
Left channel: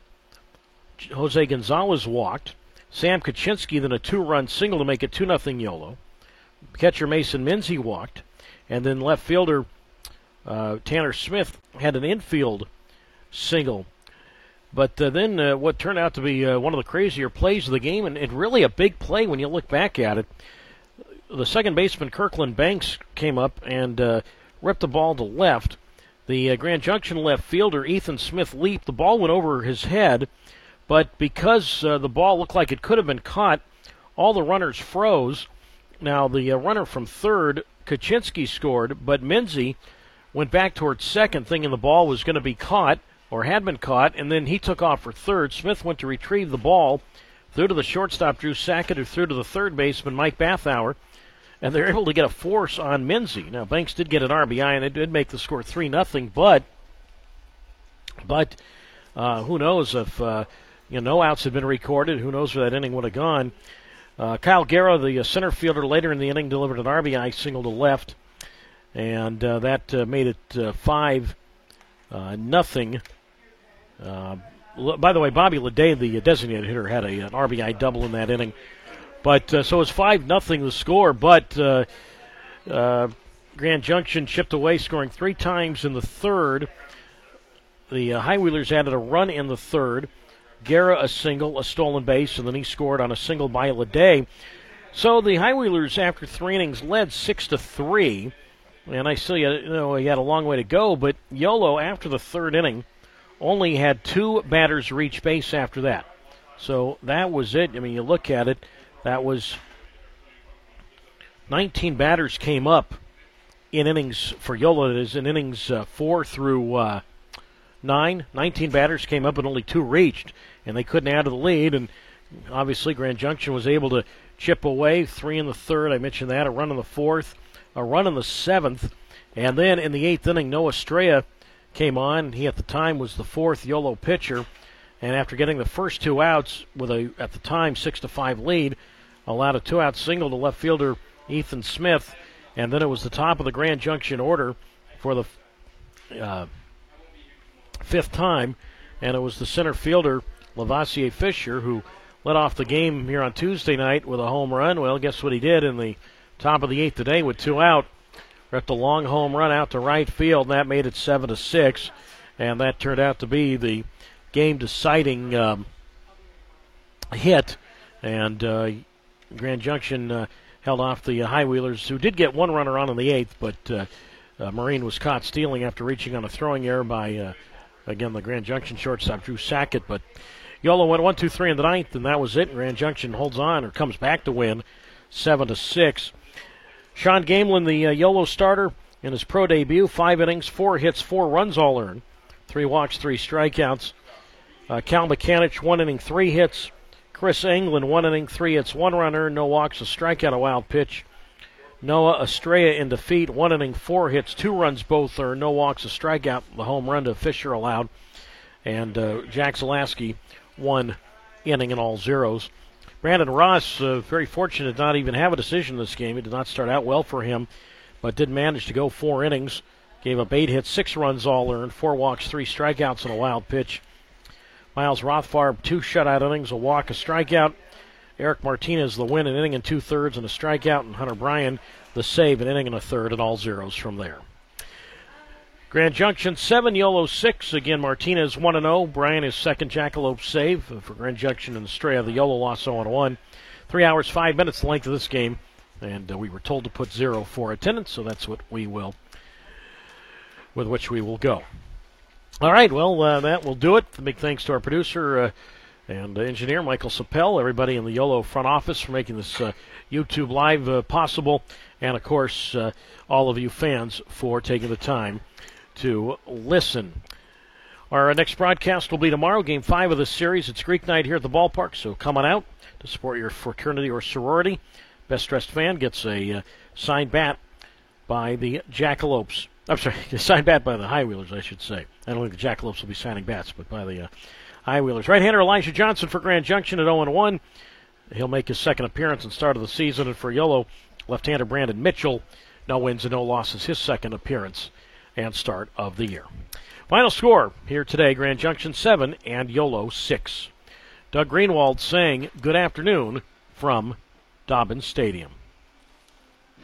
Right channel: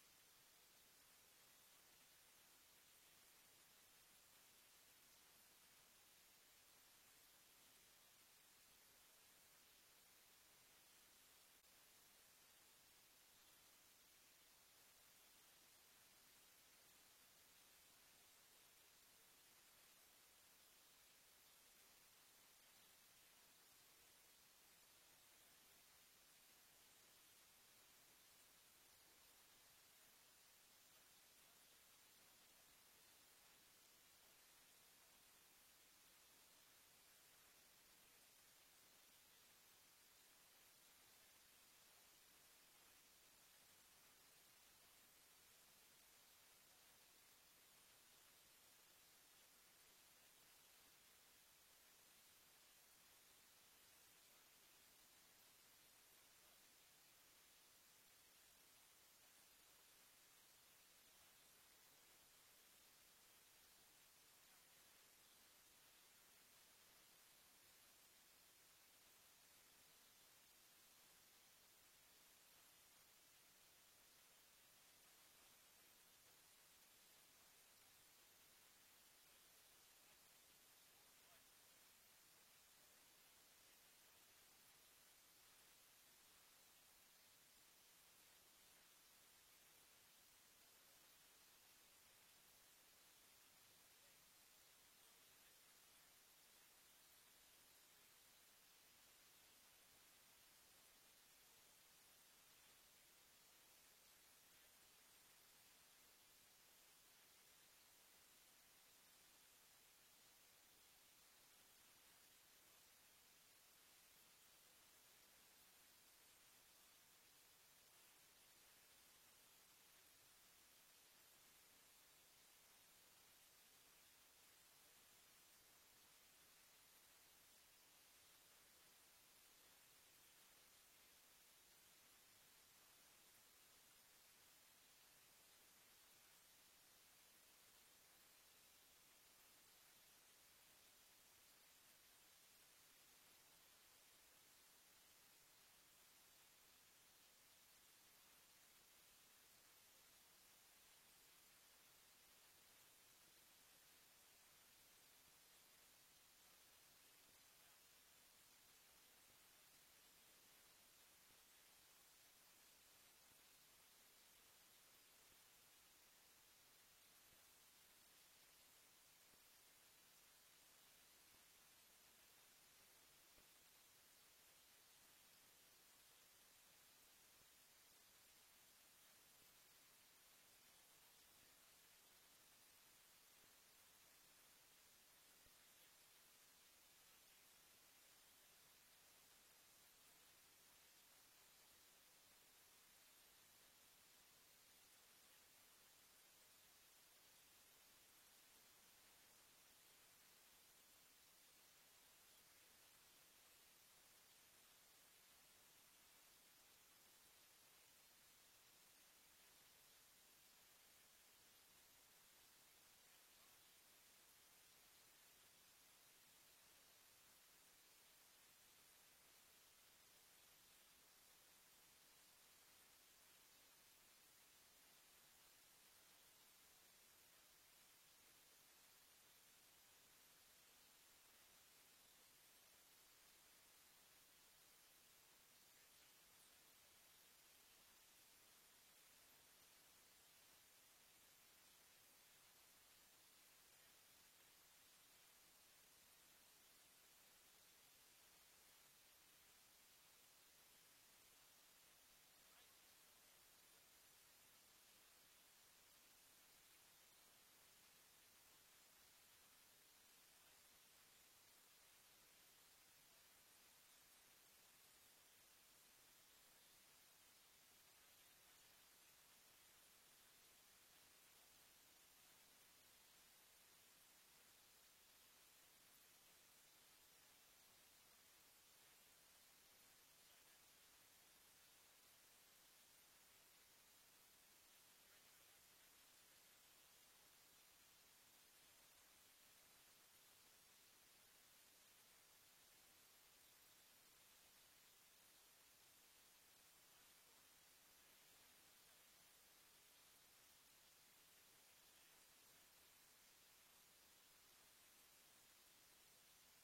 Jose Gonzalez walked. Sam Kaczynski then a 2-run single to make it 2-0 YOLO. Catcher Mason Minzy walked. And then left fielder Tanner Smith had an infield single. But then what turned out to be one of the crazier plays of the game, and really a big play when you look back at it. The second baseman, Kirkland Banks, came up and ripped the ball to left. The Grand Junction left fielder, Ethan Smith, leaped. The ball went over his head, but because the ball looked like it could have been caught, all the runners froze. Now, the runner from third, Kaczynski, scored, but Minzy went back towards second, thinking the ball was going to be caught, or had been caught, and then he took off for third. Smith went to retrieve the ball, threw to the shortstop, Drew Sackett, who threw to the third baseman, Mike Bathauer, and they're able to get a force on Minzy. Now, Banks did get an RBI, and it did make the score 3-0, but who knows if no outs had been recorded. Who knows where that inning would have gone. Kyle Guerra, the center fielder, later in the inning delivered an RBI single to left, and that made it 5-0. By the way, Bobby Leday, the designated hitter, had an RBI double in that inning. But so it's 5-0 the score. But Grand Junction chipped away, scoring 3 times in the third. The High Wheelers added a run in the third. Guerra a single, a stolen base, and then he scored on a single by Leday. So the High Wheelers, after 3 innings, led 6-3. And I still, he had a long way to go. But YOLO, after the third inning, only had 2 batters reach base after that. So that was it. I mean, you look at it, that was 19 batters came up in innings for YOLO. That is in innings 4 through 9. 19 batters came up and only 2 reached, and they couldn't add to the lead. And obviously Grand Junction was able to chip away. 3 in the third, I mentioned that, a run in the fourth, a run in the 7th, and then in the 8th inning, Noah Estrella came on. He at the time was the 4th YOLO pitcher, and after getting the first 2 outs with a, at the time, 6-5 lead, allowed a 2-out single to left fielder Ethan Smith, and then it was the top of the Grand Junction order for the 5th time, and it was the center fielder Lavoisier Fisher who led off the game here on Tuesday night with a home run. Well, guess what he did in the top of the 8th today with 2 out? Ripped a long home run out to right field, and that made it 7-6, and that turned out to be the game-deciding hit, and Grand Junction held off the High Wheelers, who did get 1 runner on in the 8th, but Marine was caught stealing after reaching on a throwing error by, again, the Grand Junction shortstop, Drew Sackett, but YOLO went 1-2-3 in the 9th, and that was it. Grand Junction holds on, or comes back to win, 7-6. Sean Gamelin, the YOLO starter, in his pro debut, 5 innings, 4 hits, 4 runs all earned, 3 walks, 3 strikeouts. Cal Mechanic, 1 inning, 3 hits. Chris England, 1 inning, 3 hits, 1 run earned, no walks, a strikeout, a wild pitch. Noah Estrella in defeat, 1 inning, 4 hits, 2 runs both earned, no walks, a strikeout, the home run to Fisher allowed. And Jack Zalaski, 1 inning and all zeros. Brandon Ross, very fortunate to not even have a decision in this game. It did not start out well for him, but did manage to go 4 innings. Gave up 8 hits, 6 runs all earned, 4 walks, 3 strikeouts, and a wild pitch. Miles Rothfarb, 2 shutout innings, a walk, a strikeout. Eric Martinez the win, an inning and 2/3 and a strikeout, and Hunter Bryan the save, an inning and a third, and all zeros from there. Grand Junction 7, YOLO 6. Again, Martinez 1-0. Bryan his second Jackalope save for Grand Junction and Estrella. The YOLO loss 0-1. 3 hours, 5 minutes the length of this game. And we were told to put 0 for attendance, so that's what we will, with which we will go. All right, well, that will do it. Big thanks to our producer and engineer, Michael Sapel, everybody in the YOLO front office for making this YouTube Live possible, and, of course, all of you fans for taking the time to listen. Our next broadcast will be tomorrow, Game 5 of this series. It's Greek night here at the ballpark, so come on out to support your fraternity or sorority. Best dressed fan gets a signed bat by the Jackalopes. I'm sorry, a signed bat by the High Wheelers, I should say. I don't think the Jackalopes will be signing bats, but by the High Wheelers. Right-hander Elijah Johnson for Grand Junction at 0-1. He'll make his second appearance and start of the season. And for YOLO, left-hander Brandon Mitchell, no wins and no losses, his second appearance and start of the year. Final score here today, Grand Junction 7 and YOLO 6. Doug Greenwald saying good afternoon from Dobbins Stadium.